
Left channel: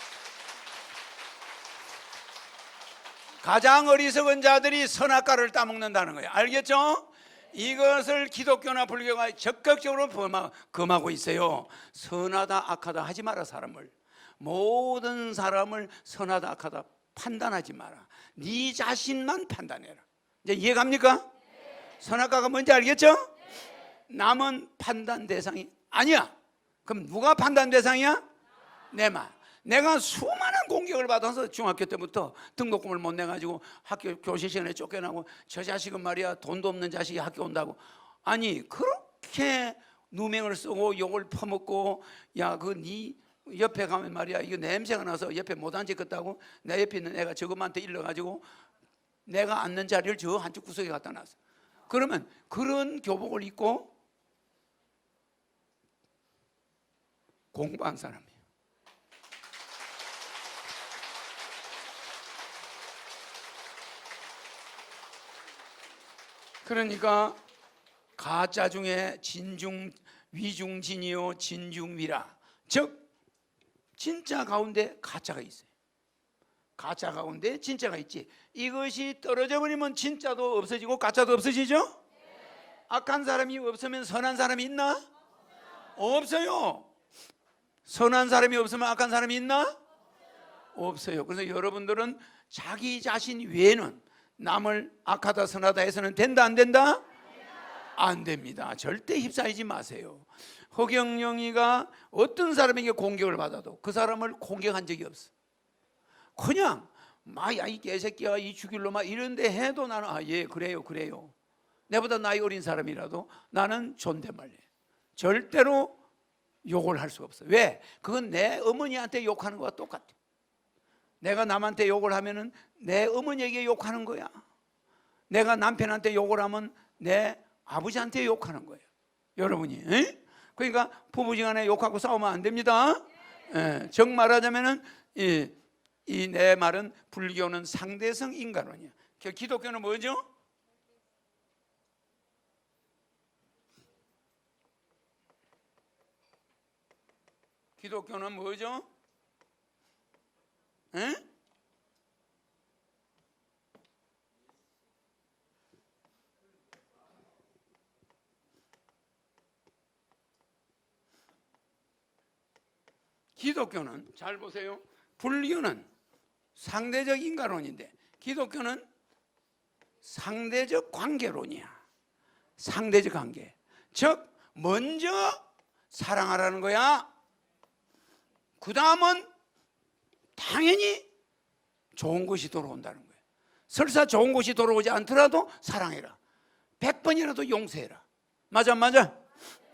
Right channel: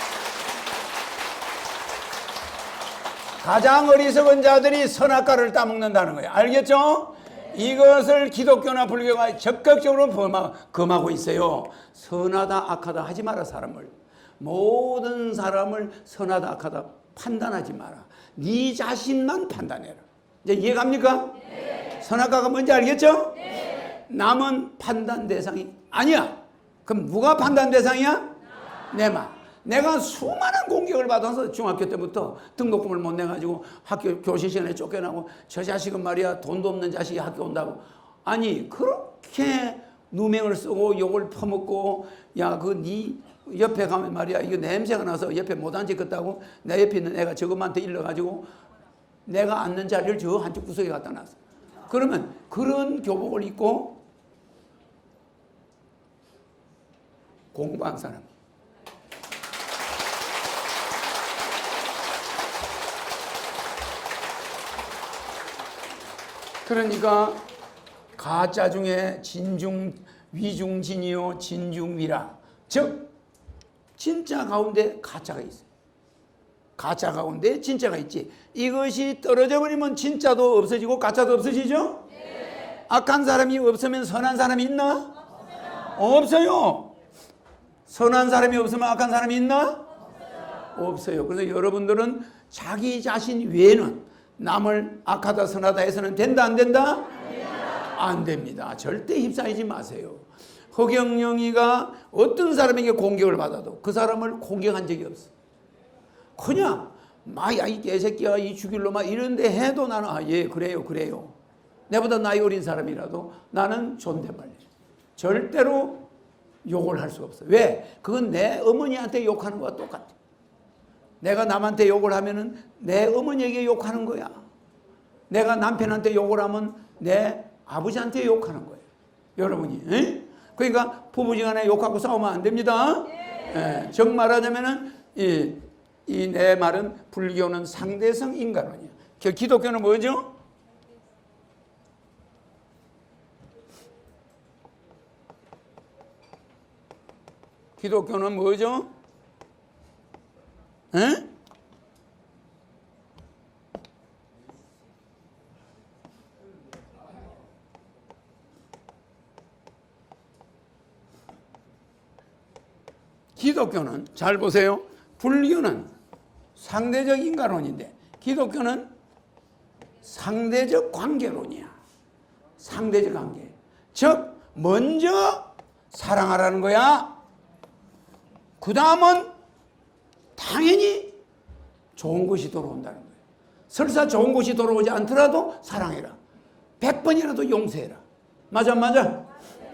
가장 어리석은 자들이 선악과를 따먹는다는 거예요. 알겠죠? 이것을 기독교나 불교가 적극적으로 금하고 있어요. 선하다 악하다 하지 마라. 사람을, 모든 사람을 선하다 악하다 판단하지 마라. 네 자신만 판단해라. 이제 이해갑니까? 네. 선악과가 뭔지 알겠죠? 네. 남은 판단 대상이 아니야. 그럼 누가 판단 대상이야? 내 맘. 내가 수많은 공격을 받아서 중학교 때부터 등록금을 못 내가지고 학교 교실 시간에 쫓겨나고, 저 자식은 말이야 돈도 없는 자식이 학교 온다고. 아니 그렇게 누명을 쓰고 욕을 퍼먹고, 야 그 네 옆에 가면 말이야 이거 냄새가 나서 옆에 못 앉겠다고 내 옆에 있는 애가 저것한테 일러가지고 내가 앉는 자리를 저 한쪽 구석에 갖다 놨어. 그러면 그런 교복을 입고 공부한 사람이, 그러니까 가짜 중에 진중 위중진이요 진중위라. 즉 진짜 가운데 가짜가 있어요. 가짜 가운데 진짜가 있지. 이것이 떨어져 버리면 진짜도 없어지고 가짜도 없어지죠? 네. 악한 사람이 없으면 선한 사람이 있나? 없어요. 선한 사람이 없으면 악한 사람이 있나? 없어요. 그래서 여러분들은 자기 자신 외에는 남을 악하다 선하다 해서는 된다 안 된다? 안 됩니다. 절대 휩싸이지 마세요. 허경영이가 어떤 사람에게 공격을 받아도 그 사람을 공격한 적이 없어. 그냥 막 야 이 개새끼야 이 죽일로 막 이런데 해도 나는 예 그래요. 내보다 나이 어린 사람이라도 나는 존댓말이에요. 절대로 욕을 할 수가 없어. 왜? 그건 내 어머니한테 욕하는 거와 똑같아. 내가 남한테 욕을 하면은 내 어머니에게 욕하는 거야. 내가 남편한테 욕을 하면 내 아버지한테 욕하는 거예요. 여러분이. 에? 그러니까 부부지간에 욕하고 싸우면 안 됩니다. 예, 정 말하자면은 이 내 말은 불교는 상대성 인간론이야. 기독교는 뭐죠? 기독교는 뭐죠? 에? 기독교는 잘 보세요. 불교는 상대적 인간론인데 기독교는 상대적 관계론이야. 상대적 관계. 즉 먼저 사랑하라는 거야. 그 다음은 당연히 좋은 것이 돌아온다는 거예요. 설사 좋은 것이 돌아오지 않더라도 사랑해라. 100번이라도 용서해라. 맞아?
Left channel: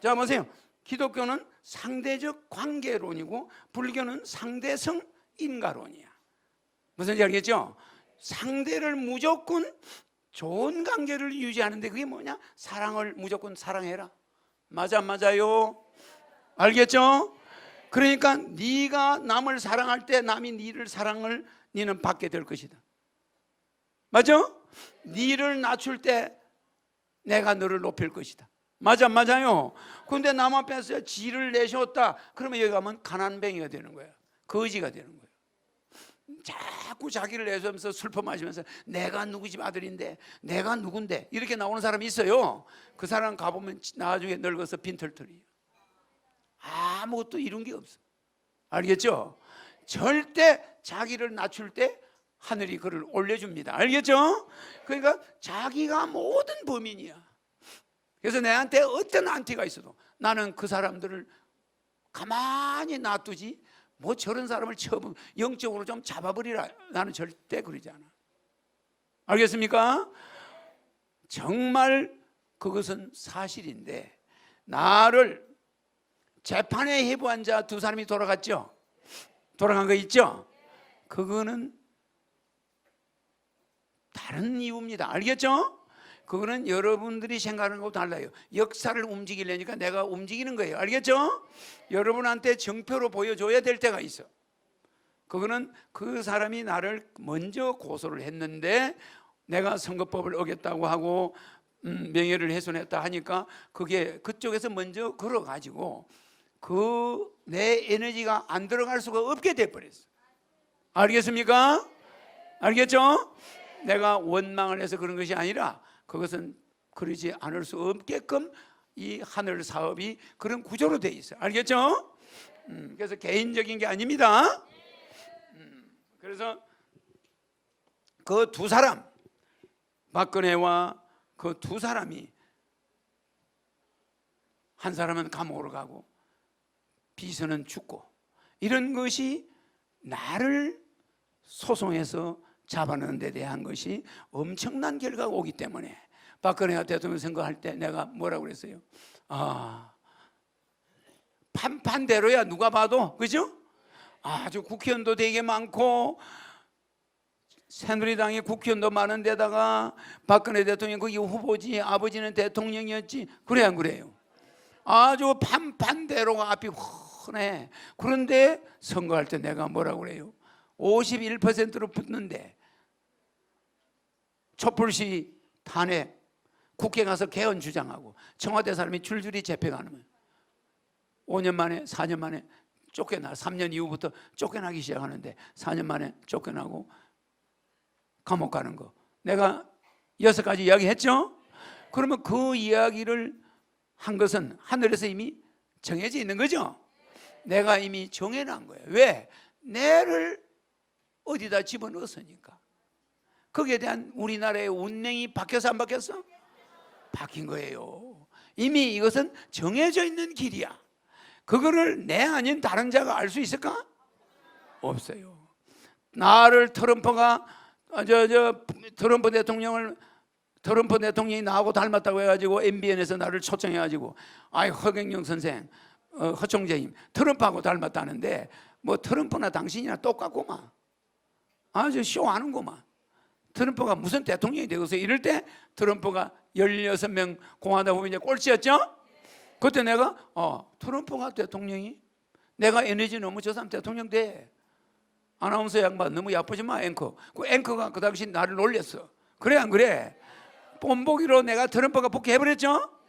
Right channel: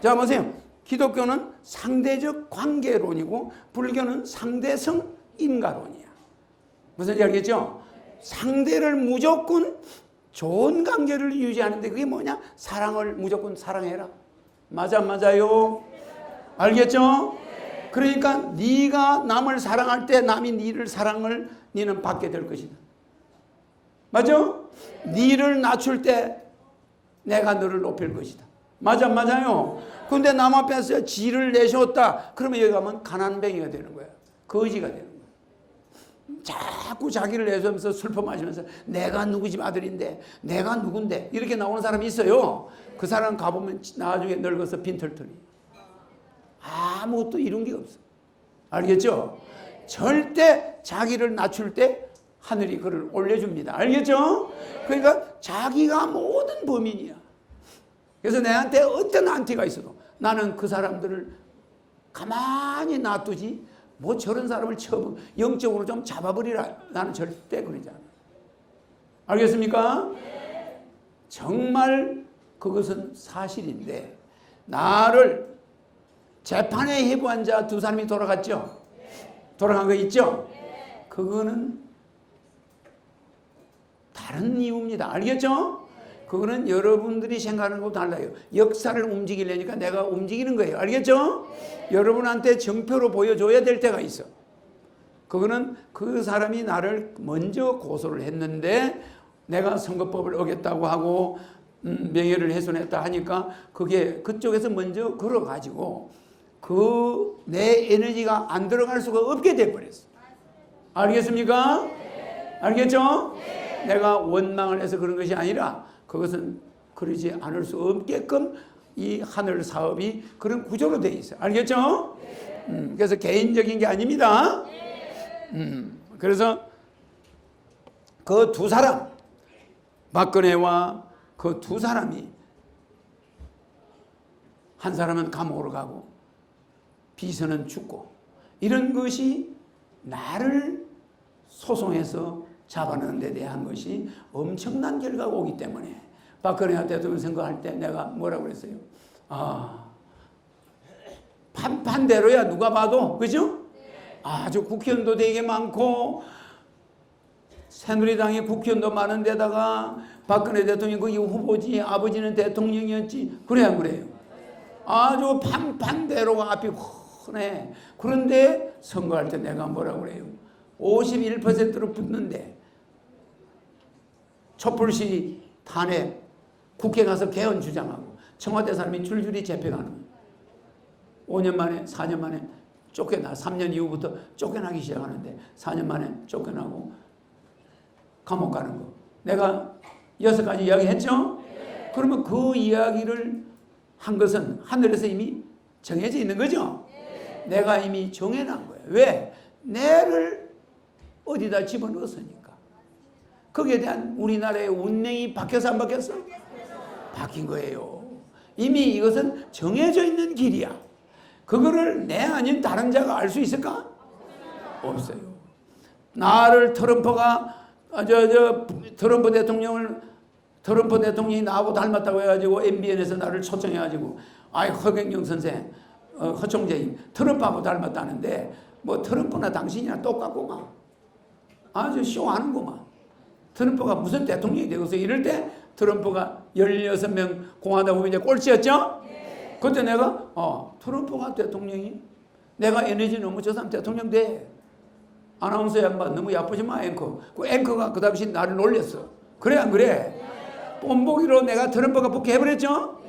자 보세요. 기독교는 상대적 관계론이고 불교는 상대성 인간론이야. 무슨 지 알겠죠? 상대를 무조건 좋은 관계를 유지하는데 그게 뭐냐? 사랑을 무조건 사랑해라. 맞아요? 알겠죠? 그러니까 네가 남을 사랑할 때 남이 네를 사랑을 너는 받게 될 것이다. 맞아? 네를 낮출 때 내가 너를 높일 것이다. 맞아요? 근데 남 앞에서 지를 내셨다. 그러면 여기 가면 가난뱅이가 되는 거야. 거지가 되는 거야. 자꾸 자기를 내세우면서 슬퍼 마시면서 내가 누구 집 아들인데 내가 누군데 이렇게 나오는 사람이 있어요. 그 사람 가보면 나중에 늙어서 빈털털이. 아무것도 이룬 게 없어. 알겠죠? 절대 자기를 낮출 때 하늘이 그를 올려줍니다. 알겠죠? 그러니까 자기가 모든 범인이야. 그래서 내한테 어떤 안티가 있어도 나는 그 사람들을 가만히 놔두지 뭐 저런 사람을 영적으로 좀 잡아버리라. 나는 절대 그러지 않아요. 알겠습니까? 정말 그것은 사실인데 나를 재판에 해부한 자 두 사람이 돌아갔죠? 돌아간 거 있죠? 그거는 다른 이유입니다. 알겠죠? 그거는 여러분들이 생각하는 것도 달라요. 역사를 움직이려니까 내가 움직이는 거예요. 알겠죠? 여러분한테 정표로 보여줘야 될 때가 있어. 그거는 그 사람이 나를 먼저 고소를 했는데 내가 선거법을 어겼다고 하고 명예를 훼손했다 하니까 그게 그쪽에서 먼저 걸어가지고 그 내 에너지가 안 들어갈 수가 없게 돼버렸어. 알겠습니까? 알겠죠? 내가 원망을 해서 그런 것이 아니라 그것은 그러지 않을 수 없게끔 이 하늘 사업이 그런 구조로 되어 있어요. 알겠죠? 그래서 개인적인 게 아닙니다. 그래서 그 두 사람, 박근혜와 그 두 사람이, 한 사람은 감옥으로 가고 비서는 죽고, 이런 것이 나를 소송해서 잡아넣는 데 대한 것이 엄청난 결과가 오기 때문에 박근혜 대통령 선거할 때 내가 뭐라고 그랬어요? 판판대로야 누가 봐도, 그죠? 아주 국회의원도 되게 많고 새누리당의 국회의원도 많은 데다가 박근혜 대통령이 거기 후보지, 아버지는 대통령이었지. 그래 안 그래요? 아주 판판대로가 앞이 훤해. 그런데 선거할 때 내가 뭐라고 그래요? 51%로 붙는데 촛불시 탄핵, 국회 가서 개헌 주장하고 청와대 사람이 줄줄이 잡혀가는 거예요. 5년 만에, 4년 만에 쫓겨나. 3년 이후부터 쫓겨나기 시작하는데 4년 만에 쫓겨나고 감옥 가는 거. 내가 6가지 이야기 했죠? 그러면 그 이야기를 한 것은 하늘에서 이미 정해져 있는 거죠? 내가 이미 정해놓은 거예요. 왜? 내를 어디다 집어넣었으니까. 거기에 대한 우리나라의 운명이 바뀌어서 안 바뀌었어? 바뀐 거예요. 이미 이것은 정해져 있는 길이야. 그거를 내 아닌 다른 자가 알 수 있을까? 없어요. 나를 트럼프가 트럼프 대통령이 나하고 닮았다고 해가지고 MBN에서 나를 초청해가지고 허경영 선생, 허총재님 트럼프하고 닮았다는데 뭐 트럼프나 당신이나 똑같구만. 아주 쇼하는구만. 트럼프가 무슨 대통령이 되고서 이럴 때 트럼프가 16명 공화당 후보인데 꼴찌였죠? 그때 내가 트럼프가 대통령이, 내가 에너지 너무 저 사람 대통령 돼. 아나운서 양반 너무 야쁘지 마, 앵커. 그 앵커가 그 당시 나를 놀렸어. 그래 안 그래? 뽐보기로 내가 트럼프가 붙게 해버렸죠?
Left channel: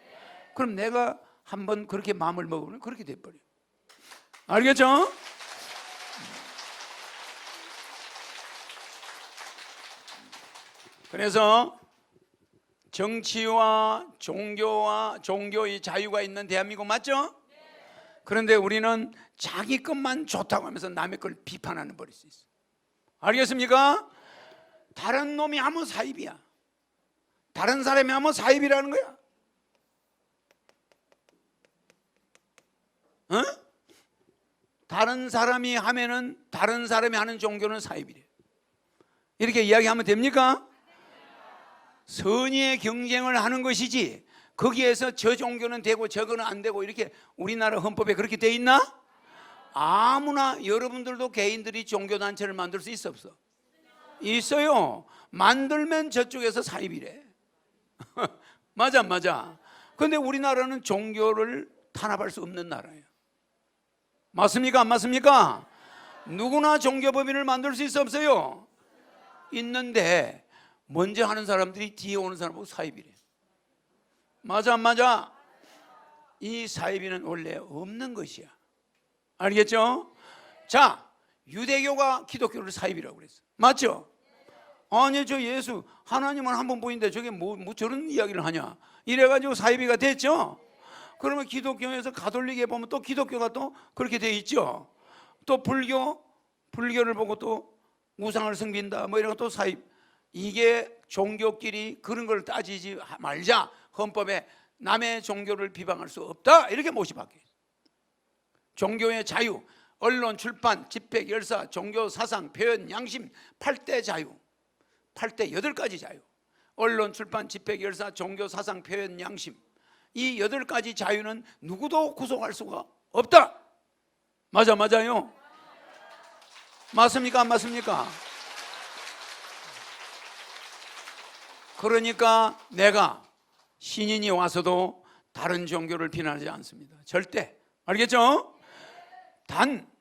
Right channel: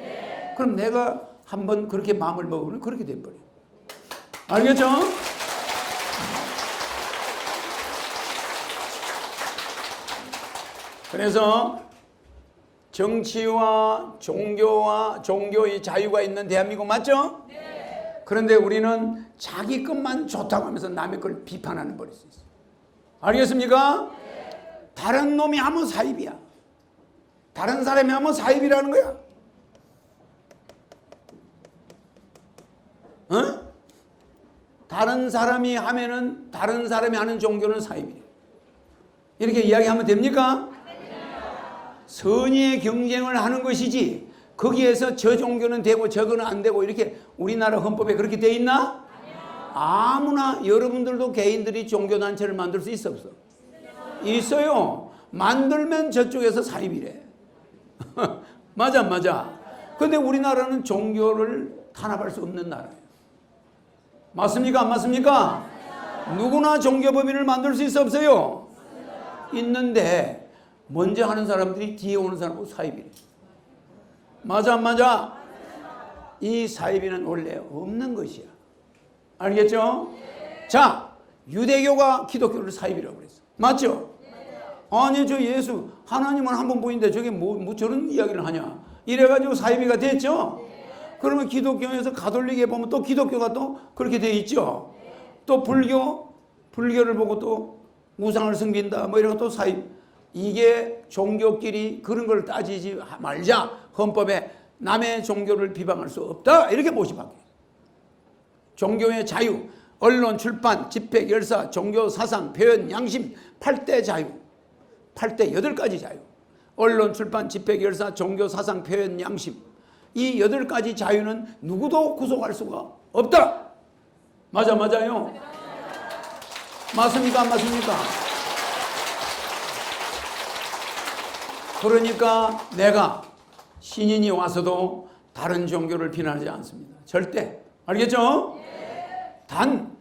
그럼 내가 한번 그렇게 마음을 먹으면 그렇게 돼버려. 알겠죠? 그래서 정치와 종교의 자유가 있는 대한민국 맞죠? 그런데 우리는 자기 것만 좋다고 하면서 남의 걸 비판하는 버릴 수 있어요. 알겠습니까? 다른 놈이 하면 사입이야. 다른 사람이 하면 사입이라는 거야. 다른 사람이 하면은, 다른 사람이 하는 종교는 사입이래. 이렇게 이야기하면 됩니까? 선의의 경쟁을 하는 것이지 거기에서 저 종교는 되고 저거는 안 되고 이렇게 우리나라 헌법에 그렇게 돼 있나? 아무나, 여러분들도 개인들이 종교단체를 만들 수 있어 없어? 있어요. 만들면 저쪽에서 사입이래. 맞아. 근데 우리나라는 종교를 탄압할 수 없는 나라예요. 맞습니까? 안 맞습니까? 누구나 종교법인을 만들 수 있어 없어요? 있는데 먼저 하는 사람들이 뒤에 오는 사람하고 사입이래. 맞아 안 맞아? 이 사입이는 원래 없는 것이야. 알겠죠? 자, 유대교가 기독교를 사입이라고 그랬어. 맞죠? 아니 저 예수 하나님은 한 번 보이는데 저게 뭐 저런 이야기를 하냐, 이래가지고 사입이가 됐죠? 그러면 기독교에서 가톨릭에 보면 또 기독교가 또 그렇게 돼 있죠? 또 불교를 보고 또 우상을 섬긴다 뭐 이런 거 또 사입. 이게 종교끼리 그런 걸 따지지 말자. 헌법에 남의 종교를 비방할 수 없다 이렇게 모집하게. 종교의 자유, 언론, 출판, 집회, 결사, 종교, 사상, 표현, 양심, 8대 자유, 8대 8가지 자유. 언론, 출판, 집회, 결사, 종교, 사상, 표현, 양심, 이 8가지 자유는 누구도 구속할 수가 없다. 맞아요? 맞습니까? 안 맞습니까? 그러니까 내가 신인이 와서도 다른 종교를 비난하지 않습니다. 절대. 알겠죠? 단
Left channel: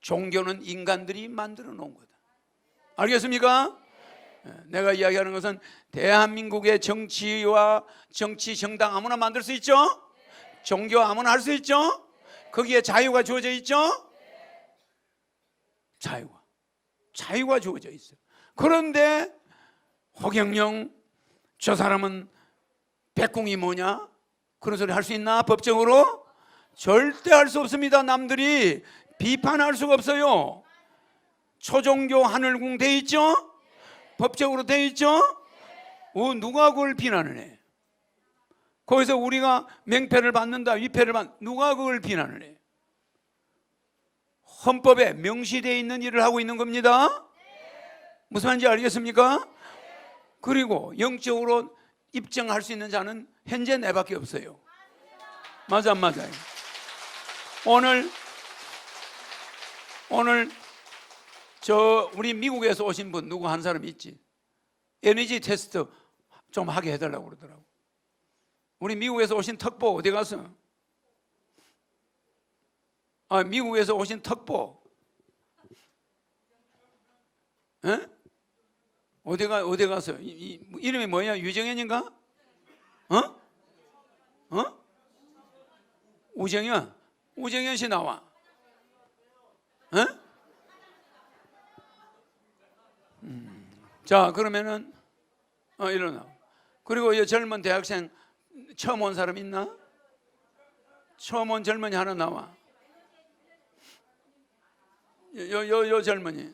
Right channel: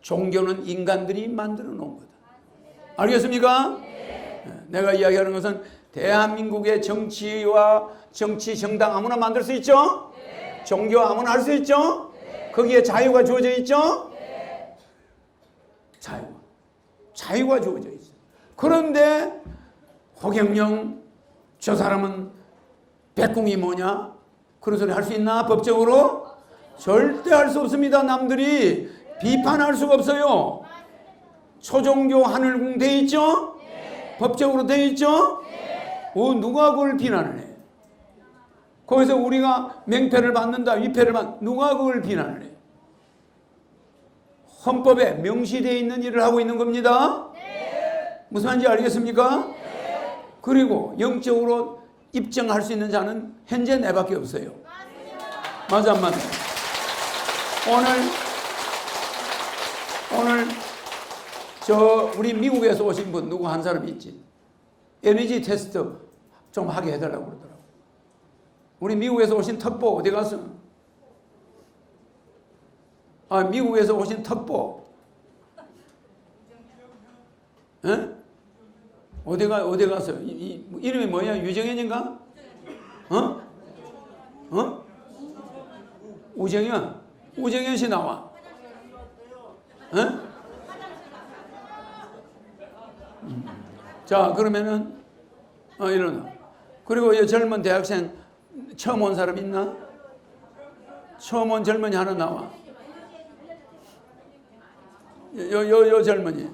종교는 인간들이 만들어 놓은 거다. 알겠습니까? 내가 이야기하는 것은 대한민국의 정치와 정치 정당 아무나 만들 수 있죠? 종교 아무나 할 수 있죠? 거기에 자유가 주어져 있죠? 자유가 주어져 있어요. 그런데 허경영 저 사람은 백궁이 뭐냐? 그런 소리 할 수 있나? 법적으로? 절대 할 수 없습니다. 남들이 비판할 수가 없어요. 초종교 하늘궁 돼 있죠? 법적으로 돼 있죠? 누가 그걸 비난을 해? 거기서 우리가 명패를 받는다, 위패를 받는다, 누가 그걸 비난을 해? 헌법에 명시되어 있는 일을 하고 있는 겁니다. 무슨 말인지 알겠습니까? 그리고 영적으로 입증할 수 있는 자는 현재 내밖에 없어요. 맞아 안 맞아? 오늘 저 우리 미국에서 오신 분 누구 한 사람 있지? 에너지 테스트 좀 하게 해달라고 그러더라고. 우리 미국에서 오신 턱보 어디 갔어? 미국에서 오신 턱보. 에? 어디 갔어? 이름이 뭐냐? 유정현인가? 우정현 씨 나와. 에? 자, 그러면은 일어나. 그리고 이 젊은 대학생 처음 온 사람 있나? 처음 온 젊은이 하나 나와. 요 젊은이.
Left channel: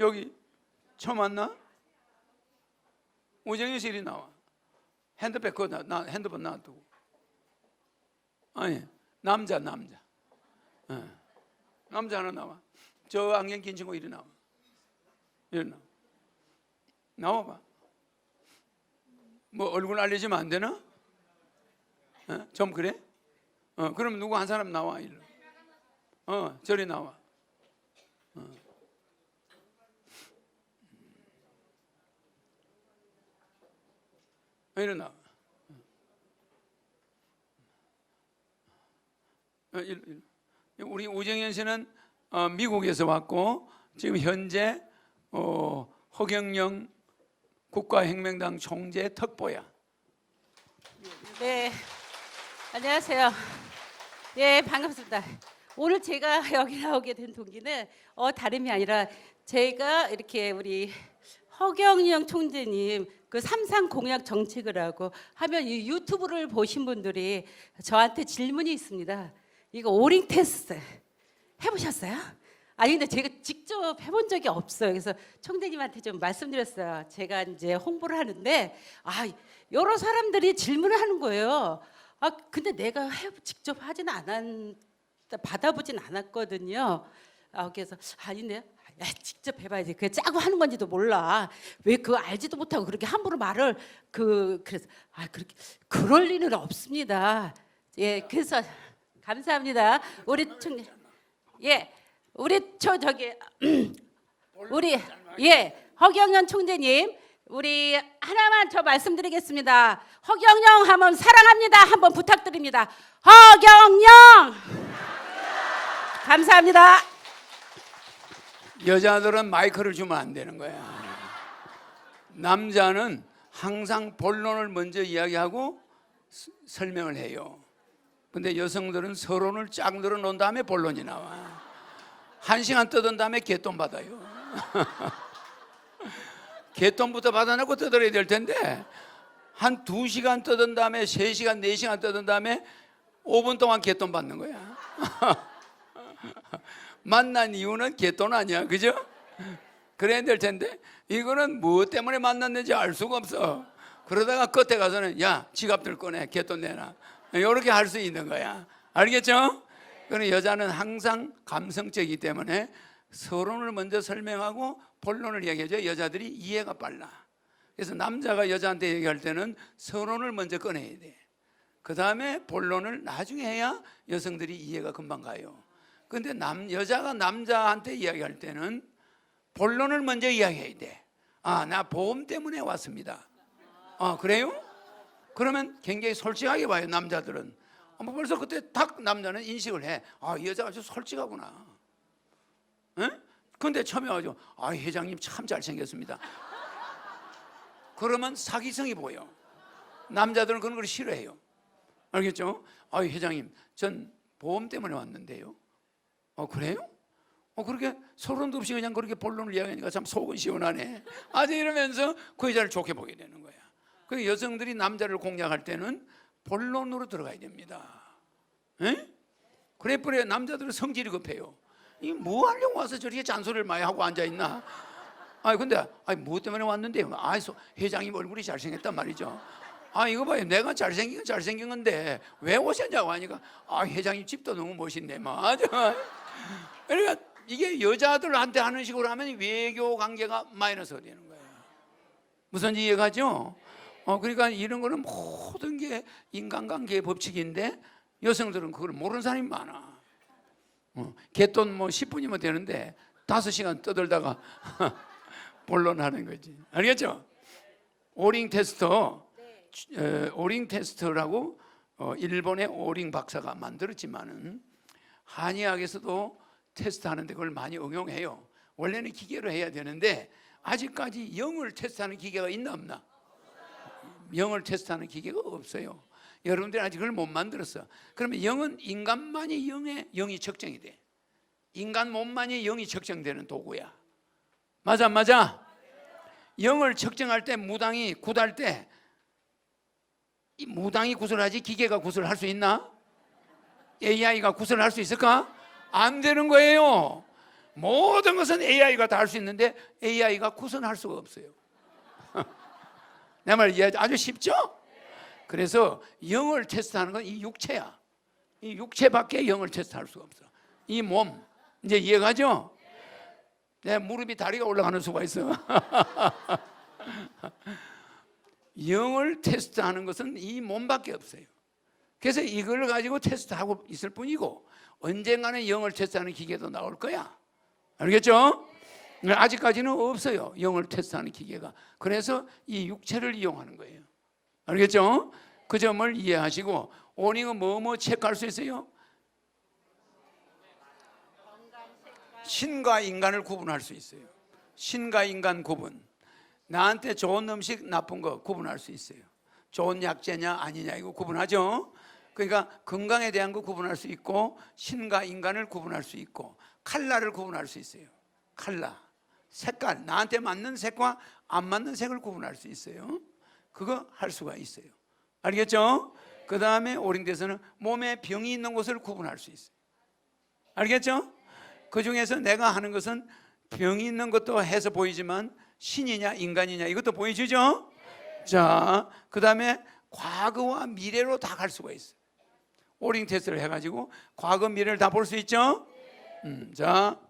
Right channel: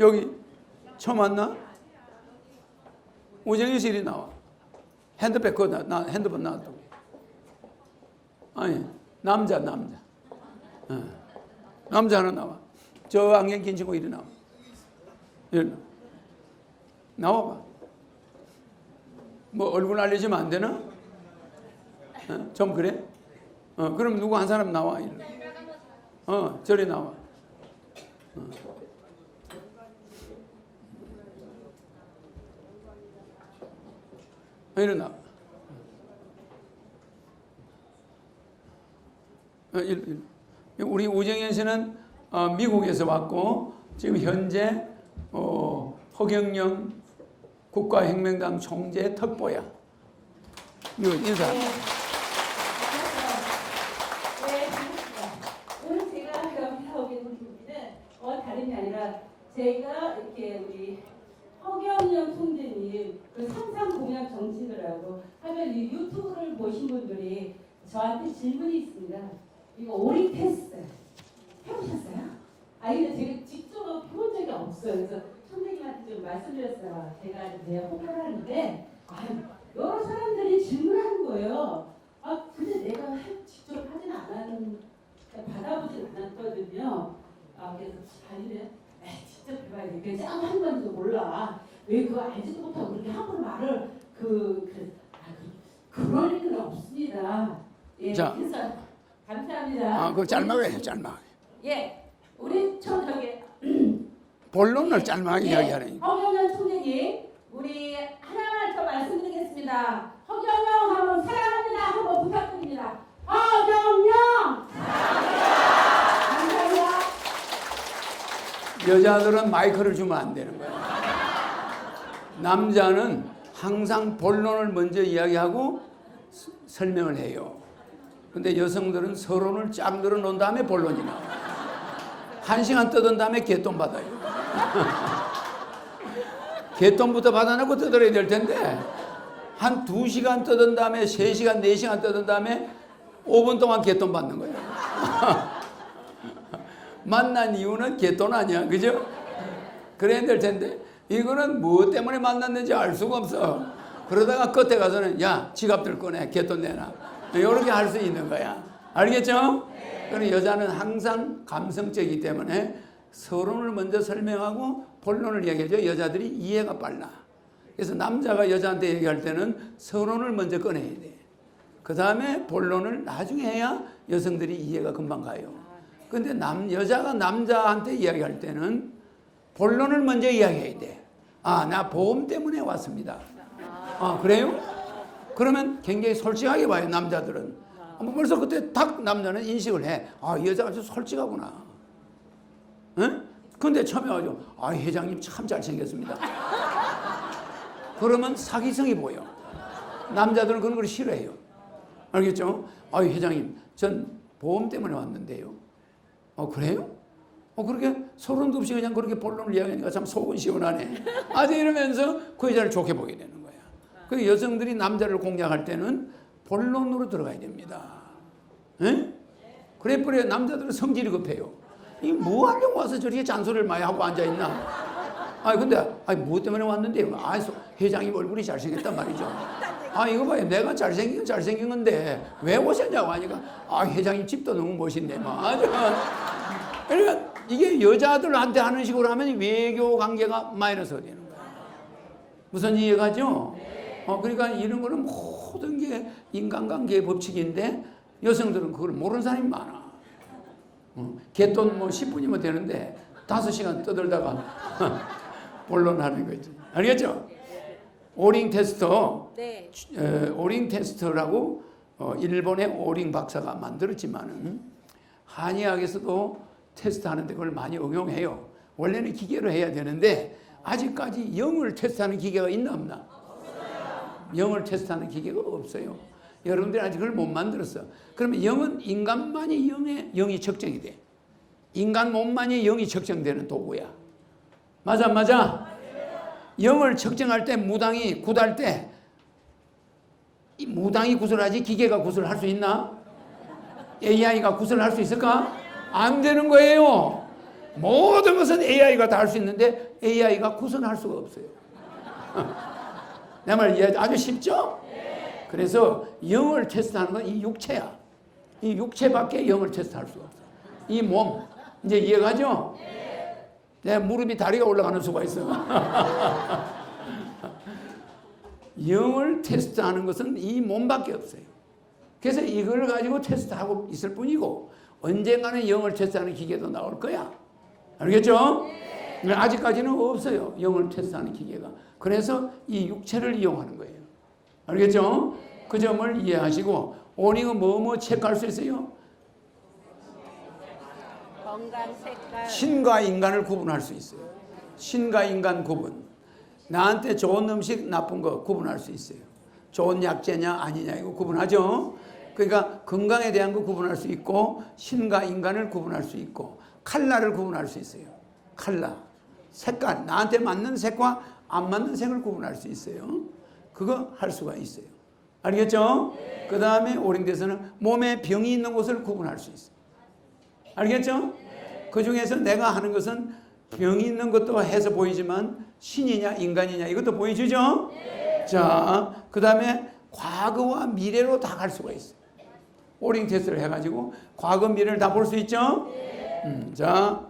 여기 처음 왔나? 우정희 씨 이리 나와. 핸드백 핸드폰 나왔다고. 아니, 남자. 남자 하나 나와. 저 안경 낀 친구 이리 나와. 이리 나와봐. 뭐 얼굴 알려주면 안 되나? 좀 그래? 그럼 누구 한 사람 나와. 저리 나와. 일어나. 우리 우정현 씨는 미국에서 왔고 지금 현재 허경영 국가혁명당 총재 턱보야. 인사. 네, 안녕하세요. 예, 반갑습니다. 오늘 제가 여기 나오게 된 동기는 다름이 아니라 제가 이렇게 우리 허경영 총재님 그 삼상 공약 정책을 하고 하면 이 유튜브를 보신 분들이 저한테 질문이 있습니다. 이거 오링 테스트 해보셨어요? 아니 근데 제가 직접 해본 적이 없어요. 그래서 총재님한테 좀 말씀드렸어요. 제가 이제 홍보를 하는데 여러 사람들이 질문을 하는 거예요. 근데 내가 직접 하진 받아보진 않았거든요. 그래서 아닌데 직접 해봐야지. 그게 짜고 하는 건지도 몰라. 왜 그거 알지도 못하고 그렇게 함부로 말을 그래서 그렇게 그럴 일은 없습니다. 예, 자. 그래서 감사합니다. 그 짤막하게 해, 짤막. 예, 우리 저기 본론을 짤막하게 예, 이야기하는. 허경영 총재님, 우리 하나만 저 말씀드리겠습니다. 허경영 하면 사랑합니다. 한번 부탁드립니다. 허경영. 감사합니다. 여자들은 마이크를 주면 안 되는 거야. 남자는 항상 본론을 먼저 이야기하고 설명을 해요. 근데 여성들은 서론을 쫙 늘어놓은 다음에 본론이 나와. 1시간 떠든 다음에 개돈 받아요. 개돈부터 받아놓고 떠들어야 될 텐데 한 2시간 떠든 다음에 3시간, 4시간 떠든 다음에 5분 동안 개돈 받는 거야. 만난 이유는 개돈 아니야, 그죠? 그래야 될 텐데 이거는 뭐 때문에 만났는지 알 수가 없어. 그러다가 끝에 가서는 야 지갑들 꺼내, 개돈 내놔, 이렇게 할 수 있는 거야. 알겠죠? 그리고 여자는 항상 감성적이기 때문에 서론을 먼저 설명하고 본론을 얘기하죠. 여자들이 이해가 빨라. 그래서 남자가 여자한테 얘기할 때는 서론을 먼저 꺼내야 돼. 그 다음에 본론을 나중에 해야 여성들이 이해가 금방 가요. 근데 여자가 남자한테 이야기할 때는 본론을 먼저 이야기해야 돼. 나 보험 때문에 왔습니다. 그래요? 그러면 굉장히 솔직하게 봐요, 남자들은. 벌써 그때 딱 남자는 인식을 해. 이 여자가 좀 솔직하구나. 응? 근데 처음에 와가지고, 회장님 참 잘생겼습니다. 그러면 사기성이 보여. 남자들은 그런 걸 싫어해요. 알겠죠? 회장님, 전 보험 때문에 왔는데요. 그래요? 그렇게 소름도 없이 그냥 그렇게 본론을 이야기하니까 참 속은 시원하네. 이러면서 그 여자를 좋게 보게 되는 거야. 그 여성들이 남자를 공략할 때는 본론으로 들어가야 됩니다. 예? 그래 남자들은 성질이 급해요. 이 뭐 하려고 와서 저렇게 잔소리를 많이 하고 앉아 있나? 근데 뭐 때문에 왔는데? 회장이 얼굴이 잘생겼단 말이죠. 이거 봐요. 내가 잘생긴 건데 왜 오셨냐고 하니까 회장님 집도 너무 멋있네. 그러니까 이게 여자들한테 하는 식으로 하면 외교 관계가 마이너스가 되는 거예요. 무슨 이해가죠? 그러니까 이런 거는 모든 게 인간관계의 법칙인데 여성들은 그걸 모르는 사람이 많아. 개돈 10분이면 되는데 5시간 떠들다가 본론하는 거지. 알겠죠? 오링 테스터, 네. 오링 테스터라고 일본의 오링 박사가 만들었지만은 한의학에서도 테스트하는데 그걸 많이 응용해요. 원래는 기계로 해야 되는데 아직까지 영을 테스트하는 기계가 있나 없나? 영을 테스트하는 기계가 없어요. 여러분들이 아직 그걸 못 만들었어. 그러면 영은 인간만이 영이 측정이 돼. 인간 몸만이 영이 측정되는 도구야. 맞아? 영을 측정할 때 무당이 굿할 때 이 무당이 구슬하지 기계가 구슬할 수 있나? AI가 구슬할 수 있을까? 안 되는 거예요. 모든 것은 AI가 다 할 수 있는데 AI가 구슬할 수가 없어요. 내 말 이해 아주 쉽죠? 그래서 영을 테스트하는 건 이 육체야. 이 육체밖에 영을 테스트할 수가 없어. 이 몸 이제 이해가죠? 내 무릎이 다리가 올라가는 수가 있어요. 영을 테스트하는 것은 이 몸밖에 없어요. 그래서 이걸 가지고 테스트하고 있을 뿐이고 언젠가는 영을 테스트하는 기계도 나올 거야. 알겠죠? 아직까지는 없어요. 영을 테스트하는 기계가. 그래서 이 육체를 이용하는 거예요. 알겠죠? 그 점을 이해하시고 오링은 뭐뭐 체크할 수 있어요? 건강 색깔. 신과 인간을 구분할 수 있어요. 신과 인간 구분. 나한테 좋은 음식, 나쁜 거 구분할 수 있어요. 좋은 약재냐 아니냐 이거 구분하죠. 그러니까 건강에 대한 거 구분할 수 있고 신과 인간을 구분할 수 있고 컬러를 구분할 수 있어요. 컬러, 색깔, 나한테 맞는 색과 안 맞는 색을 구분할 수 있어요. 그거 할 수가 있어요. 알겠죠? 그 다음에 오링대에서는 몸에 병이 있는 곳을 구분할 수 있어요. 알겠죠? 그 중에서 내가 하는 것은 병이 있는 것도 해서 보이지만 신이냐 인간이냐 이것도 보여주죠? 자, 그 다음에 과거와 미래로 다 갈 수가 있어요. 오링 테스트를 해가지고 과거 미래를 다 볼 수 있죠? 자,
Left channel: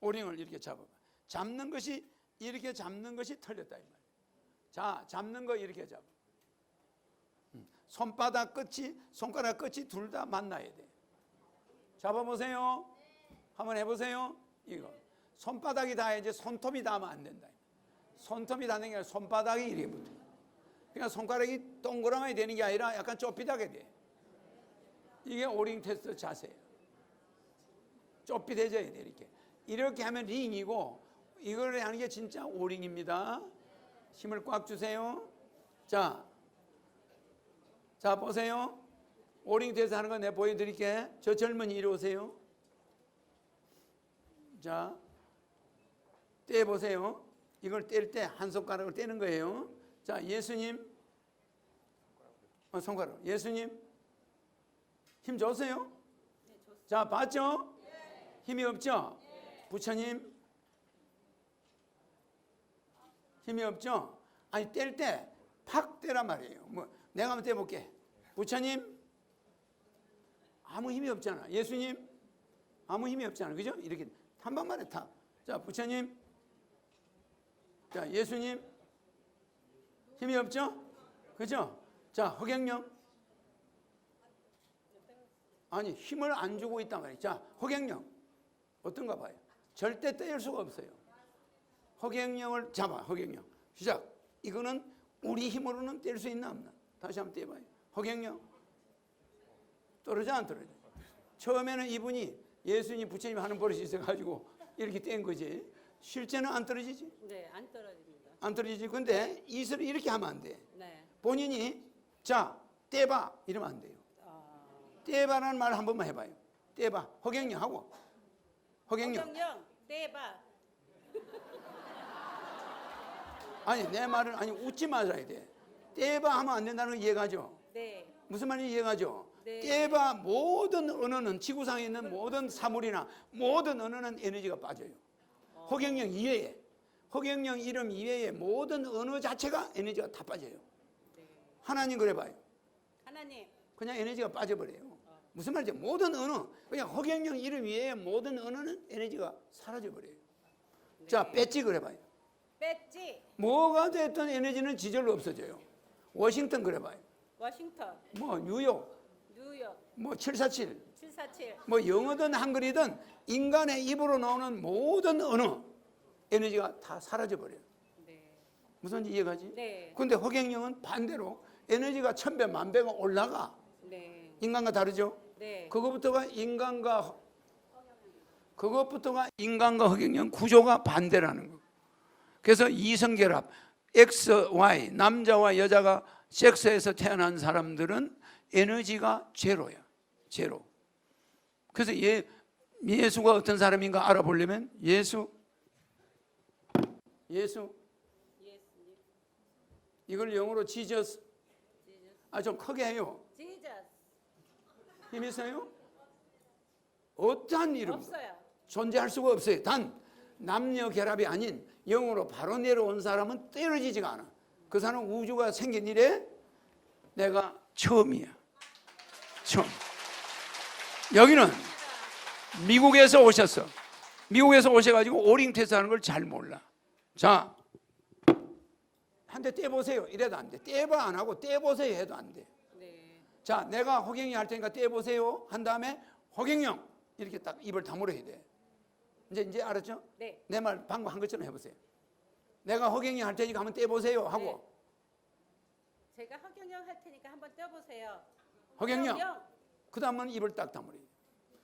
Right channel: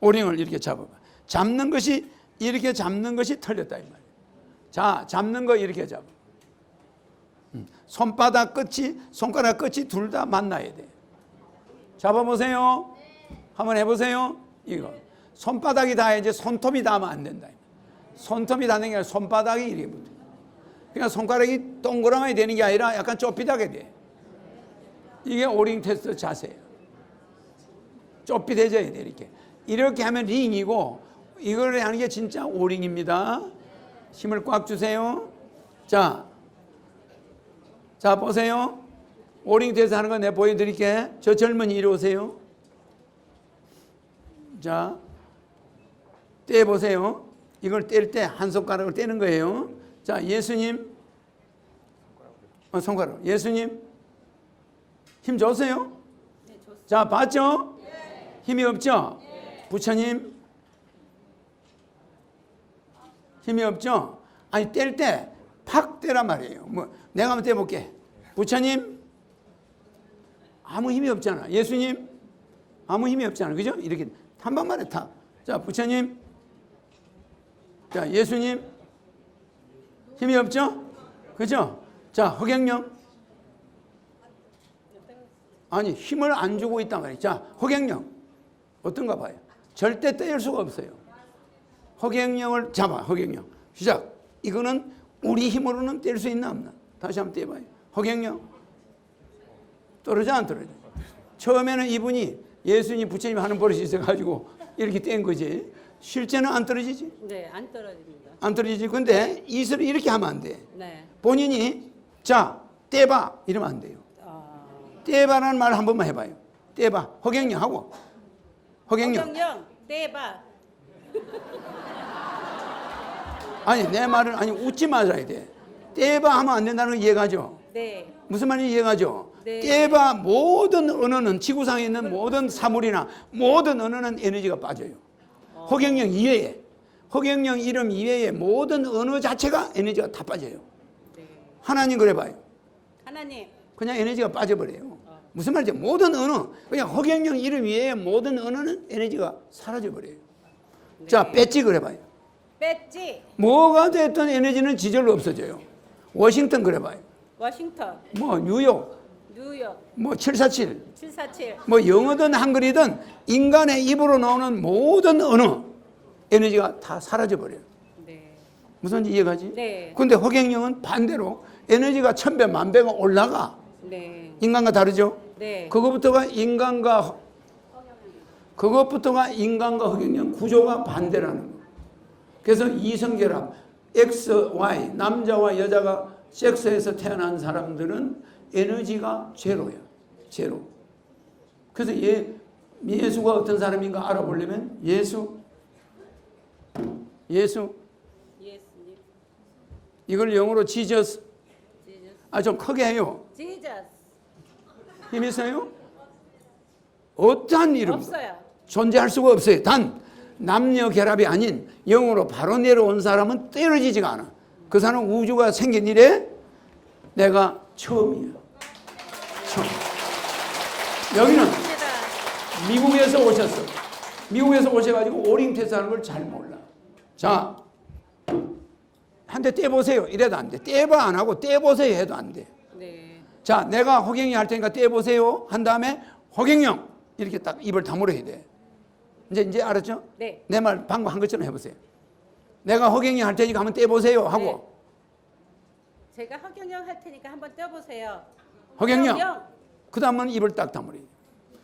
오링을 이렇게 잡아봐. 이렇게 잡는 것이 틀렸다 이 말이에요. 자, 잡는 거 이렇게 잡아. 손바닥 끝이 손가락 끝이 둘 다 만나야 돼. 잡아보세요. 한번 해보세요. 이거 손바닥이 닿아야지 손톱이 닿으면 안 된다. 손톱이 닿는 게 아니라 손바닥이 이렇게 붙어. 그러니까 손가락이 동그라미 되는 게 아니라 약간 좁히다게 돼. 이게 오링 테스트 자세예요. 좁히대져야 돼 이렇게. 이렇게 하면 링이고 이걸 하는 게 진짜 오링입니다. 힘을 꽉 주세요. 자 보세요. 오링 테스트 하는 거 내가 보여드릴게. 저 젊은이 이리 오세요. 자, 떼보세요. 이걸 뗄 때 한 손가락을 떼는 거예요. 자, 예수님. 손가락. 예수님. 힘 줬어요? 자, 봤죠? 힘이 없죠? 부처님. 힘이 없죠? 아니, 뗄 때 팍 떼란 말이에요. 내가 한번 떼볼게. 부처님. 아무 힘이 없잖아. 예수님. 아무 힘이 없잖아. 그죠? 이렇게 한 방만에 탁. 자, 부처님. 자, 예수님. 힘이 없죠? 그죠? 자, 허경영. 아니, 힘을 안 주고 있단 말이에요. 자, 허경영. 어떤가 봐요. 절대 떼일 수가 없어요. 허경영을 잡아. 허경영. 시작. 이거는 우리 힘으로는 뗄 수 있나 없나? 다시 한번 떼봐요. 허경영. 떨어져 안 떨어져? 처음에는 이분이 예수님 부처님 하는 버릇이 있어가지고 이렇게 뗀 거지. 실제는 안 떨어지지? 네, 안 떨어집니다. 안 떨어지지. 근데 이슬을 이렇게 하면 안 돼. 네. 본인이 자 떼봐 이러면 안 돼요. 떼봐라는 말 한 번만 해봐요. 떼봐. 허경영 하고. 허경영. 허경영, 떼봐. 아니 내 말은 아니 웃지 말아야 돼. 떼봐 하면 안 된다는 거 이해가죠? 네. 무슨 말인지 이해가죠? 네. 떼봐 모든 언어는 지구상에 있는 모든 사물이나 모든 언어는 에너지가 빠져요. 허경영 이외에 허경영 이름 이외에 모든 언어 자체가 에너지가 다 빠져요. 하나님 그래 봐요. 하나님. 그냥 에너지가 빠져버려요. 무슨 말이죠? 모든 언어 그냥 허경영 이름 이외에 모든 언어는 에너지가 사라져버려요. 자 배지 그래 봐요. 배지. 뭐가 됐든 에너지는 지절로 없어져요. 워싱턴 그래 봐요. 워싱턴. 뭐 뉴욕 뉴욕. 뭐 747 747. 뭐 영어든 한글이든 인간의 입으로 나오는 모든 언어 에너지가 다 사라져버려요. 네. 무슨 이해가지? 네. 근데 허경영은 반대로 에너지가 1000배 만배가 올라가. 네. 인간과 다르죠? 네. 그것부터가 인간과 허경영 구조가 반대라는 거. 그래서 이성결합 X, Y 남자와 여자가 섹스에서 태어난 사람들은 에너지가 제로예요. 제로. 그래서 예수가 어떤 사람인가 알아보려면 예수 예수님. 이걸 영어로 지저스 좀 크게 해요. 지저스. 힘 있어요? 어떠한 이름 없어요. 존재할 수가 없어요. 단 남녀 결합이 아닌 영으로 바로 내려온 사람은 떨어지지가 않아. 그 사람은 우주가 생긴 이래 내가 처음이에요. 처음. 여기는 맞습니다. 미국에서 오셨어. 미국에서 오셔가지고 오링 테스트하는 걸 잘 몰라. 자, 한 대 떼보세요. 이래도 안 돼. 떼봐 안 하고 떼보세요 해도 안 돼. 네. 자, 내가 허경이 할 테니까 떼보세요 한 다음에 허경영 이렇게 딱 입을 다물어야 돼. 이제 알았죠? 네. 내 말 방금 한 것처럼 해보세요. 내가 허경이 할 테니까 한번 떼보세요 하고 제가 허경영 할 테니까 한번 떼보세요. 허경영 그 다음은 입을 딱 다물어요.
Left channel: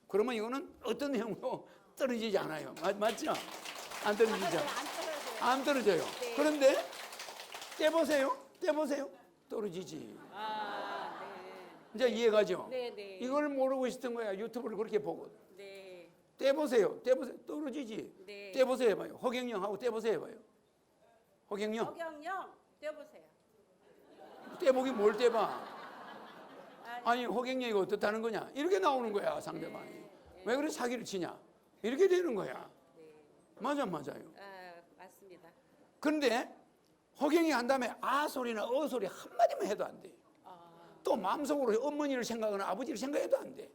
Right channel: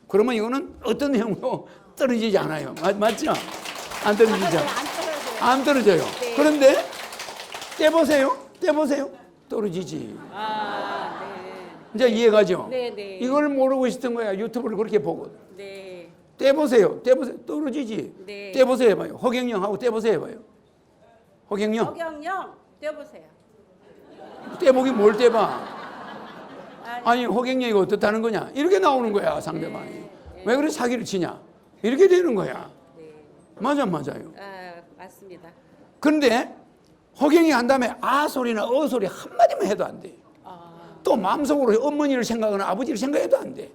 그러면 이거는 어떤 형도 떨어지지 않아요. 맞죠? 안 떨어지죠? 안 떨어져요. 안 떨어져요. 네. 그런데 떼보세요. 떨어지지. 아, 네. 이제 이해가죠? 네, 네. 이걸 모르고 있었던 거야. 유튜브를 그렇게 보고. 네. 떼보세요. 떨어지지. 네. 떼보세요 해봐요. 허경영하고 떼보세요 해봐요. 허경영. 허경영 떼보세요. 떼보기 뭘 떼봐. 아니, 아니 허경영이 어떻다는 거냐. 이렇게 나오는 거야 상대방이. 왜 그래 사기를 치냐. 이렇게 되는 거야. 네. 맞아요. 아, 맞습니다. 그런데 허경이 한 다음에 아 소리나 어 소리 한마디만 해도 안 돼. 또 마음속으로 어머니를 생각하거나 아버지를 생각해도 안 돼.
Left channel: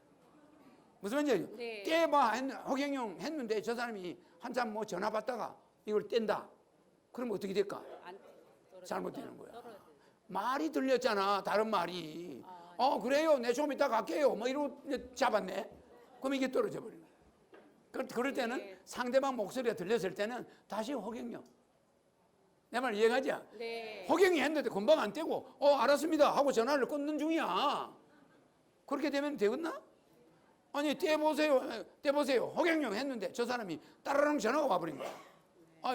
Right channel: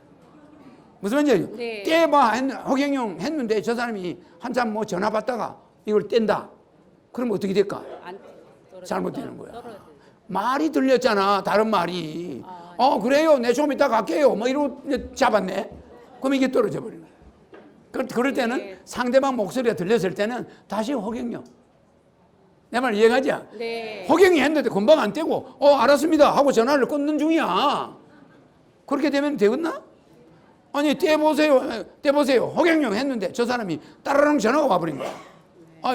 무슨 말인지 네. 떼봐 허경영 했는데 저 사람이 한참 뭐 전화 받다가 이걸 뗀다. 그럼 어떻게 될까? 안 떨어져. 잘못되는 거야. 떨어져. 말이 들렸잖아. 다른 말이. 그래요. 내 좀 이따 갈게요. 뭐 이러고 잡았네. 그럼 이게 떨어져 버리는 거야. 그럴 때는 네. 상대방 목소리가 들렸을 때는 다시 허경영. 내 말 이해가지? 네. 허경이 했는데 금방 안 떼고 알았습니다 하고 전화를 끊는 중이야. 그렇게 되면 되겠나? 아니 떼보세요 허경영 했는데 저 사람이 따라랑 전화가 와버린 거야.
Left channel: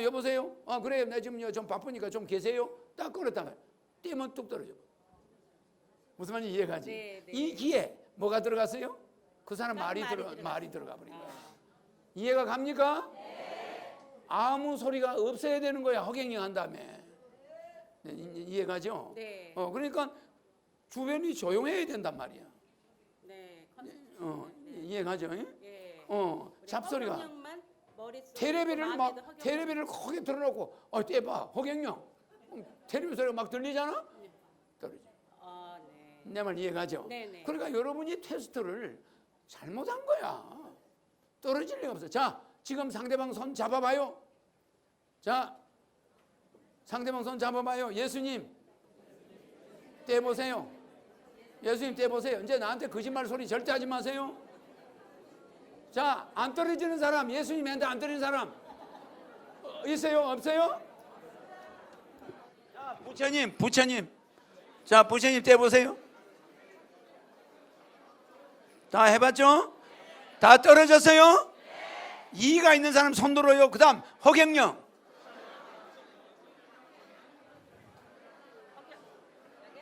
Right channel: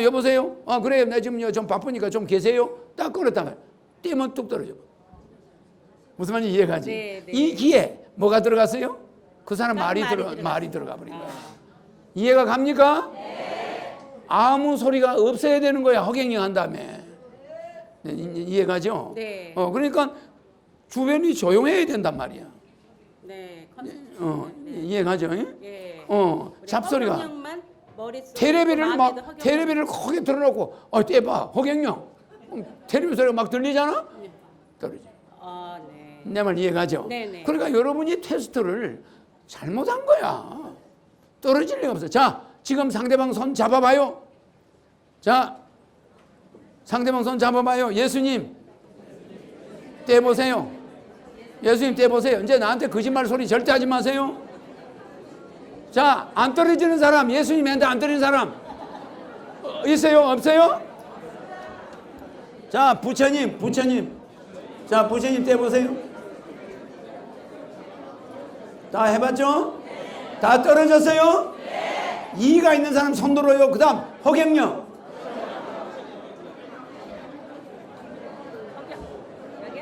여보세요? 그래요. 나 지금 좀 바쁘니까 좀 계세요. 딱 끊었다가 떼면 뚝 떨어져. 무슨 말인지 이해가지? 네, 네. 이 귀에 뭐가 들어갔어요? 그 사람 말이 말이 들어가 버린 거야. 이해가 갑니까? 아무 소리가 없어야 되는 거야. 허경영 한 다음에. 이해가죠? 네. 그러니까 주변이 조용해야 된단 말이야. 네. 이해가죠? 예. 잡소리가. 허경영만 머릿속에 테레비를 마음에도 막 허경영. 테레비를 크게 틀어놓고 떼봐 허경영 테레비 소리가 막 들리잖아. 떨어져. 네. 내 말 이해가죠? 네네. 그러니까 여러분이 테스트를 잘못한 거야. 떨어질 리가 없어. 자, 지금 상대방 손 잡아봐요. 자, 상대방 손 잡아봐요. 예수님 떼보세요. 예수님 떼보세요. 이제 나한테 거짓말 소리 절대 하지 마세요. 자, 안 떨어지는 사람, 예수님한테 안 떨어지는 사람 있어요? 없어요? 자, 부처님. 자, 부처님 떼보세요. 다 해봤죠? 다 떨어졌어요? 이의가 있는 사람 손 들어요. 그 다음 허경영. 여기?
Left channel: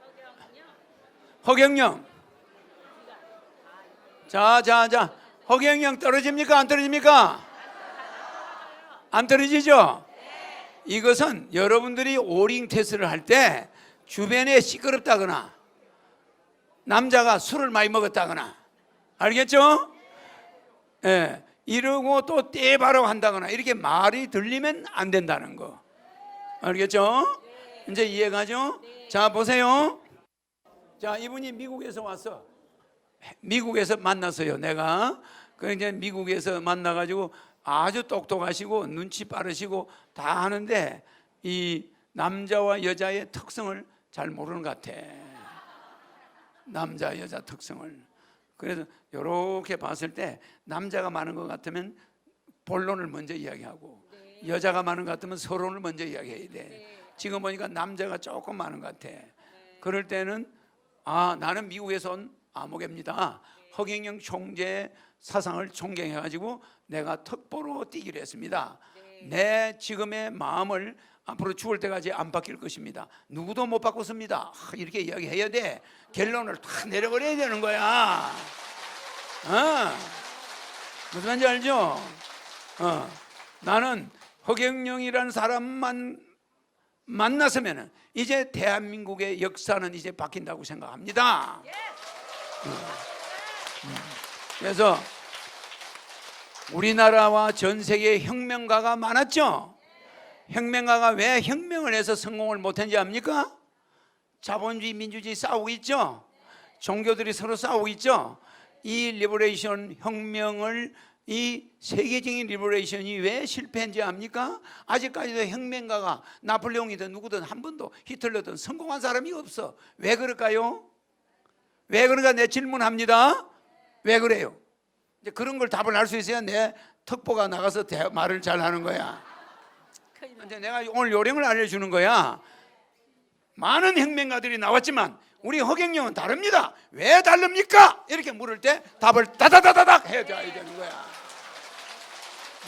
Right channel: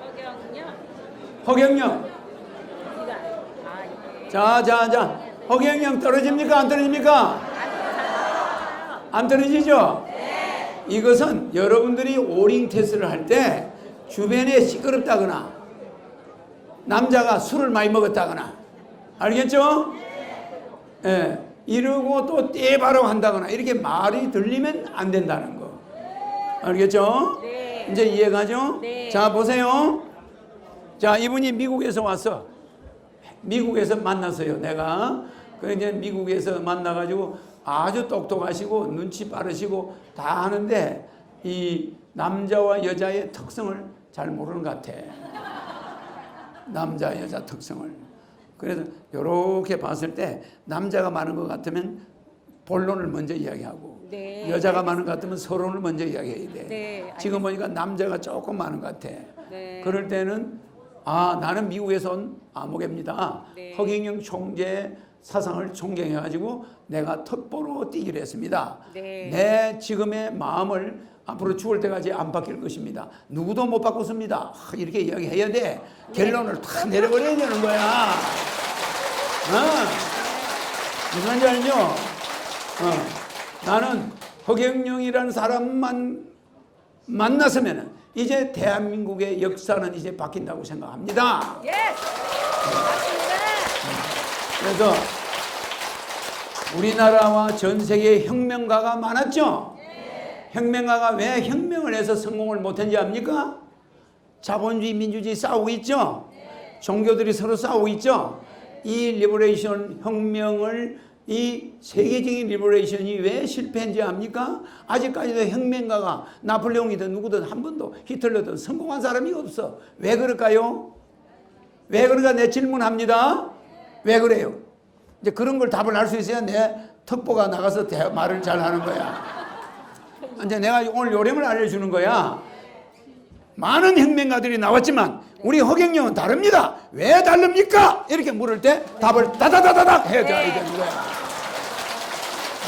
허경영. 허경영. 이게. 자. 허경영 떨어집니까? 안 떨어집니까? 안 떨어지죠? 이것은 여러분들이 오링 테스트를 할 때 주변에 시끄럽다거나 남자가 술을 많이 먹었다거나 알겠죠? 예, 이러고 또 떼바라고 한다거나 이렇게 말이 들리면 안 된다는 거 알겠죠? 네. 이제 이해가죠? 네. 자 보세요. 자 이분이 미국에서 왔어. 미국에서 만났어요. 내가 그 이제 미국에서 만나가지고 아주 똑똑하시고 눈치 빠르시고 다 하는데 이 남자와 여자의 특성을 잘 모르는 것 같아. 남자 여자 특성을. 그래서 이렇게 봤을 때 남자가 많은 것 같으면 본론을 먼저 이야기하고 네. 여자가 많은 것 같으면 서론을 먼저 이야기해야 돼. 네, 지금 보니까 남자가 조금 많은 것 같아. 네. 그럴 때는 아 나는 미국에서 온 아무개입니다. 네. 허경영 총재 사상을 존경해가지고 내가 특보로 뛰기로 했습니다. 네. 내 지금의 마음을 앞으로 죽을 때까지 안 바뀔 것입니다. 누구도 못 바꿨습니다. 이렇게 이야기해야 돼. 결론을 다 내려버려야 되는 거야. 무슨 말인지 알죠? 나는 허경영이라는 사람만 만났으면 이제 대한민국의 역사는 이제 바뀐다고 생각합니다. 예. 맞습니다. 그래서 우리나라와 전 세계에 혁명가가 많았죠. 혁명가가 왜 혁명을 해서 성공을 못했는지 압니까? 자본주의 민주주의 싸우고 있죠. 종교들이 서로 싸우고 있죠. 이 리버레이션 혁명을 이 세계적인 리버레이션이 왜 실패했는지 압니까? 아직까지도 혁명가가 나폴레옹이든 누구든 한 번도 히틀러든 성공한 사람이 없어. 왜 그럴까요? 왜 그럴까? 내 질문합니다. 왜 그래요? 이제 그런 걸 답을 할 수 있어야 내 특보가 나가서 말을 잘 하는 거야. 이제 내가 오늘 요령을 알려주는 거야. 많은 혁명가들이 나왔지만 우리 허경영은 다릅니다. 왜 다릅니까? 이렇게 물을 때 답을 따다다다닥 해야 되는 거야.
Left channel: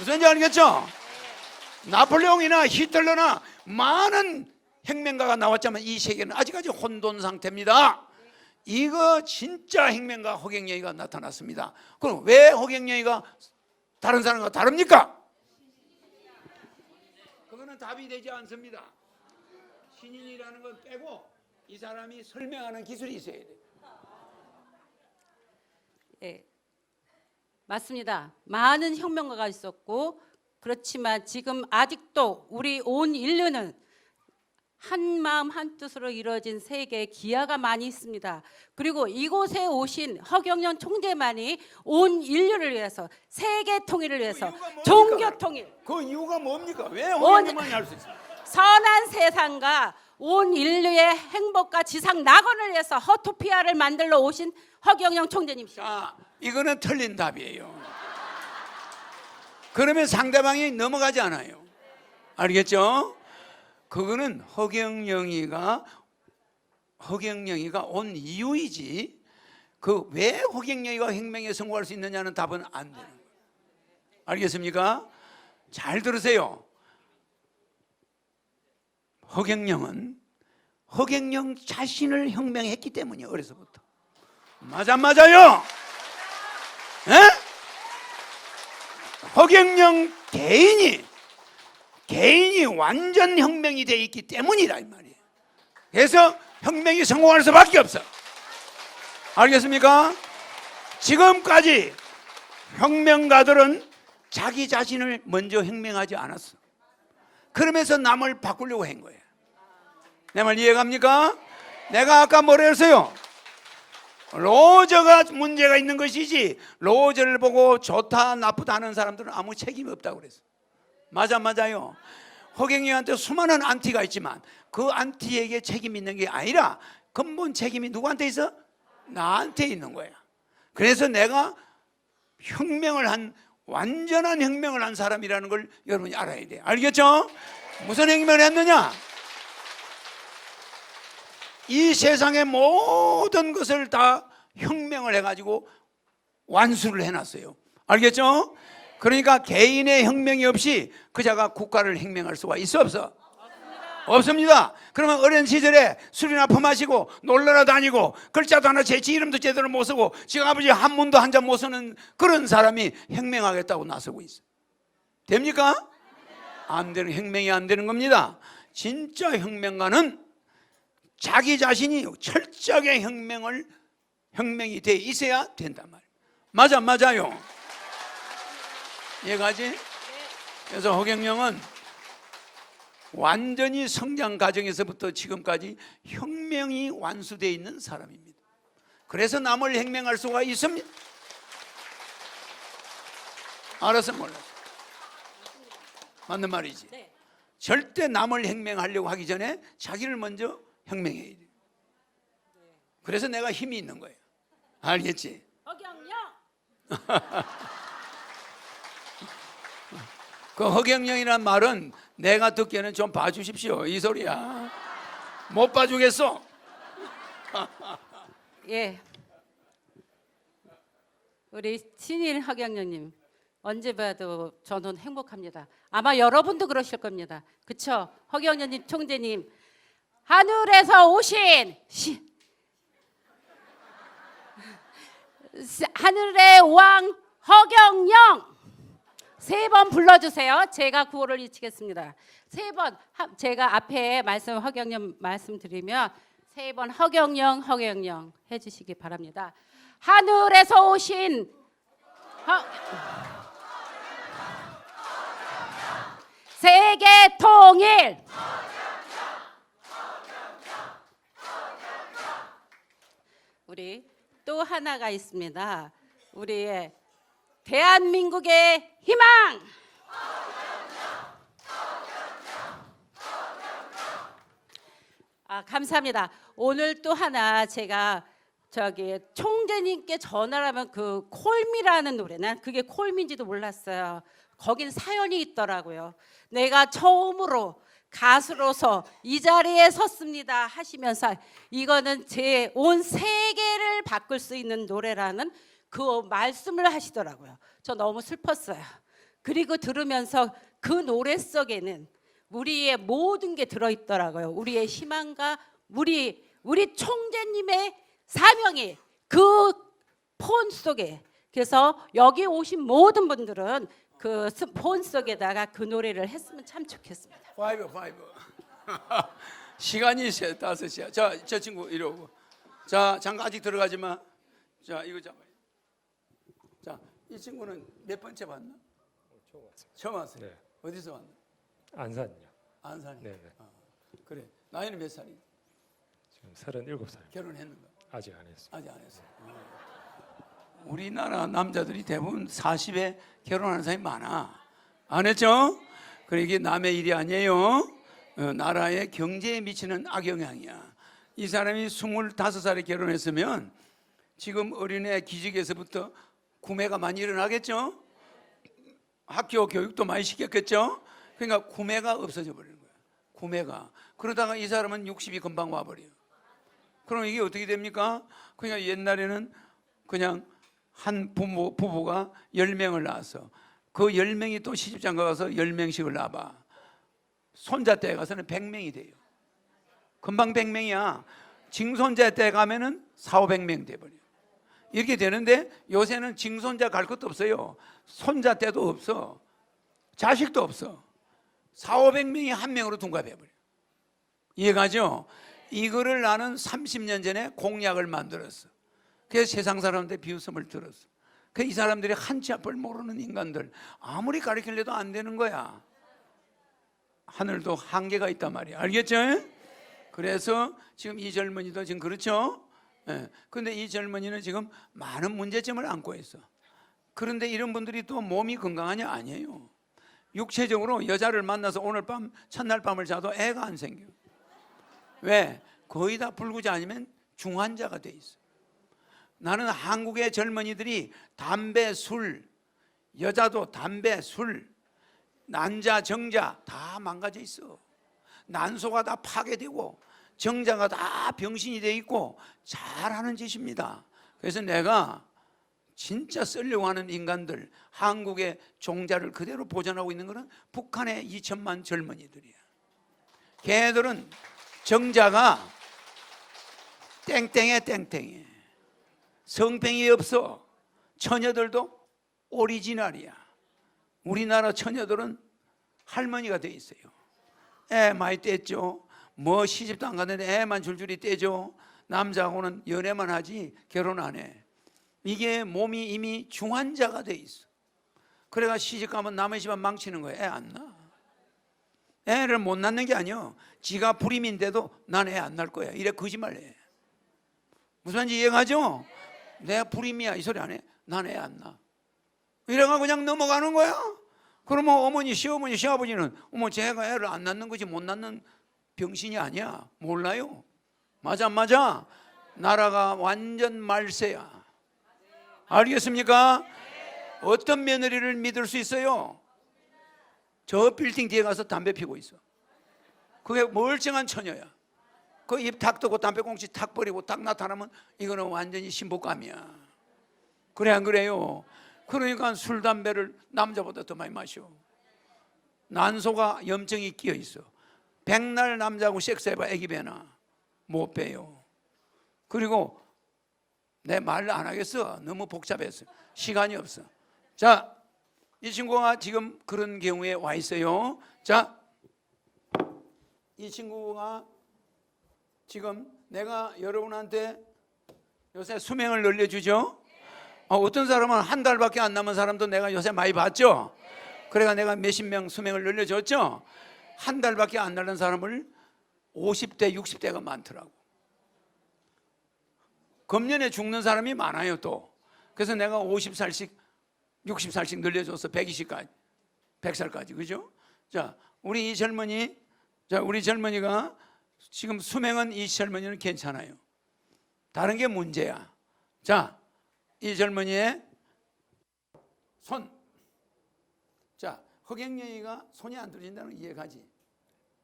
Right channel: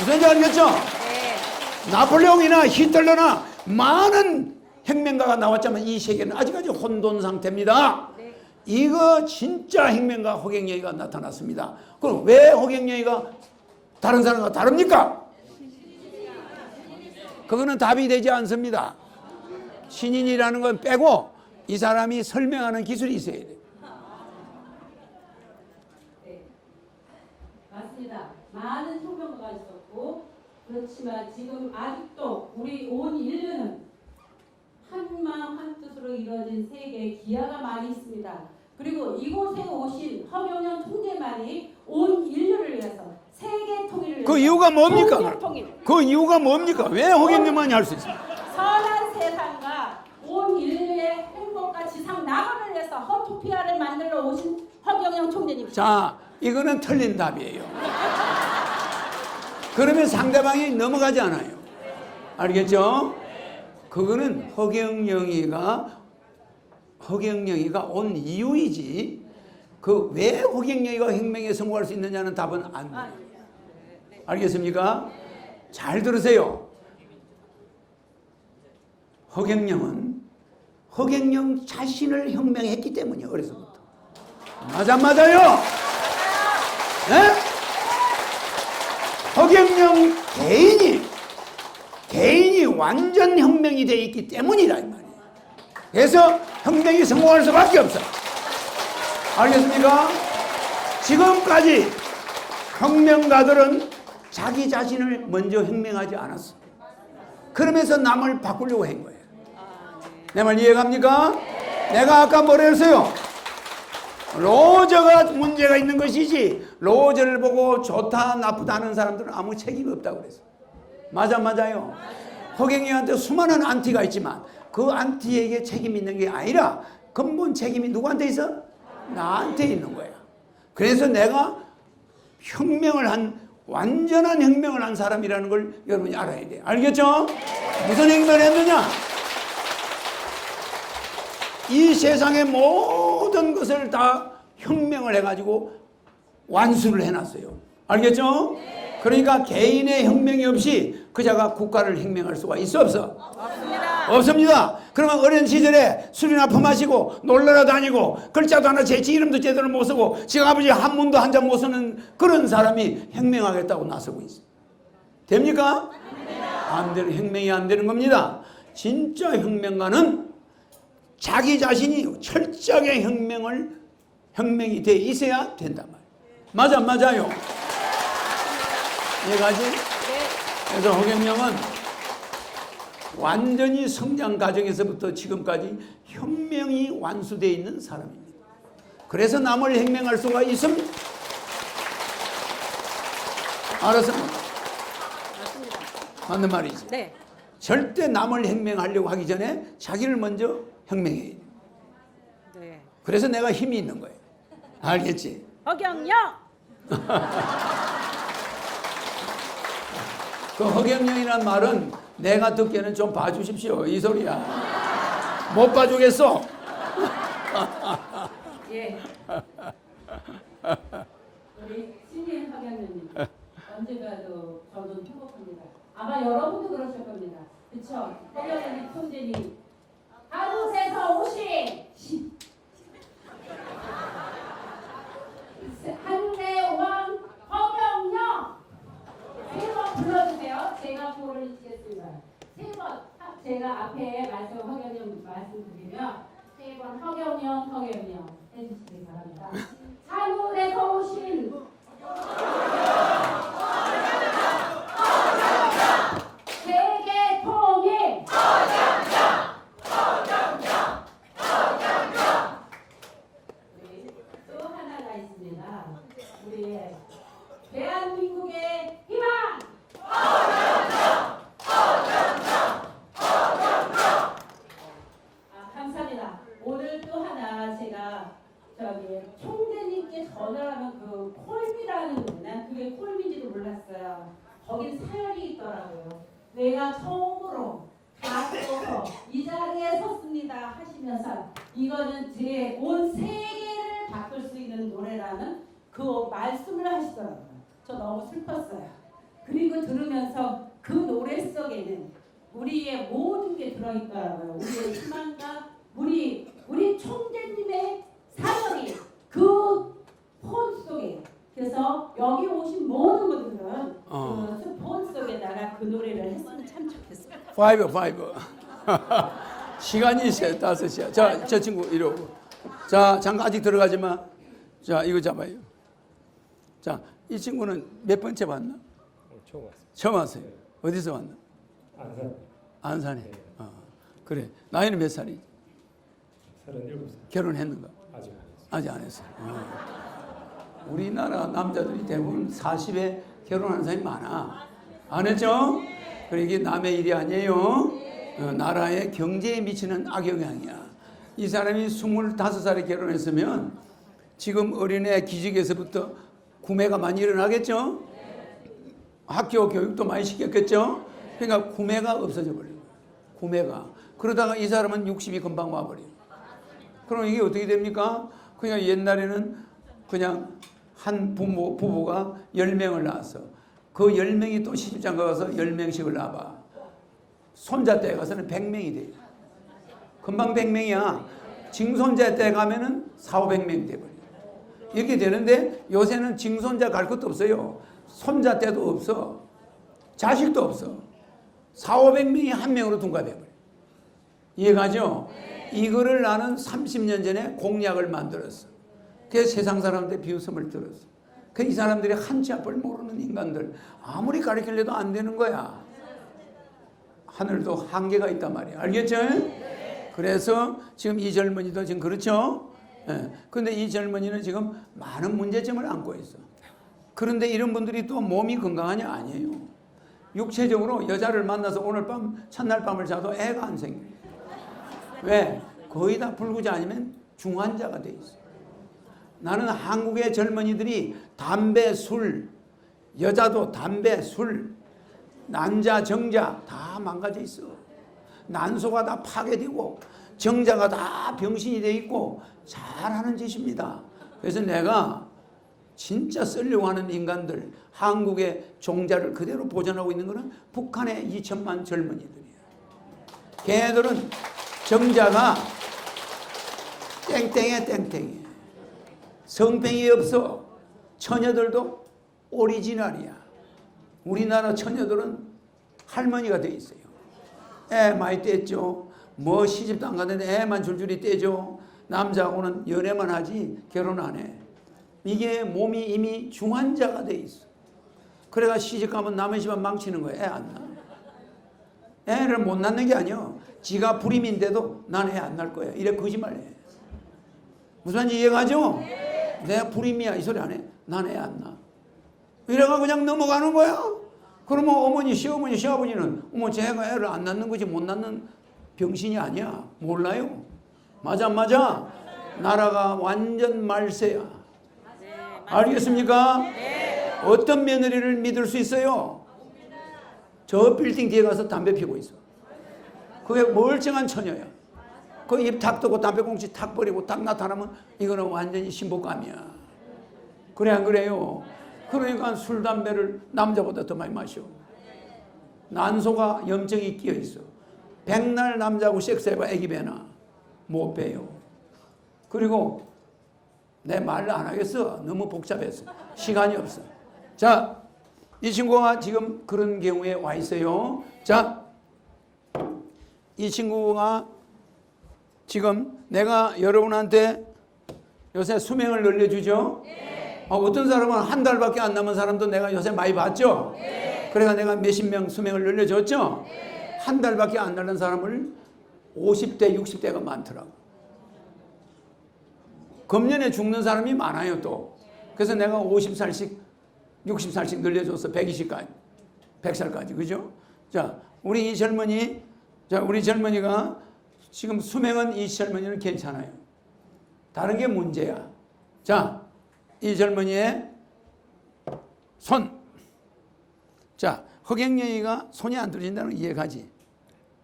무슨지 알겠죠? 네. 나폴레옹이나 히틀러나 많은 혁명가가 나왔지만 이 세계는 아직까지 혼돈 상태입니다. 이거 진짜 혁명가 허경영이가 나타났습니다. 그럼 왜 허경영이가 다른 사람과 다릅니까? 그거는 답이 되지 않습니다. 신인이라는 건 빼고 이 사람이 설명하는 기술이 있어야 돼. 네. 맞습니다. 많은 혁명가가 있었고 그렇지만 지금 아직도 우리 온 인류는 한 마음 한 뜻으로 이루어진 세계에 기아가 많이 있습니다. 그리고 이곳에 오신 허경영 총재만이 온 인류를 위해서 세계 통일을 위해서 그 이유가 뭡니까? 종교 통일, 그 이유가 뭡니까? 왜 허경영만이 할 수 있어요? 선한 세상과 온 인류의 행복과 지상 낙원을 위해서 허토피아를 만들러 오신 허경영 총재님. 자, 이거는 틀린 답이에요. 그러면 상대방이 넘어가지 않아요. 알겠죠? 그거는 허경영이가 온 이유이지. 그 왜 허경영이가 혁명에 성공할 수 있느냐는 답은 안 돼요. 알겠습니까? 잘 들으세요. 허경영은 허경영 자신을 혁명했기 때문이에요. 어려서부터. 맞아 맞아요. 네? 허경영 개인이 완전 혁명이 되어 있기 때문이다 이 말이에요. 그래서 혁명이 성공할 수밖에 없어요. 알겠습니까? 지금까지 혁명가들은 자기 자신을 먼저 혁명하지 않았어. 그러면서 남을 바꾸려고 한 거예요. 내 말 이해갑니까? 내가 아까 뭐라 했어요? 로저가 문제가 있는 것이지 로저를 보고 좋다 나쁘다 하는 사람들은 아무 책임이 없다고 그랬어. 맞아요. 허경영한테 수많은 안티가 있지만 그 안티에게 책임 있는 게 아니라 근본 책임이 누구한테 있어? 나한테 있는 거예요. 그래서 내가 완전한 혁명을 한 사람이라는 걸 여러분이 알아야 돼요. 알겠죠? 무슨 혁명을 했느냐? 이 세상의 모든 것을 다 혁명을 해가지고 완수를 해놨어요. 알겠죠? 그러니까 개인의 혁명이 없이 그자가 국가를 혁명할 수가 있어 없어? 없습니다. 그러면 어린 시절에 술이나 퍼마시고 놀러라 다니고 글자도 하나 제 이름도 제대로 못 쓰고 지금 아버지 한문도 한 잔 못 쓰는 그런 사람이 혁명하겠다고 나서고 있어. 됩니까? 안 되는 혁명이 안 되는 겁니다. 진짜 혁명가는 자기 자신이 철저하게 혁명이 돼 있어야 된단 말이에요. 맞아요. 이해가지? 그래서 허경영은 완전히 성장 과정에서부터 지금까지 혁명이 완수되어 있는 사람입니다. 그래서 남을 혁명할 수가 있습니다. 알았어? 맞습니다. 맞는 말이지. 네. 절대 남을 혁명하려고 하기 전에 자기를 먼저 혁명해야 돼. 네. 그래서 내가 힘이 있는 거예요. 알겠지? 허경영. 그 허경영이라는 말은 내가 듣기에는 좀 봐주십시오. 이 소리야. 못 봐주겠어. 예. 우리 신인 허경영님 언제 봐도 저는 행복합니다. 아마 여러분도 그러실 겁니다. 그쵸? 허경영님 총재님 하늘에서 오신 하늘의 왕 허경영 3번 불러주세요. 제가 구호를 외치겠습니다. 3번 제가 앞에 허경영 말씀드리면 3번 허경영 해주시기 바랍니다. 하늘에서 오신 세계 통일 우리 또 하나가 있습니다. 우리의 대한민국의 희망 감사합니다. 오늘 또 하나 제가 총재님께 전화를 하면 그 콜미라는 노래 난 그게 콜미인지도 몰랐어요. 거긴 사연이 있더라고요. 내가 처음으로 가수로서 이 자리에 섰습니다 하시면서 이거는 제 온 세계를 바꿀 수 있는 노래라는 그 말씀을 하시더라고요. 저 너무 슬펐어요. 그리고 들으면서 그 노래 속에는 우리의 모든 게 들어있더라고요. 우리의 희망과 우리 총재님의 사명이 그 폰 속에. 그래서 여기 오신 모든 분들은 그 스폰 속에다가 그 노래를 했으면 참 좋겠습니다. 5. 시간이 5시야. 자, 저 친구 이리 오고. 자, 잠깐 아직 들어가지 마. 자, 이거 잡아요. 자, 이 친구는 몇 번째 왔나? 처음 왔어요. 처음 왔어요. 어디서 왔나? 안산 안산에. 네. 그래. 나이는 몇 살이지? 37살. 결혼했는가? 아직 안 했어요. 아직 안 했어요. 우리나라 남자들이 대부분 40에 결혼하는 사람이 많아. 안 했죠? 그러니까 이게 남의 일이 아니에요. 나라의 경제에 미치는 악영향이야. 이 사람이 25살에 결혼했으면 지금 어린애 기직에서부터 구매가 많이 일어나겠죠? 학교 교육도 많이 시켰겠죠? 그러니까 구매가 없어져 버려요. 구매가. 그러다가 이 사람은 60이 금방 와버려요. 그럼 이게 어떻게 됩니까? 그냥 옛날에는 그냥 한 부부가 10명을 낳았어. 그 10명이 또 시집장가 가서 10명씩을 낳아봐. 손자 때 가서는 100명이 돼요. 금방 100명이야. 징손자 때 가면은 400~500명 돼버려. 이렇게 되는데 요새는 징손자 갈 것도 없어요. 손자 때도 없어. 자식도 없어. 400~500명이 한 명으로 둔갑해버려. 이해가죠? 이거를 나는 30년 전에 공약을 만들었어. 그래서 세상 사람들의 비웃음을 들었어. 이 사람들이 한치 앞을 모르는 인간들 아무리 가르치려도 안 되는 거야. 하늘도 한계가 있단 말이야. 알겠죠? 그래서 지금 이 젊은이도 지금 그렇죠? 그런데 이 젊은이는 지금 많은 문제점을 안고 있어. 그런데 이런 분들이 또 몸이 건강하냐? 아니에요. 육체적으로 여자를 만나서 오늘 밤 첫날 밤을 자도 애가 안 생겨. 왜? 거의 다 불구자 아니면 중환자가 돼 있어. 나는 한국의 젊은이들이 담배, 술, 여자도 담배, 술, 난자, 정자 다 망가져 있어. 난소가 다 파괴되고 정자가 다 병신이 돼 있고 잘하는 짓입니다. 그래서 내가 진짜 쓰려고 하는 인간들, 한국의 종자를 그대로 보존하고 있는 것은 북한의 2천만 젊은이들이에요. 걔들은 정자가 땡땡해 땡땡해. 성병이 없어. 처녀들도 오리지널이야. 우리나라 처녀들은 할머니가 돼 있어요. 애 많이 떼죠. 뭐 시집도 안 갔는데 애만 줄줄이 떼죠. 남자하고는 연애만 하지 결혼 안 해. 이게 몸이 이미 중환자가 돼 있어. 그래가 시집 가면 남의 집안 망치는 거야. 애 안 낳아. 애를 못 낳는 게 아니야. 지가 불임인데도 난 애 안 낳을 거야. 이래 거짓말해. 무슨 말인지 이해가죠? 내가 불임이야 이 소리 안 해. 난 애 안 낳아. 이래가 그냥 넘어가는 거야. 그러면 어머니, 시어머니, 시아버지는 어머 쟤가 애를 안 낳는 거지 못 낳는 병신이 아니야. 몰라요. 맞아 안 맞아? 나라가 완전 말세야. 알겠습니까? 어떤 며느리를 믿을 수 있어요? 저 빌딩 뒤에 가서 담배 피고 있어. 그게 멀쩡한 처녀야. 그 입 탁 뜨고 담배 공치 탁 버리고 딱 나타나면 이거는 완전히 신복감이야. 그래 안 그래요? 그러니까 술 담배를 남자보다 더 많이 마셔. 난소가 염증이 끼어 있어. 백날 남자하고 섹스해봐 애기 배나 못 배요. 그리고 내 말을 안 하겠어. 너무 복잡해서 시간이 없어. 자, 이 친구가 지금 그런 경우에 와 있어요. 자, 이 친구가 지금 내가 여러분한테 요새 수명을 늘려주죠. 어떤 사람은 한 달밖에 안 남은 사람도 내가 요새 많이 봤죠. 그러니까 내가 몇십 명 수명을 늘려줬죠. 한 달밖에 안 남은 사람을 50대, 60대가 많더라고. 금년에 죽는 사람이 많아요 또. 그래서 내가 50살씩 60살씩 늘려줬어. 120까지 100살까지. 그죠? 자, 우리 이 젊은이, 자, 우리 젊은이가 지금 수명은 이 젊은이는 괜찮아요. 다른 게 문제야. 자, 이 젊은이의 손. 자, 허경영이가 손이 안 떨어진다는 걸 이해가지.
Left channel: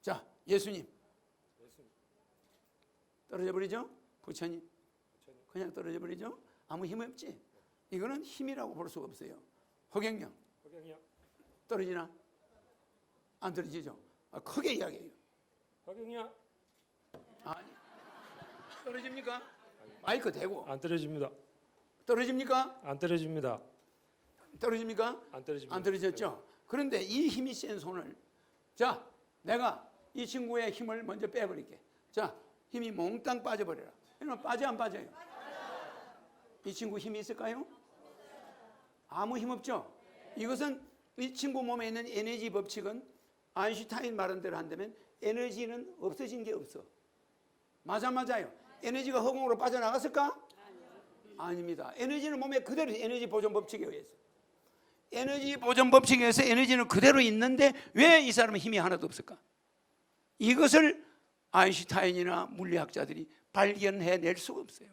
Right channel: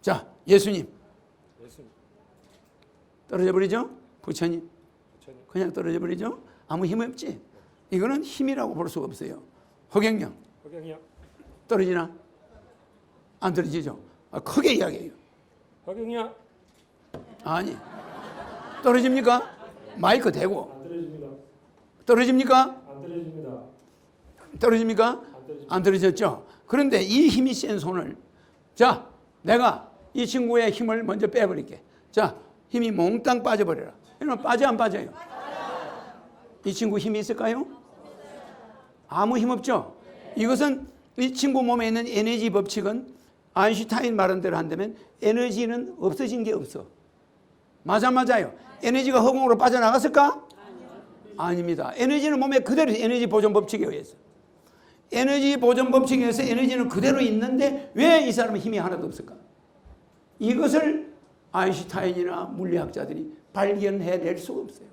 자, 예수님. 떨어져 버리죠? 부처님. 그냥 떨어져 버리죠? 아무 힘 없지? 이거는 힘이라고 볼 수가 없어요. 허경영. 떨어지나? 안 떨어지죠? 크게 이야기해요. 허경영. 아니. 떨어집니까? 마이크 대고. 안 떨어집니다. 떨어집니까? 안 떨어집니다. 떨어집니까? 안 떨어집니다. 안 떨어졌죠? 그런데 이 힘이 센 손을, 자, 내가 이 친구의 힘을 먼저 빼버릴게. 자, 힘이 몽땅 빠져버려라. 이러면 빠져 안 빠져요? 이 친구 힘이 있을까요? 아무 힘 없죠? 이것은 이 친구 몸에 있는 에너지 법칙은 아인슈타인 말한 대로 한다면 에너지는 없어진 게 없어. 맞아요. 에너지가 허공으로 빠져나갔을까? 아닙니다. 에너지는 몸에 그대로 에너지 보존 법칙에 의해서. 에너지 보존 법칙에 의해서 에너지는 그대로 있는데 왜 이 사람은 힘이 하나도 없을까? 이것을 아인슈타인이나 물리학자들이 발견해낼 수가 없어요.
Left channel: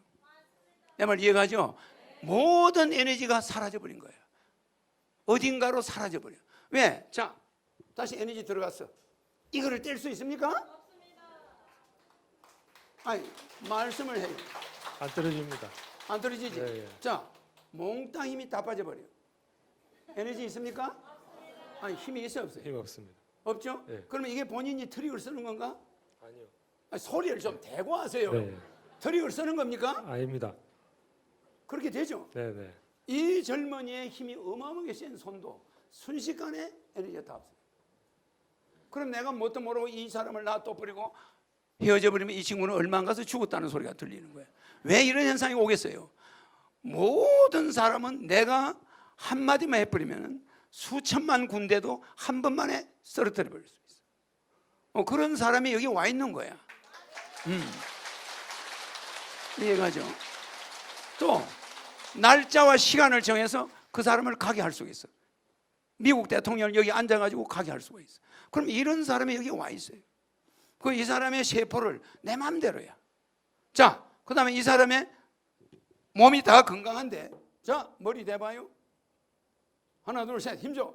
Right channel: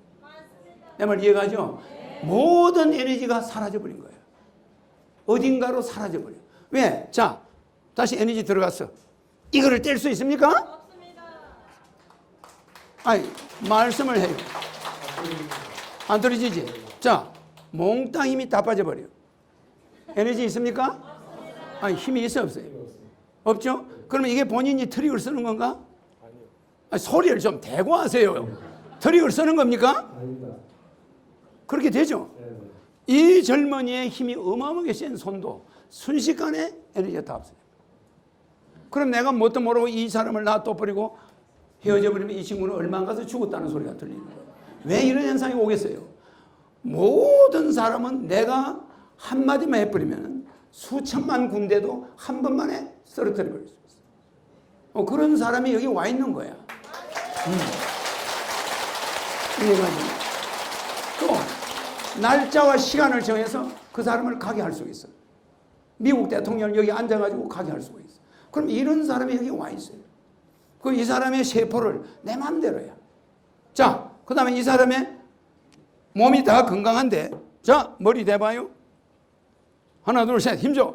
내 말 이해가죠? 모든 에너지가 사라져버린 거예요. 어딘가로 사라져버려요. 왜? 자, 다시 에너지 들어갔어. 이거를 뗄 수 있습니까? 아니, 말씀을 해요. 안 떨어집니다. 안 떨어지지? 자, 몽땅 힘이 다 빠져버려요. 에너지 있습니까? 아니, 힘이 있어 없어요? 힘이 없습니다. 없죠? 그러면 이게 본인이 트릭을 쓰는 건가? 아니요. 아니, 소리를 좀 대고 하세요. 트릭을 쓰는 겁니까? 아닙니다. 그렇게 되죠? 네네. 이 젊은이의 힘이 어마어마하게 센 손도 순식간에 에너지가 다 없어요. 그럼 내가 뭣도 모르고 이 사람을 놔둬버리고 헤어져 버리면 이 친구는 얼마 안 가서 죽었다는 소리가 들리는 거예요. 왜 이런 현상이 오겠어요? 모든 사람은 내가 한마디만 해버리면 수천만 군대도 한 번만에 쓰러뜨려 버릴 수 있어요. 그런 사람이 여기 와 있는 거야. 이해가지고 또 날짜와 시간을 정해서 그 사람을 가게 할 수 있어. 미국 대통령 여기 앉아가지고 가게 할 수가 있어. 그럼 이런 사람이 여기 와 있어요. 그 이 사람의 세포를 내 마음대로야. 자, 그 다음에 이 사람의 몸이 다 건강한데, 자, 머리 대봐요. 하나, 둘, 셋, 힘줘.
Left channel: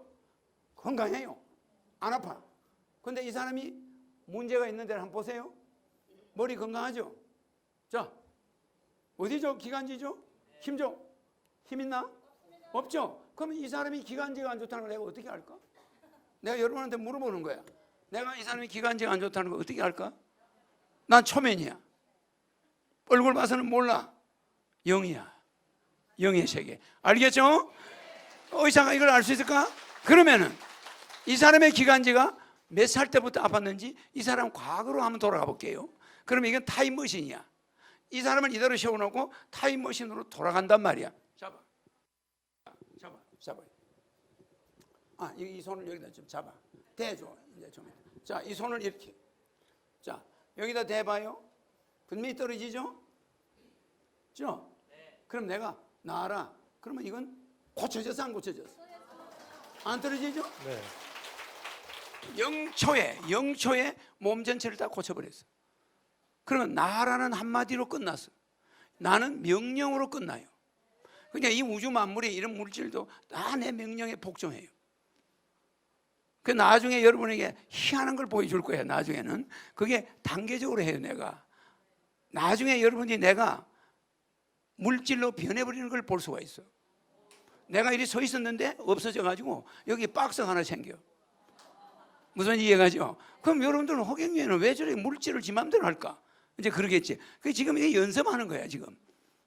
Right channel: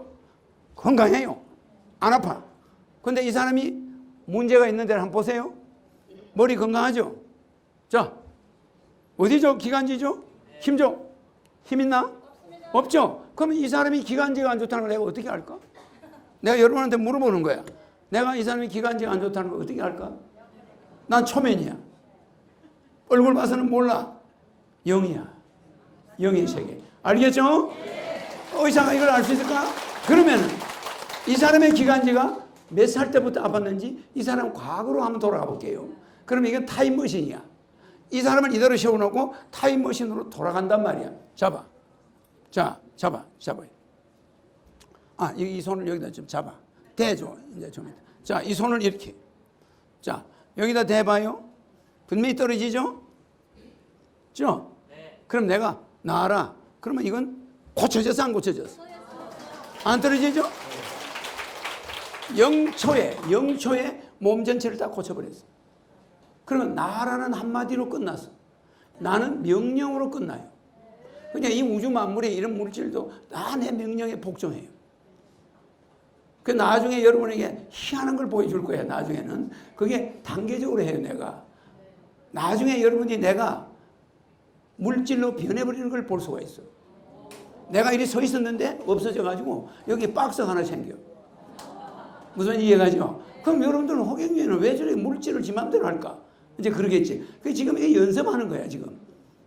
건강해요. 안 아파. 근데 이 사람이 문제가 있는 데를 한번 보세요. 머리 건강하죠? 자, 어디죠? 기관지죠? 힘줘. 힘 있나? 없죠? 그러면 이 사람이 기관지가 안 좋다는 걸 내가 어떻게 알까? 내가 여러분한테 물어보는 거야. 내가 이 사람이 기관지가 안 좋다는 걸 어떻게 알까? 난 초면이야. 얼굴 봐서는 몰라. 영이야. 영의 세계. 알겠죠? 의사가 이걸 알 수 있을까? 그러면 이 사람의 기관지가 몇 살 때부터 아팠는지 이 사람 과거로 한번 돌아가 볼게요. 그럼 이게 타임머신이야. 이 사람을 이대로 세워놓고 타임머신으로 돌아간단 말이야. 잡아. 자, 잡아요. 이 손을 여기다 좀 잡아. 대줘. 이제 좀. 자, 이 손을 이렇게. 자, 여기다 대봐요. 분명히 떨어지죠? 그럼 내가 나와라. 그러면 이건 고쳐졌어, 안 고쳐졌어? 안 떨어지죠? 0초에 몸 전체를 다 고쳐버렸어. 그러면 나라는 한마디로 끝났어. 나는 명령으로 끝나요. 그러니까 이 우주 만물의 이런 물질도 다 내 명령에 복종해요. 그 나중에 여러분에게 희한한 걸 보여줄 거예요. 나중에는 그게 단계적으로 해요. 내가 나중에 여러분이 내가 물질로 변해버리는 걸 볼 수가 있어. 내가 이리 서 있었는데 없어져가지고 여기 박스가 하나 생겨. 무슨 이해가죠? 그럼 여러분들은 허경영은 왜 저렇게 물질을 지 맘대로 할까? 이제 그러겠지. 그 지금 이 연습하는 거야. 지금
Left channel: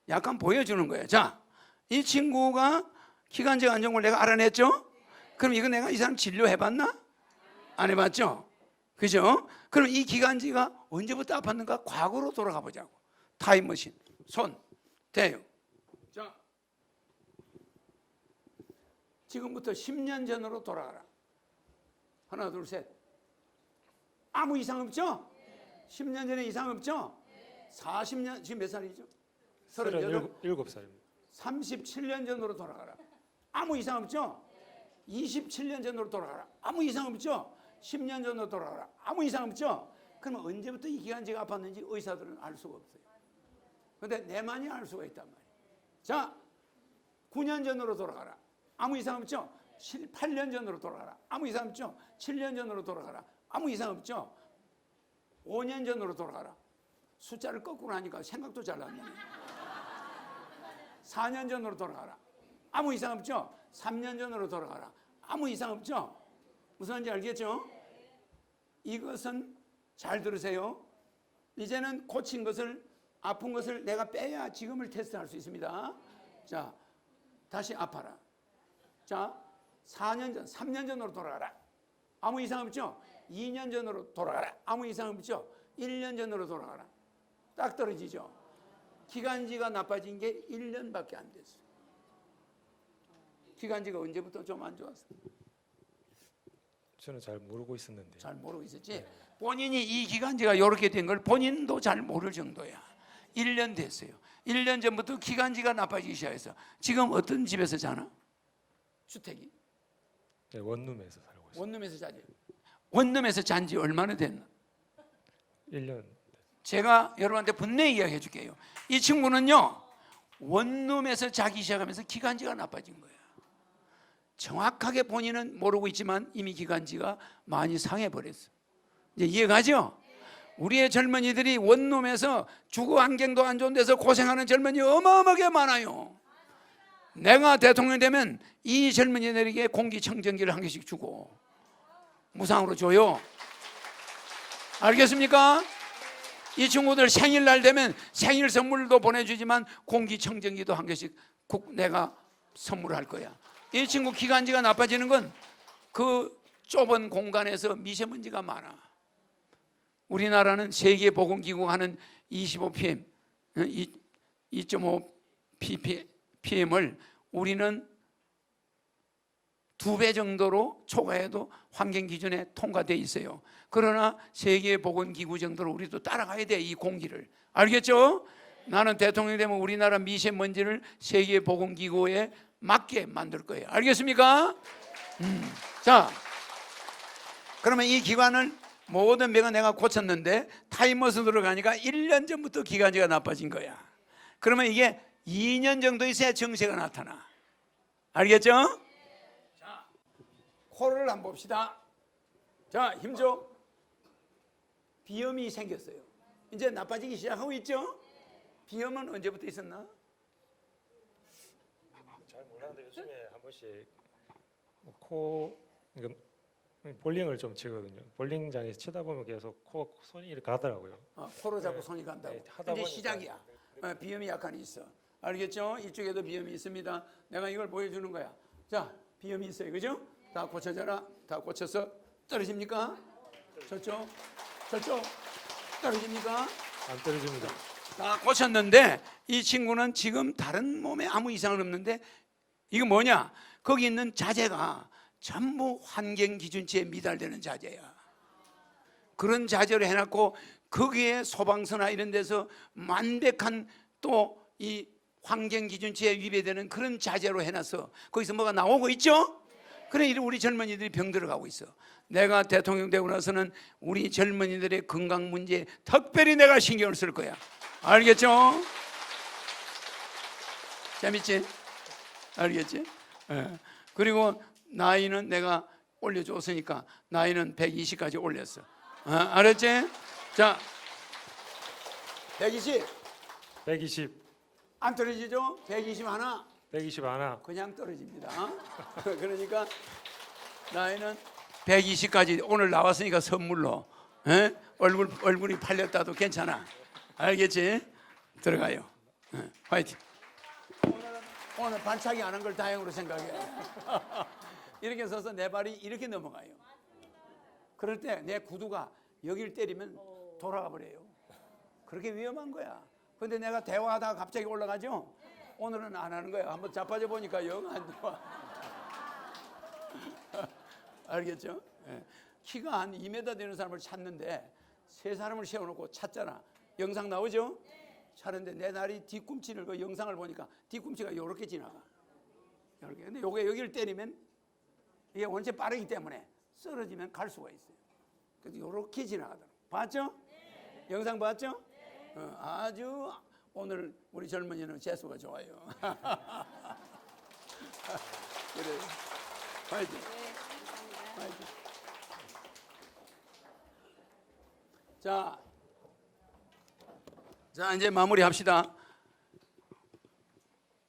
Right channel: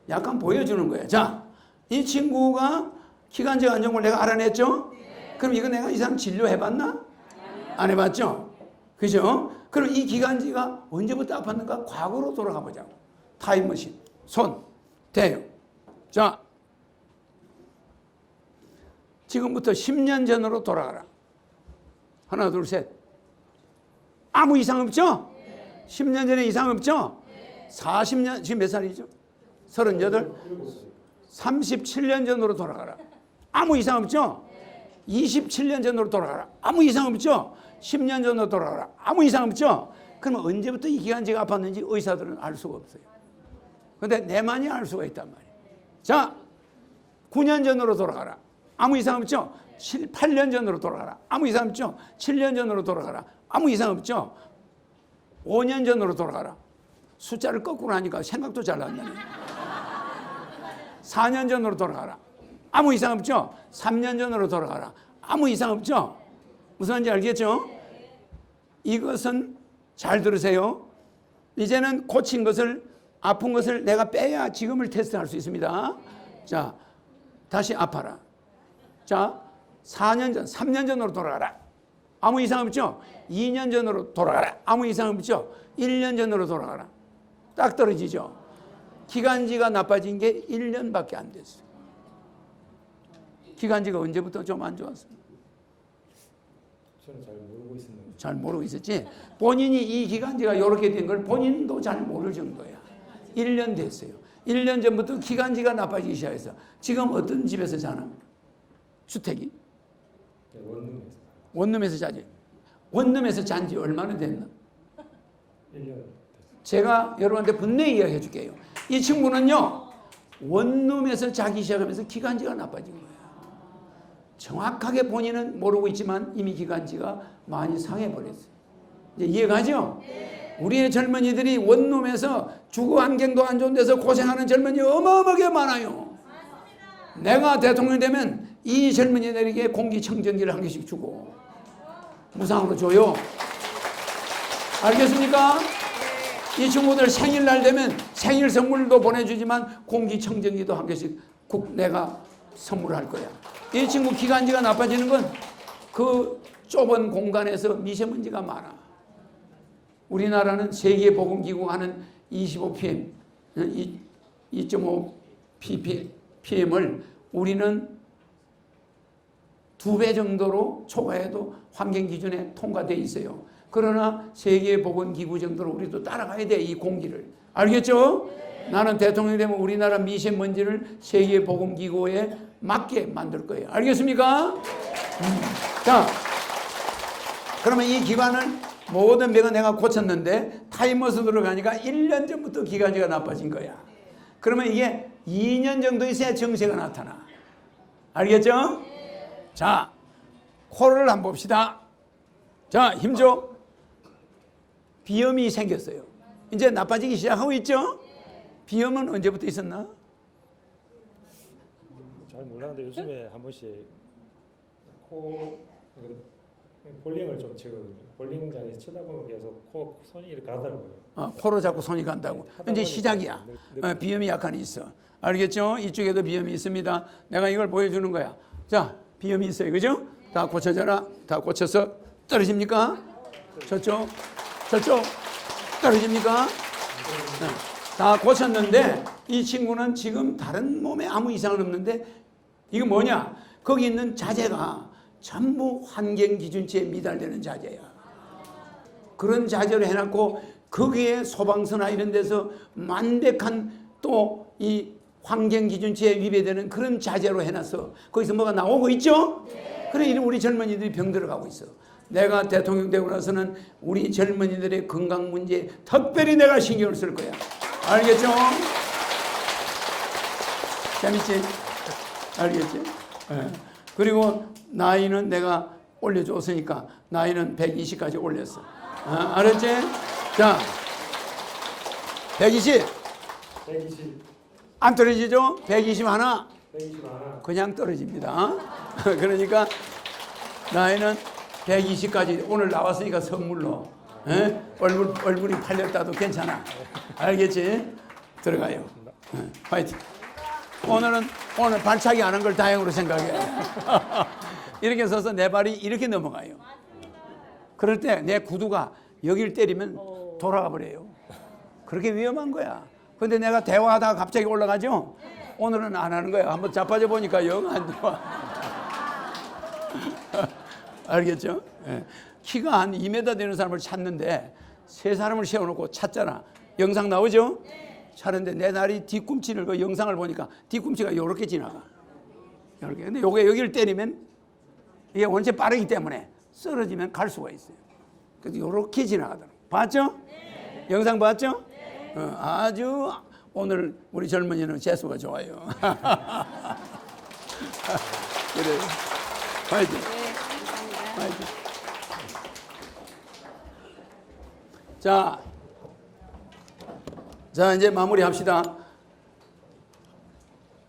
약간 보여주는 거야. 자, 이 친구가 기관지 안정을 내가 알아냈죠? 그럼 이거 내가 이 사람 진료해봤나? 안 해봤죠? 그죠? 그럼 이 기관지가 언제부터 아팠는가? 과거로 돌아가 보자고. 타임머신. 손 대요. 자, 지금부터 10년 전으로 돌아가라. 하나, 둘, 셋. 아무 이상 없죠? 10년 전에 이상 없죠? 40년, 지금 몇 살이죠? 38? 7살. 37년 전으로 돌아가라. 아무 이상 없죠? 27년 전으로 돌아가라. 아무 이상 없죠? 10년 전으로 돌아가라. 아무 이상 없죠? 그러면 언제부터 이 기관지가 아팠는지 의사들은 알 수가 없어요. 근데 내만이 알 수가 있단 말이에요. 자, 9년 전으로 돌아가라. 아무 이상 없죠? 8년 전으로 돌아가라. 아무 이상 없죠? 7년 전으로 돌아가라. 아무 이상 없죠? 5년 전으로 돌아가라. 숫자를 거꾸로 하니까 생각도 잘 안 나네. 4년 전으로 돌아가라. 아무 이상 없죠? 3년 전으로 돌아가라. 아무 이상 없죠? 무슨 말인지 알겠죠? 이것은 잘 들으세요. 이제는 고친 것을, 아픈 것을 내가 빼야 지금을 테스트할 수 있습니다. 자, 다시 아파라. 자, 4년 전, 3년 전으로 돌아가라. 아무 이상 없죠? 2년 전으로 돌아가라. 아무 이상 없죠? 1년 전으로 돌아가라. 딱 떨어지죠? 기관지가 나빠진 게 1년밖에 안 됐어요. 기관지가 언제부터 좀 안 좋았어요? 저는 잘 모르고 있었는데. 잘 모르고 있었지. 본인이 이 기관지가 이렇게 된 걸 본인도 잘 모를 정도야. 1년 됐어요. 1년 전부터 기관지가 나빠지기 시작해서 지금 어떤 집에서 자나? 주택이? 네, 원룸에서 살고 원룸에서 자지. 원룸에서 잔 지 얼마나 됐나? 1년 됐어요. 제가 여러분한테 분명히 이야기해 줄게요. 이 친구는요, 원룸에서 자기 시작하면서 기관지가 나빠진 거예요. 정확하게 본인은 모르고 있지만 이미 기관지가 많이 상해버렸어요. 이제 이해가죠? 우리의 젊은이들이 원룸에서 주거 환경도 안 좋은 데서 고생하는 젊은이 어마어마하게 많아요. 내가 대통령이 되면 이 젊은이들에게 공기청정기를 한 개씩 주고 무상으로 줘요. 알겠습니까? 이 친구들 생일날 되면 생일 선물도 보내주지만 공기청정기도 한 개씩 내가 선물할 거야. 이 친구 기관지가 나빠지는 건 그 좁은 공간에서 미세먼지가 많아. 우리나라는 세계보건기구가 하는 25pm, 2.5 ppm을 우리는 2배 정도로 초과해도 환경 기준에 통과돼 있어요. 그러나 세계보건기구 정도로 우리도 따라가야 돼, 이 공기를. 알겠죠? 나는 대통령이 되면 우리나라 미세먼지를 세계보건기구에 맞게 만들 거예요. 알겠습니까? 자, 그러면 이 기관을 모든 병은 내가 고쳤는데 타임머신 들어가니까 1년 전부터 기관지가 나빠진 거야. 그러면 이게 2년 정도 있어야 증세가 나타나. 알겠죠? 자, 코를 한번 봅시다. 자, 힘줘. 비염이 생겼어요. 이제 나빠지기 시작하고 있죠? 비염은 언제부터 있었나? 잘 몰랐는데 요즘에 한 번씩 볼링을 좀 치거든요. 볼링장에서 치다 보면 계속 손이 이렇게 가더라고요. 코로 자꾸 손이 간다고. 이제 시작이야. 비염이 약간 있어. 알겠죠? 이쪽에도 비염이 있습니다. 내가 이걸 보여주는 거야. 자, 비염이 있어요. 그죠? 다 고쳐져라. 다 고쳐서 떨어집니까? 저쪽 떨어집니까? 네. 다 고쳤는데 이 친구는 지금 다른 몸에 아무 이상은 없는데 이거 뭐냐? 거기 있는 자재가 전부 환경 기준치에 미달되는 자재야. 그런 자재를 해놨고 거기에 소방서나 이런 데서 만백한 또 이 환경 기준치에 위배되는 그런 자재로 해놨어. 거기서 뭐가 나오고 있죠? 그래 우리 젊은이들이 병들어가고 있어. 내가 대통령 되고 나서는 우리 젊은이들의 건강 문제에 특별히 내가 신경을 쓸 거야. 알겠죠? 재밌지? 알겠지? 네. 그리고 나이는 내가 올려줬으니까 나이는 120까지 올렸어. 알았지? 자, 120. 120. 안 떨어지죠? 120 하나. 120 하나. 그냥 떨어집니다. 그러니까 나이는 120까지 오늘 나왔으니까 선물로 얼굴이 팔렸다도 괜찮아. 알겠지? 들어가요. 화이팅. 오늘 발차기 안 한 걸 다행으로 생각해. 이렇게 서서 내 발이 이렇게 넘어가요. 그럴 때 내 구두가 여기를 때리면 돌아가 버려요. 그렇게 위험한 거야. 근데 내가 대화하다가 갑자기 올라가죠? 오늘은 안 하는 거야. 한번 자빠져 보니까 영 안 좋아. 알겠죠? 예. 키가 한 2m 되는 사람을 찾는데 세 사람을 세워놓고 찾잖아. 영상 나오죠? 찾는데 내 다리 뒤꿈치를 그 영상을 보니까 뒤꿈치가 이렇게 지나가. 이렇게. 근데 요게 여기를 때리면 이게 원체 빠르기 때문에 쓰러지면 갈 수가 있어요. 그래서 이렇게 지나가더라고. 봤죠? 영상 봤죠? 아주 오늘 우리 젊은이는 재수가 좋아요. 그래. 화이팅. 화이팅. 자, 이제 마무리합시다.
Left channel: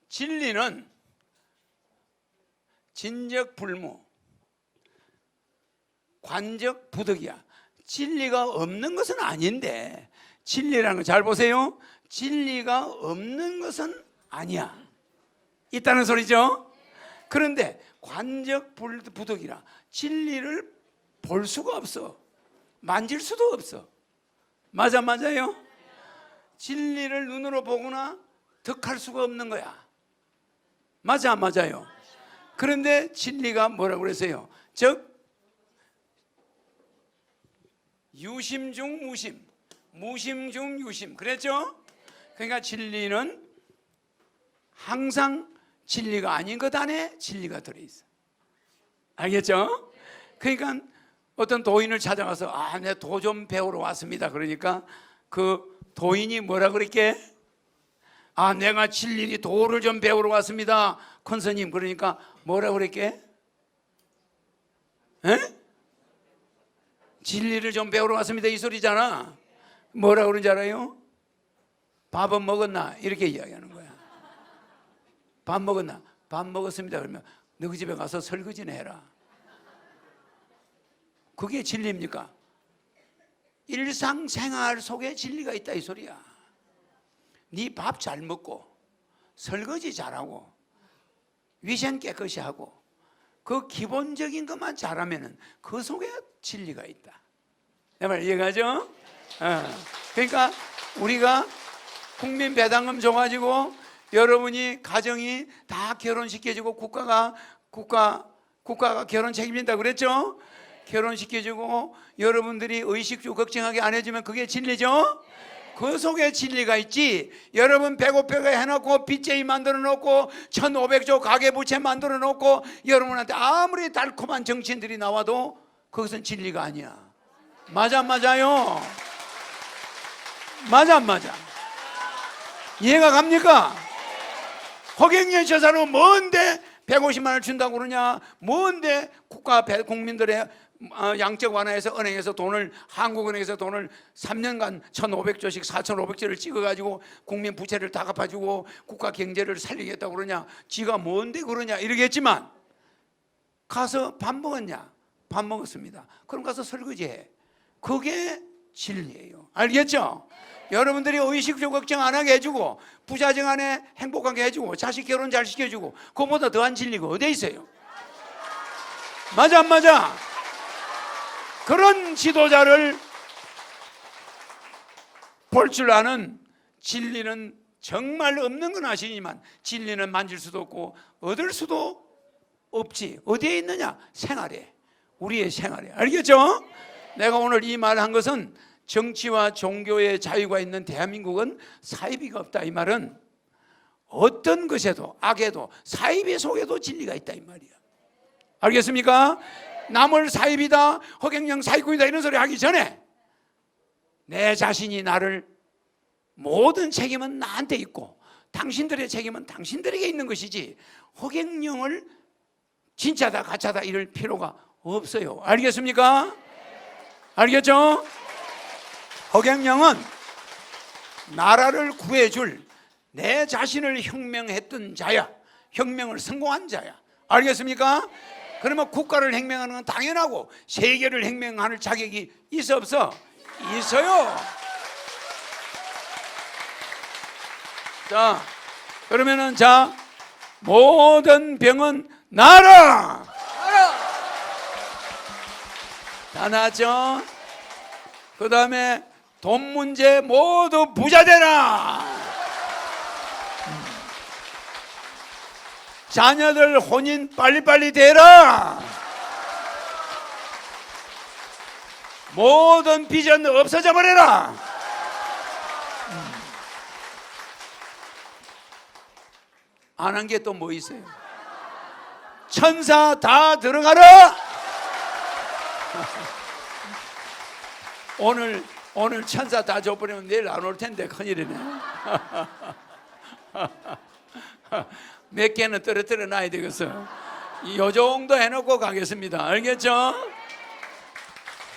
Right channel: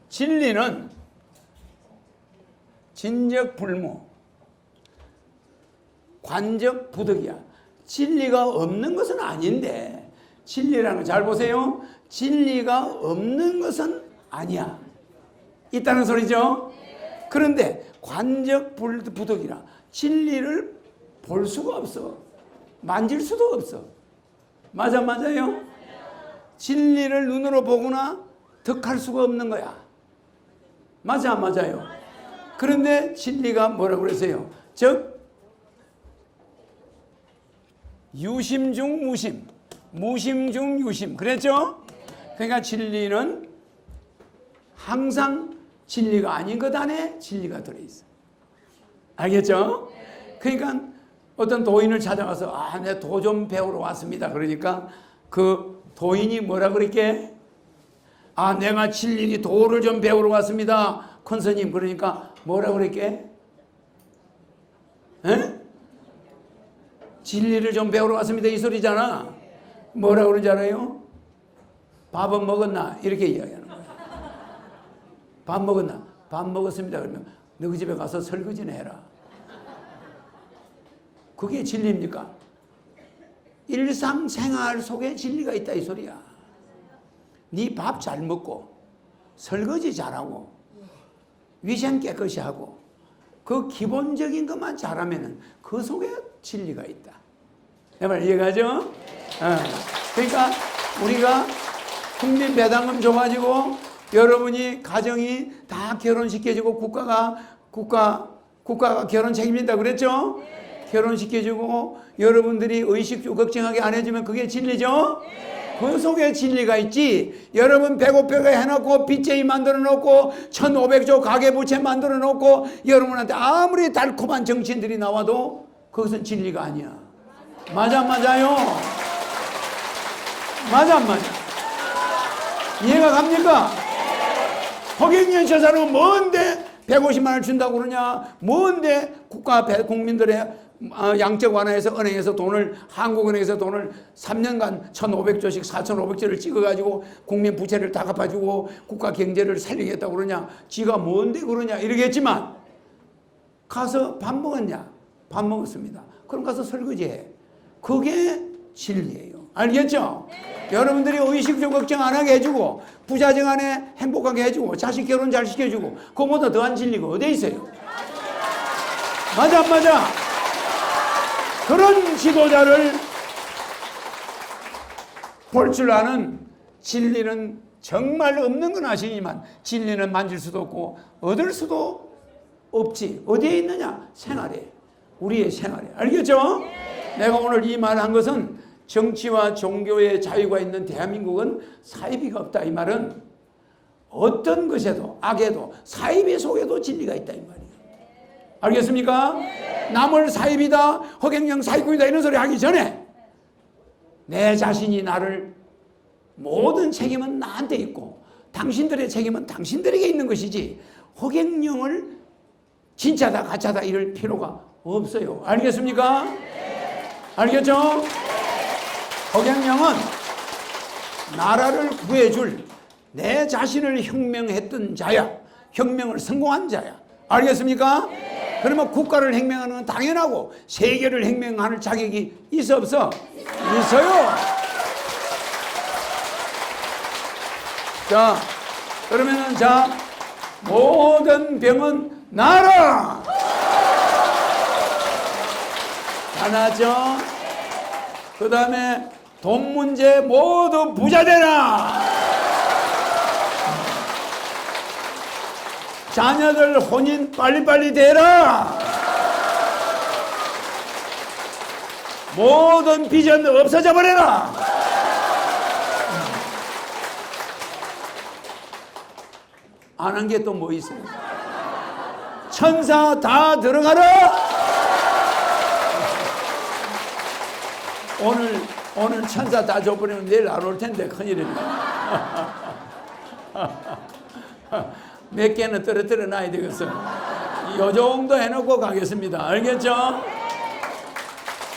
진리는 진적불무, 관적부득이야. 진리가 없는 것은 아닌데 진리라는 거 잘 보세요. 진리가 없는 것은 아니야. 있다는 소리죠. 그런데 관적부득이라 진리를 볼 수가 없어. 만질 수도 없어. 맞아요? 진리를 눈으로 보거나 득할 수가 없는 거야. 맞아요? 그런데 진리가 뭐라고 그랬어요? 즉 유심 중 무심, 무심 중 유심. 그랬죠? 그러니까 진리는 항상 진리가 아닌 것 안에 진리가 들어있어. 알겠죠? 그러니까 어떤 도인을 찾아가서 내 도 좀 배우러 왔습니다. 그러니까 그 도인이 뭐라 그랬게? 내가 진리니 도를 좀 배우러 왔습니다. 큰 스님. 그러니까 뭐라 그랬게? 진리를 좀 배우러 왔습니다. 이 소리잖아. 뭐라 그러는지 알아요? 밥은 먹었나? 이렇게 이야기하는 거야. 밥 먹었나? 밥 먹었습니다. 그러면 너희 집에 가서 설거지나 해라. 그게 진리입니까? 일상생활 속에 진리가 있다 이 소리야. 네 밥 잘 먹고 설거지 잘하고 위생 깨끗이 하고 그 기본적인 것만 잘하면 그 속에 진리가 있다. 내 말 이해가죠? 그러니까 우리가 국민 배당금 줘가지고 여러분이 가정이 다 결혼시켜주고 국가가 결혼 책임진다 그랬죠? 결혼시켜주고 여러분들이 의식 걱정하게 안 해주면 그게 진리죠? 그 속에 진리가 있지. 여러분 배고프게 해놓고 BJ 만들어 놓고 1500조 가계부채 만들어 놓고 여러분한테 아무리 달콤한 정치인들이 나와도 그것은 진리가 아니야. 맞아요? 맞아? 이해가 갑니까? 허경영 저 사람은 뭔데 150만 원 준다고 그러냐? 뭔데 국민들의 양적 완화해서 은행에서 한국은행에서 돈을 3년간 1,500조씩 4,500조를 찍어가지고 국민 부채를 다 갚아주고 국가 경제를 살리겠다고 그러냐? 지가 뭔데 그러냐? 이러겠지만 가서 밥 먹었냐? 밥 먹었습니다. 그럼 가서 설거지해. 그게 진리예요. 알겠죠? 여러분들이 의식주 걱정 안 하게 해주고 부자정 안에 행복하게 해주고 자식 결혼 잘 시켜주고 그거보다 더한 진리가 어디 있어요? 맞아 안 맞아? 그런 지도자를 볼 줄 아는, 진리는 정말 없는 건 아시지만 진리는 만질 수도 없고 얻을 수도 없지. 어디에 있느냐? 생활에. 우리의 생활에. 알겠죠? 내가 오늘 이 말 한 것은 정치와 종교의 자유가 있는 대한민국은 사이비가 없다. 이 말은 어떤 것에도 악에도 사이비 속에도 진리가 있다 이 말이야. 알겠습니까? 남을 사이비다, 허경영 사이코이다 이런 소리 하기 전에 내 자신이 나를, 모든 책임은 나한테 있고 당신들의 책임은 당신들에게 있는 것이지 허경영을 진짜다 가짜다 이럴 필요가 없어요. 알겠습니까? 알겠죠? 허경영은 나라를 구해줄 내 자신을 혁명했던 자야. 혁명을 성공한 자야. 알겠습니까? 그러면 국가를 혁명하는 건 당연하고 세계를 혁명할 자격이 있어 없어? 있어요. 자, 그러면은 자, 모든 병은 나라. 하나죠. 그 다음에 돈 문제 모두 부자 되라. 자녀들 혼인 빨리빨리 되라. 모든 비전 없어져 버려라. 아는 게 또 뭐 있어요? 천사 다 들어가라. 오늘 천사 다 줘버리면 내일 안 올 텐데 큰일이네. 몇 개는 떨어뜨려 놔야 되겠어요. 이 정도 해놓고 가겠습니다. 알겠죠?